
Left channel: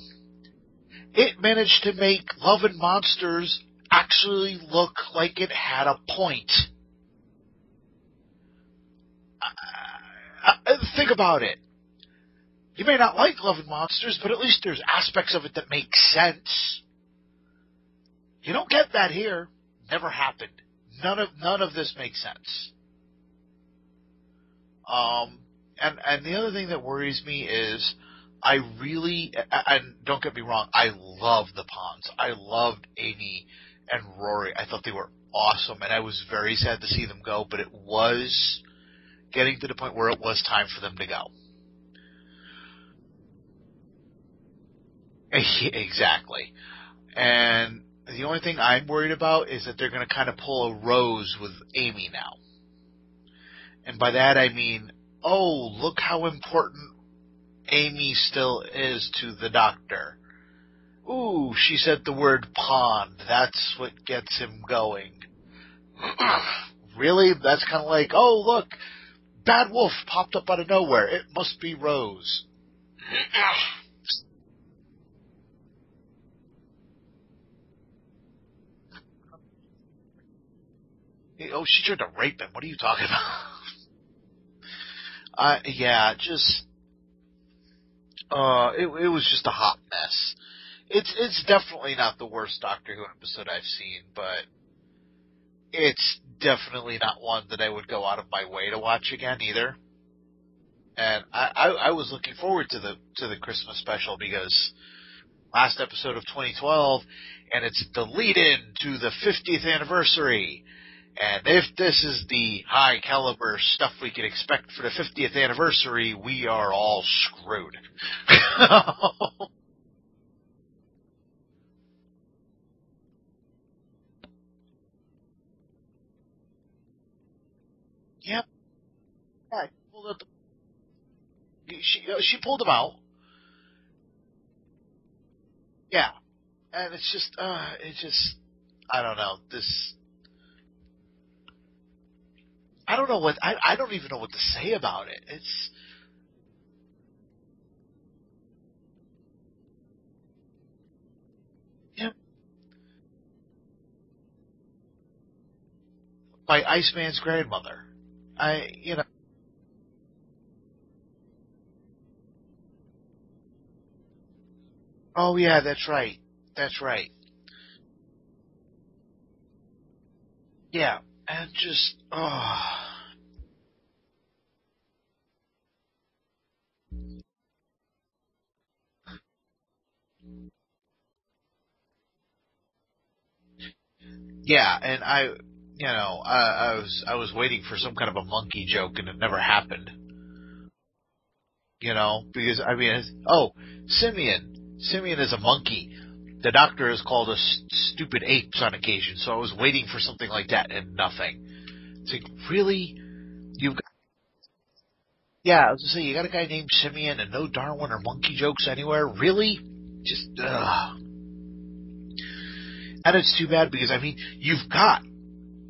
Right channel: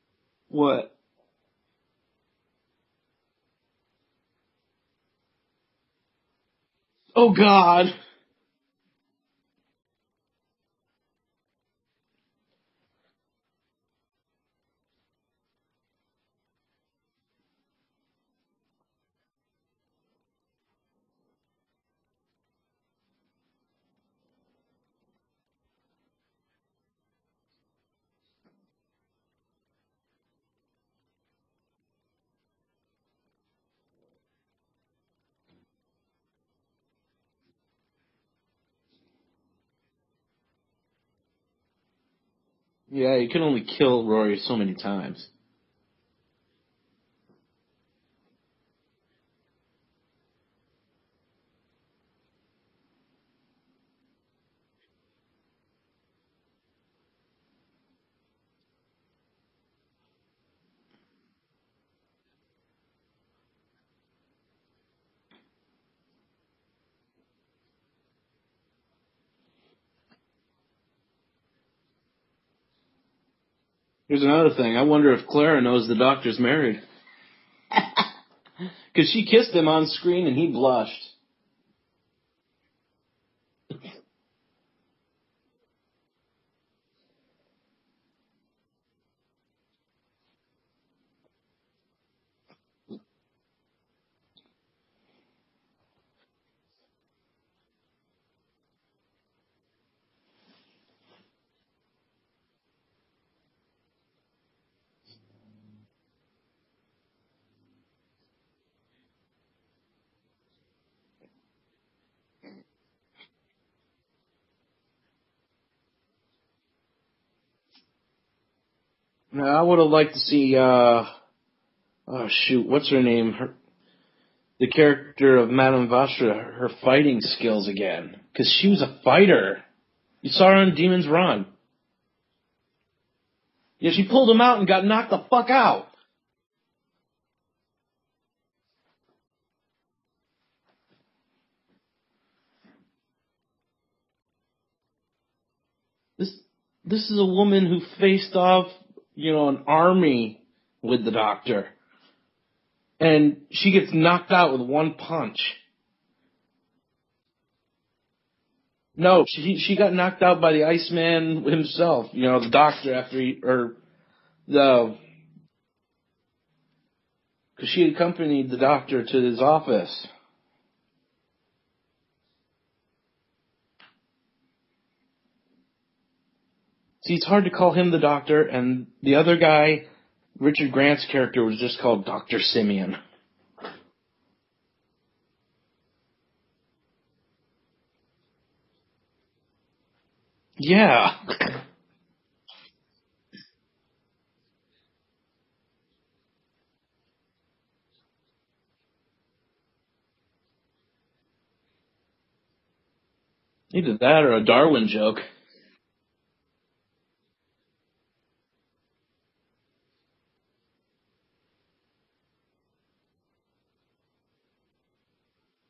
What? It managed to make Love and Monsters actually look like it had a point. Oh, God. Think about it. You may not like Love and Monsters, but at least there's aspects of it that make sense. You don't get that here. Never happened. None of this makes sense. And the other thing that worries me is I really, and don't get me wrong, I love the Ponds. I loved Amy and Rory. I thought they were awesome, and I was very sad to see them go, but it was getting to the point where it was time for them to go. Yeah, you can only kill Rory so many times. Exactly. And the only thing I'm worried about is that they're going to kind of pull a Rose with Amy now. And by that I mean, oh, look how important Amy still is to the Doctor. Ooh, she said the word pond. That's what gets him going. Really? That's kind of like, oh, look, Bad Wolf popped up out of nowhere. It must be Rose. Here's another thing. I wonder if Clara knows the Doctor's married. Because she kissed him on screen and he blushed. Oh, she tried to rape him. What are you talking about? Yeah, just... it was just a hot mess. It's definitely not the worst Doctor Who episode I've seen, but it's definitely not one that I would go out of my way to watch again either. And I was looking forward to the Christmas special because last episode of 2012, and it's the lead-in to the 50th anniversary. And if this is the high caliber stuff we can expect for the 50th anniversary, we are all screwed. Now, I would have liked to see, what's her name? The character of Madame Vastra, her fighting skills again. Because she was a fighter. Yeah, you saw her on Demon's Run. She pulled him out. Yeah, she pulled him out and got knocked the fuck out. Yeah. And it's just, I don't know, I don't know I don't even know what to say about it. This is a woman who faced off, an army with the Doctor. Yep. And she gets knocked out with one punch. By Iceman's grandmother. No, she got knocked out by the Iceman himself. The Doctor after Oh yeah, that's right. That's right. Because she accompanied the Doctor to his office. Yeah, and just See, it's hard to call him the Doctor, and the other guy, Richard Grant's character, was just called Dr. Simeon. Yeah, and I was waiting for some kind of a monkey joke, and it never happened. Yeah. Because Simeon. Simeon is a monkey. The Doctor is called a stupid apes on occasion, so I was waiting for something like that, and nothing. It's like, really? Either that or a Darwin joke. Yeah, I was going to say, you got a guy named Simeon and no Darwin or monkey jokes anywhere? Really? Just, ugh. And it's too bad because, you've got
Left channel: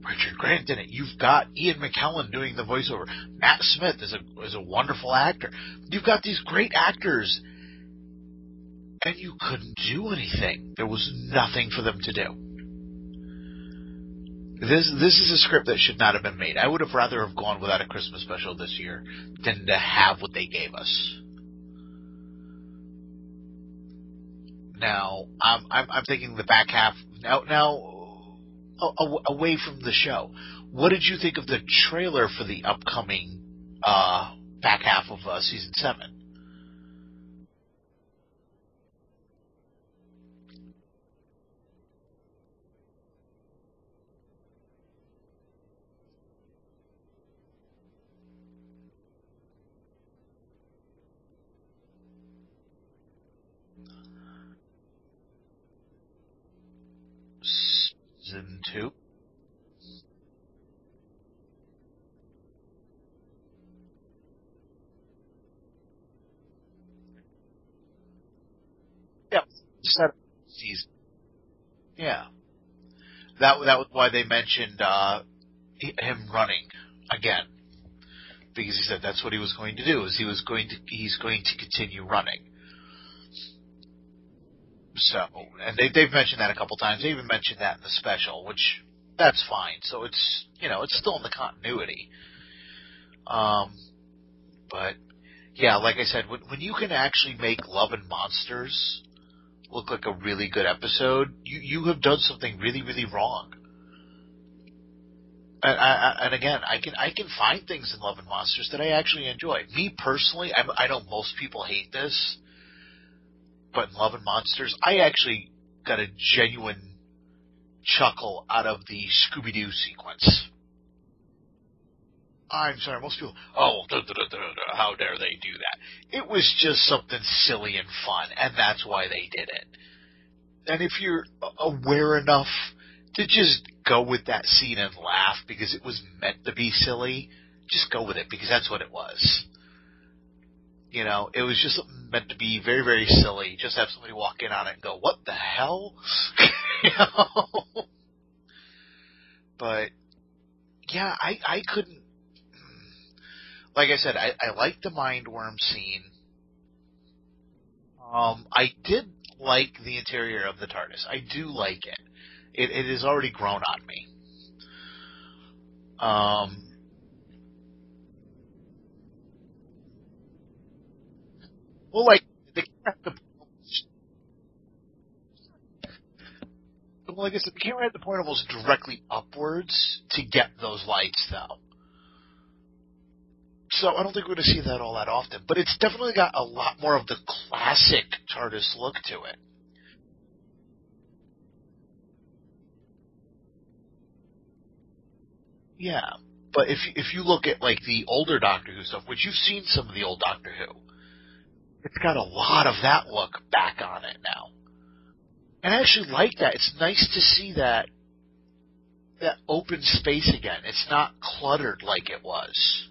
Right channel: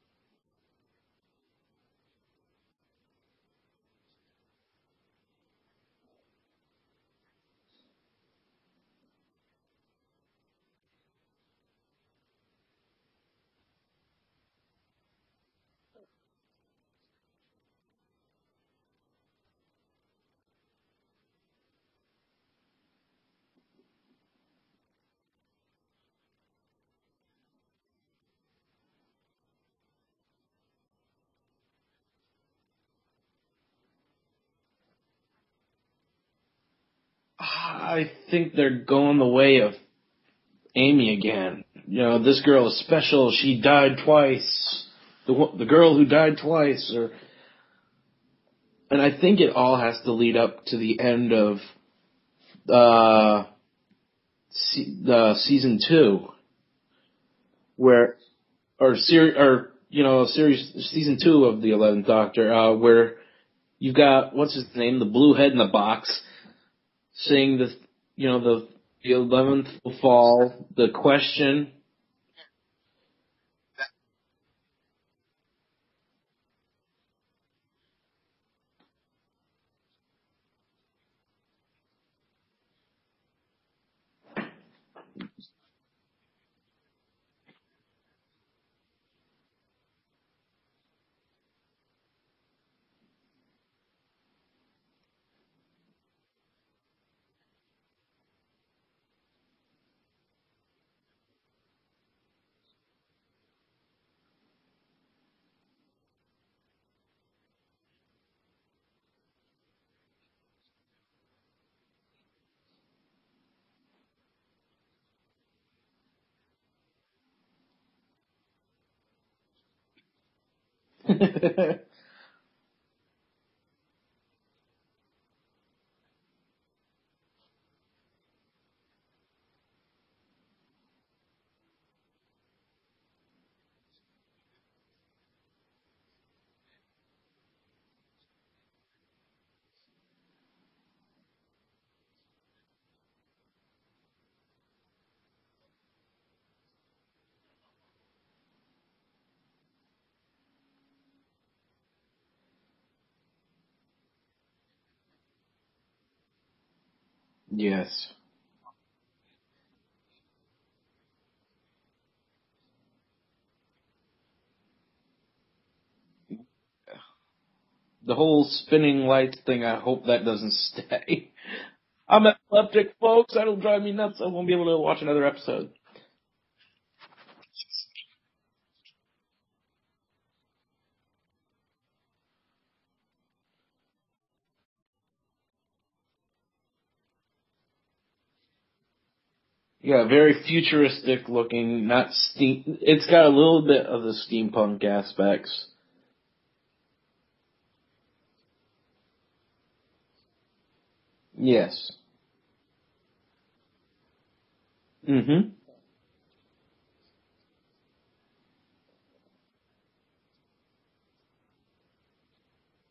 Richard Grant in it. You've got Ian McKellen doing the voiceover. Matt Smith is a wonderful actor. You've got these great actors, and you couldn't do anything. There was nothing for them to do. This is a script that should not have been made. I would have rather have gone without a Christmas special this year than to have what they gave us. Now, I'm thinking the back half. Now, away from the show, what did you think of the trailer for the upcoming back half of season 7? I think they're going the way of Amy again. This girl is special. She died twice. The girl who died twice. And I think it all has to lead up to the end of the season 2, where Season 2. series season 2 of the 11th Doctor, where you've got what's his name, the blue head in the box, saying the 11th fall, the question. Yeah, that was why they mentioned him running again, because he said that's what he was going to do. He's going to continue running. So, and they've mentioned that a couple times. They even mentioned that in the special, which that's fine. So it's still in the continuity. But yeah, like I said, when you can actually make Love and Monsters look like a really good episode, you have done something really, really wrong. And again, I can find things in Love and Monsters that I actually enjoy. Me personally, I know most people hate this, but in Love and Monsters, I actually got a genuine chuckle out of the Scooby-Doo sequence. I'm sorry, most people, how dare they do that? It was just something silly and fun, and that's why they did it. And if you're aware enough to just go with that scene and laugh because it was meant to be silly, just go with it because that's what it was. It was just meant to be very, very silly. Just have somebody walk in on it and go, what the hell? But, yeah, I couldn't. Like I said, I liked the mindworm scene. Yes. I did like the interior of the TARDIS. I do like it. It has already grown on me. The whole spinning lights thing, I hope that doesn't stay. Well, I'm epileptic, folks. That'll drive me nuts. I won't be able to watch another episode. Well, like I said, the camera had to point almost directly upwards to get those lights, though. So I don't think we're going to see that all that often. But it's definitely got a lot more of the classic TARDIS look to it. Yeah, very futuristic looking, not steam. It's got a little bit of the steampunk aspects. Yeah, but if you look at like the older Doctor Who stuff, which you've seen some of the old Doctor Who, yes, it's got a lot of that look back on it now. Mm-hmm. And I actually like that. It's nice to see that open space again. It's not cluttered like it was.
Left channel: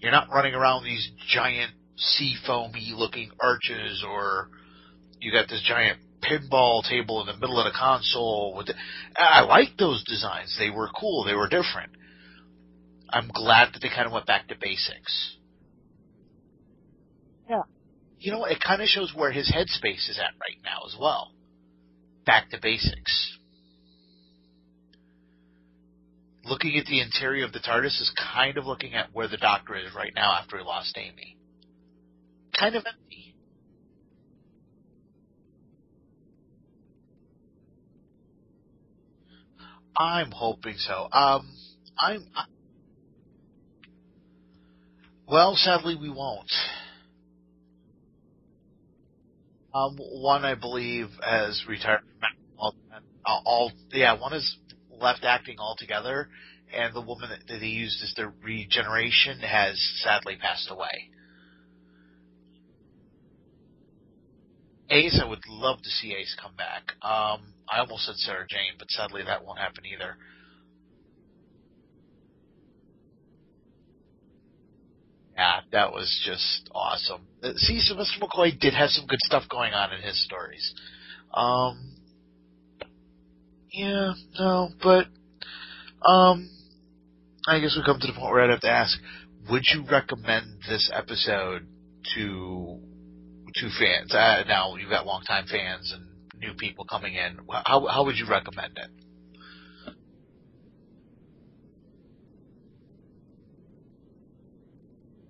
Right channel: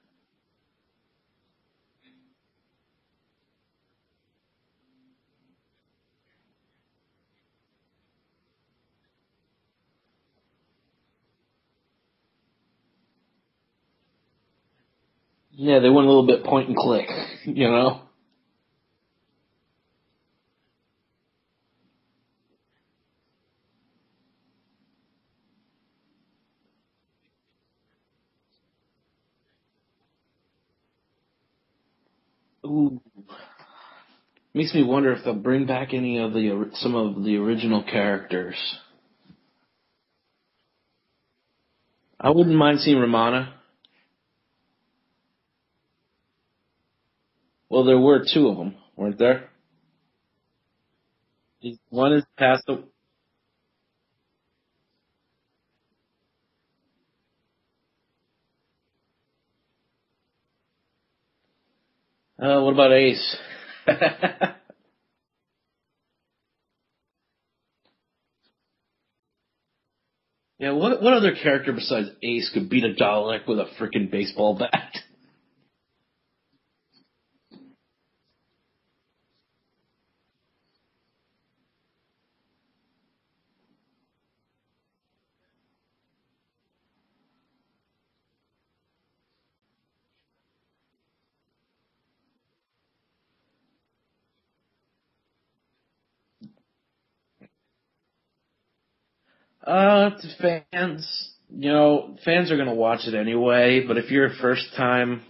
You're not running around these giant sea foamy looking arches, or you got this giant pinball table in the middle of the console. I like those designs. They were cool. They were different. I'm glad that they kind of went back to basics. Yeah, they went a little bit point and click, Yeah. It kind of shows where his headspace is at right now as well. Back to basics. Looking at the interior of the TARDIS is kind of looking at where the Doctor is right now after he lost Amy. Kind of empty. Makes me wonder if they'll bring back some of the original characters. I'm hoping so. I wouldn't mind seeing Romana. Well, sadly, we won't. Well, there were 2 of them, weren't there? One, I believe, has retired. One is passed. One is left acting altogether, and the woman that he used as the regeneration has sadly passed away. What about Ace? Ace, I would love to see Ace come back. I almost said Sarah Jane, but sadly that won't happen either. Yeah, what other character besides Ace could beat a Dalek with a freaking baseball bat? Yeah, that was just awesome. See, Sylvester McCoy did have some good stuff going on in his stories. I guess we come to the point where I'd have to ask, would you recommend this episode to fans? Now, you've got longtime fans and new people coming in. How would you recommend it? To fans, fans are going to watch it anyway, but if you're a first time,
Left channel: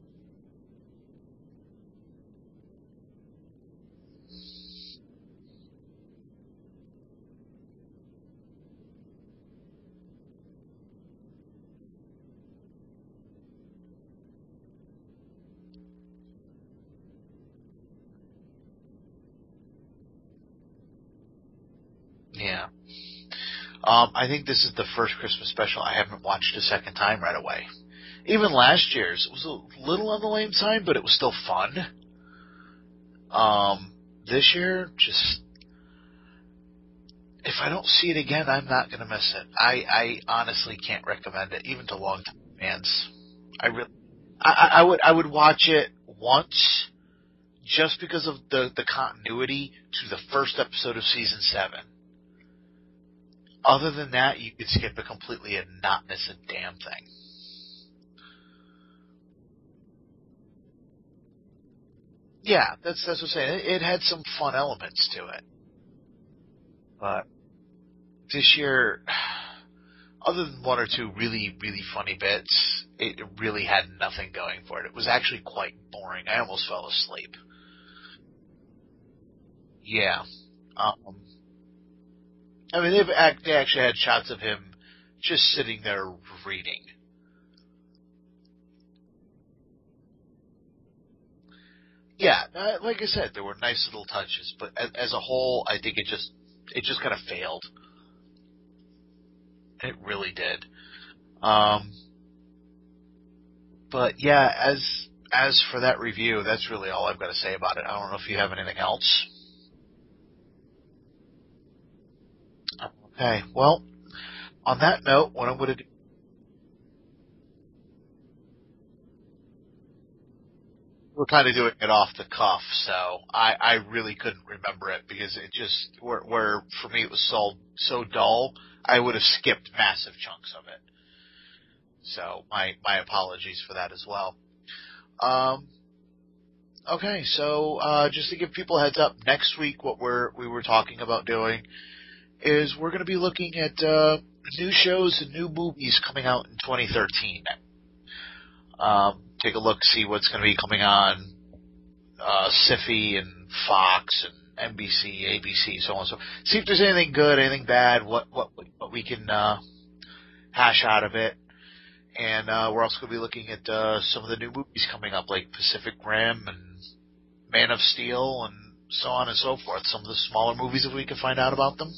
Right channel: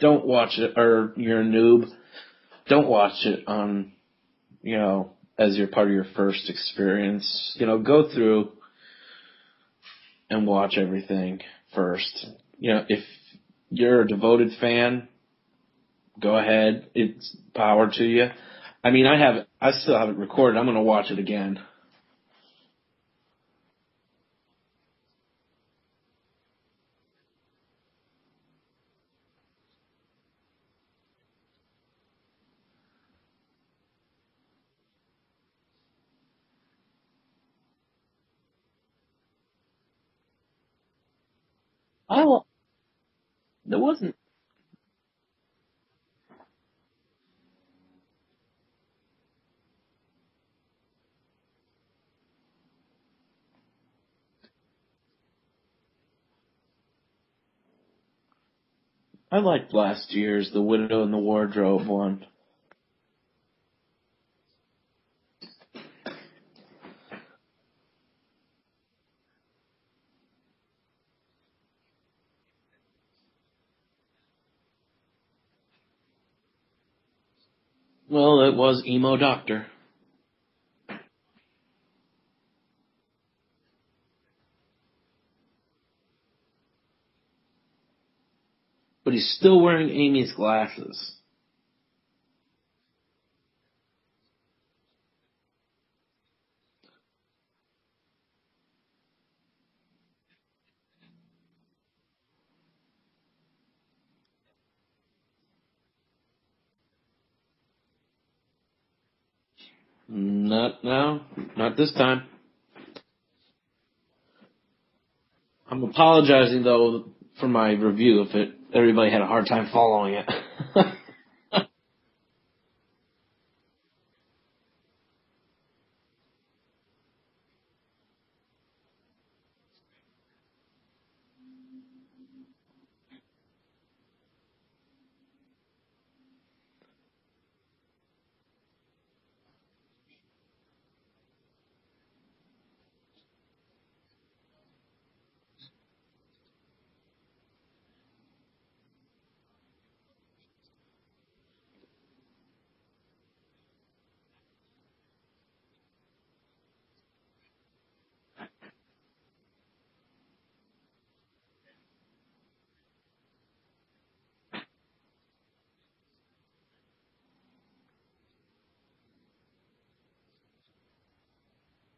don't watch it, or you're a noob, don't watch it on, as your part of your first experience. Go through and watch everything first. If you're a devoted fan, go ahead. It's power to you. I mean, I still have it recorded. I'm going to watch it again. Yeah. I think this is the first Christmas special I haven't watched a second time right away. even last year's, it was a little on the lame side, but it was still fun. This year, just, if I don't see it again, I'm not going to miss it. I honestly can't recommend it, even to long-term fans. I would watch it once, just because of the continuity to the first episode of season 7. Other than that, you could skip it completely and not miss a damn thing. I liked last year's The Widow in the Wardrobe one. Yeah, that's what I'm saying. It had some fun elements to it. But this year, other than one or two really, really funny bits, it really had nothing going for it. It was actually quite boring. I almost fell asleep. Well, it was Emo Doctor. Yeah. I mean, they actually had shots of him just sitting there reading. But he's still wearing Amy's glasses. Yeah, like I said, there were nice little touches, but as a whole, I think it just kind of failed. It really did. But yeah, as for that review, that's really all I've got to say about it. I don't know if you have anything else. Not now. Not this time. Okay, well, on that note, what I'm apologizing, though, for my review if everybody had a hard time following it. We're kind of doing it off the cuff, so I really couldn't remember it because it just, where for me it was so dull, I would have skipped massive chunks of it. So my apologies for that as well. Okay, so just to give people a heads up, next week what we were talking about doing is we're going to be looking at new shows and new movies coming out in 2013. Take a look, see what's going to be coming on Sci-fi and Fox and NBC, ABC, so on and so. See if there's anything good, anything bad, what we can hash out of it. And we're also going to be looking at some of the new movies coming up, like Pacific Rim and Man of Steel and so on and so forth. Some of the smaller movies, if we can find out about them.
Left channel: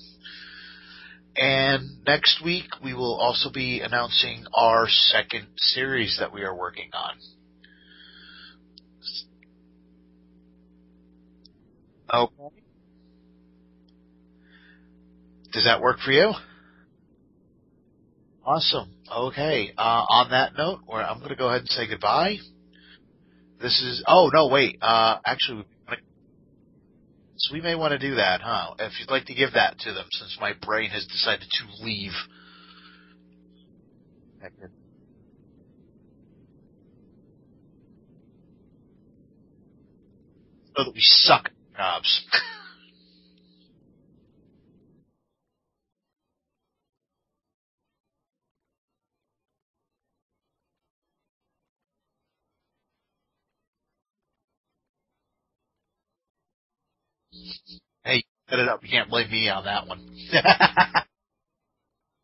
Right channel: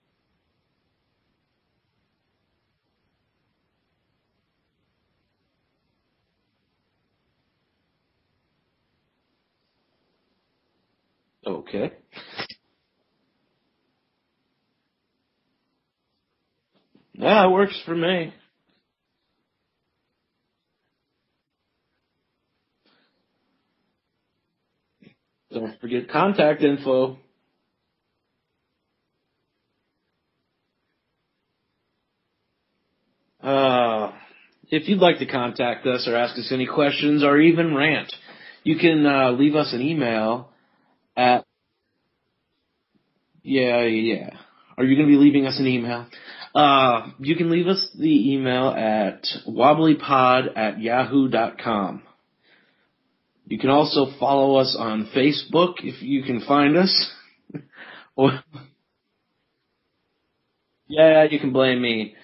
And next week, we will also be announcing our second series that we are working on. Okay. Does that work for you? Yeah, it works for me. Awesome. Okay. On that note, I'm going to go ahead and say goodbye. This is... Oh, no, wait. Actually... Don't forget contact info. So we may want to do that, huh? If you'd like to give that to them, since my brain has decided to leave. If you'd like to contact us or ask us any questions or even rant, you can leave us an email. So that we suck at jobs. Yeah. Are you going to be leaving us an email? You can leave us the email at wobblypod@yahoo.com. You can also follow us on Facebook if you can find us. Hey, you set it up. You can't blame me on that one. Yeah, you can blame me.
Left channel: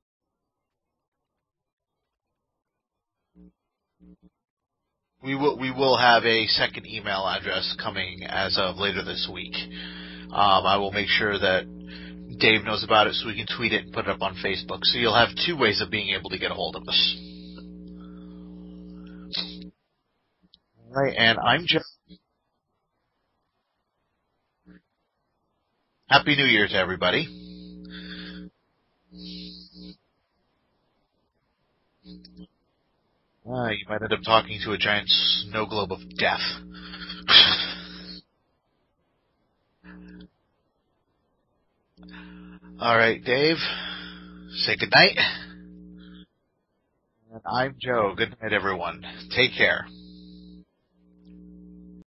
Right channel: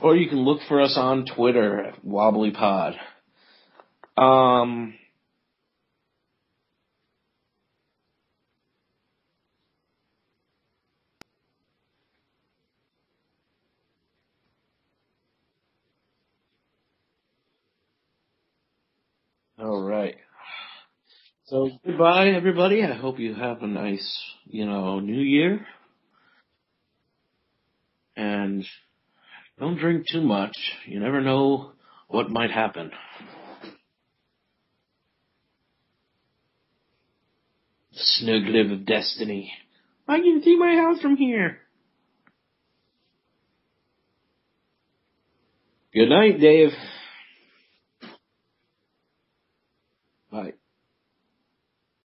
Or you can look for us on Twitter at Wobblypod. We will have a second email address coming as of later this week. I will make sure that Dave knows about it so we can tweet it and put it up on Facebook. So you'll have two ways of being able to get a hold of us. All right. Right, and I'm Joe. Goodbye, everybody. I hope you have a nice, New Year. Happy New Year to everybody. And don't drink too much. You never know what might happen. You might end up talking to a giant snow globe of death. Snow globe of destiny. I can see my house from here. All right, Dave. Say good night. Good night, Dave. And I'm Joe. Good night, everyone. Take care. Bye.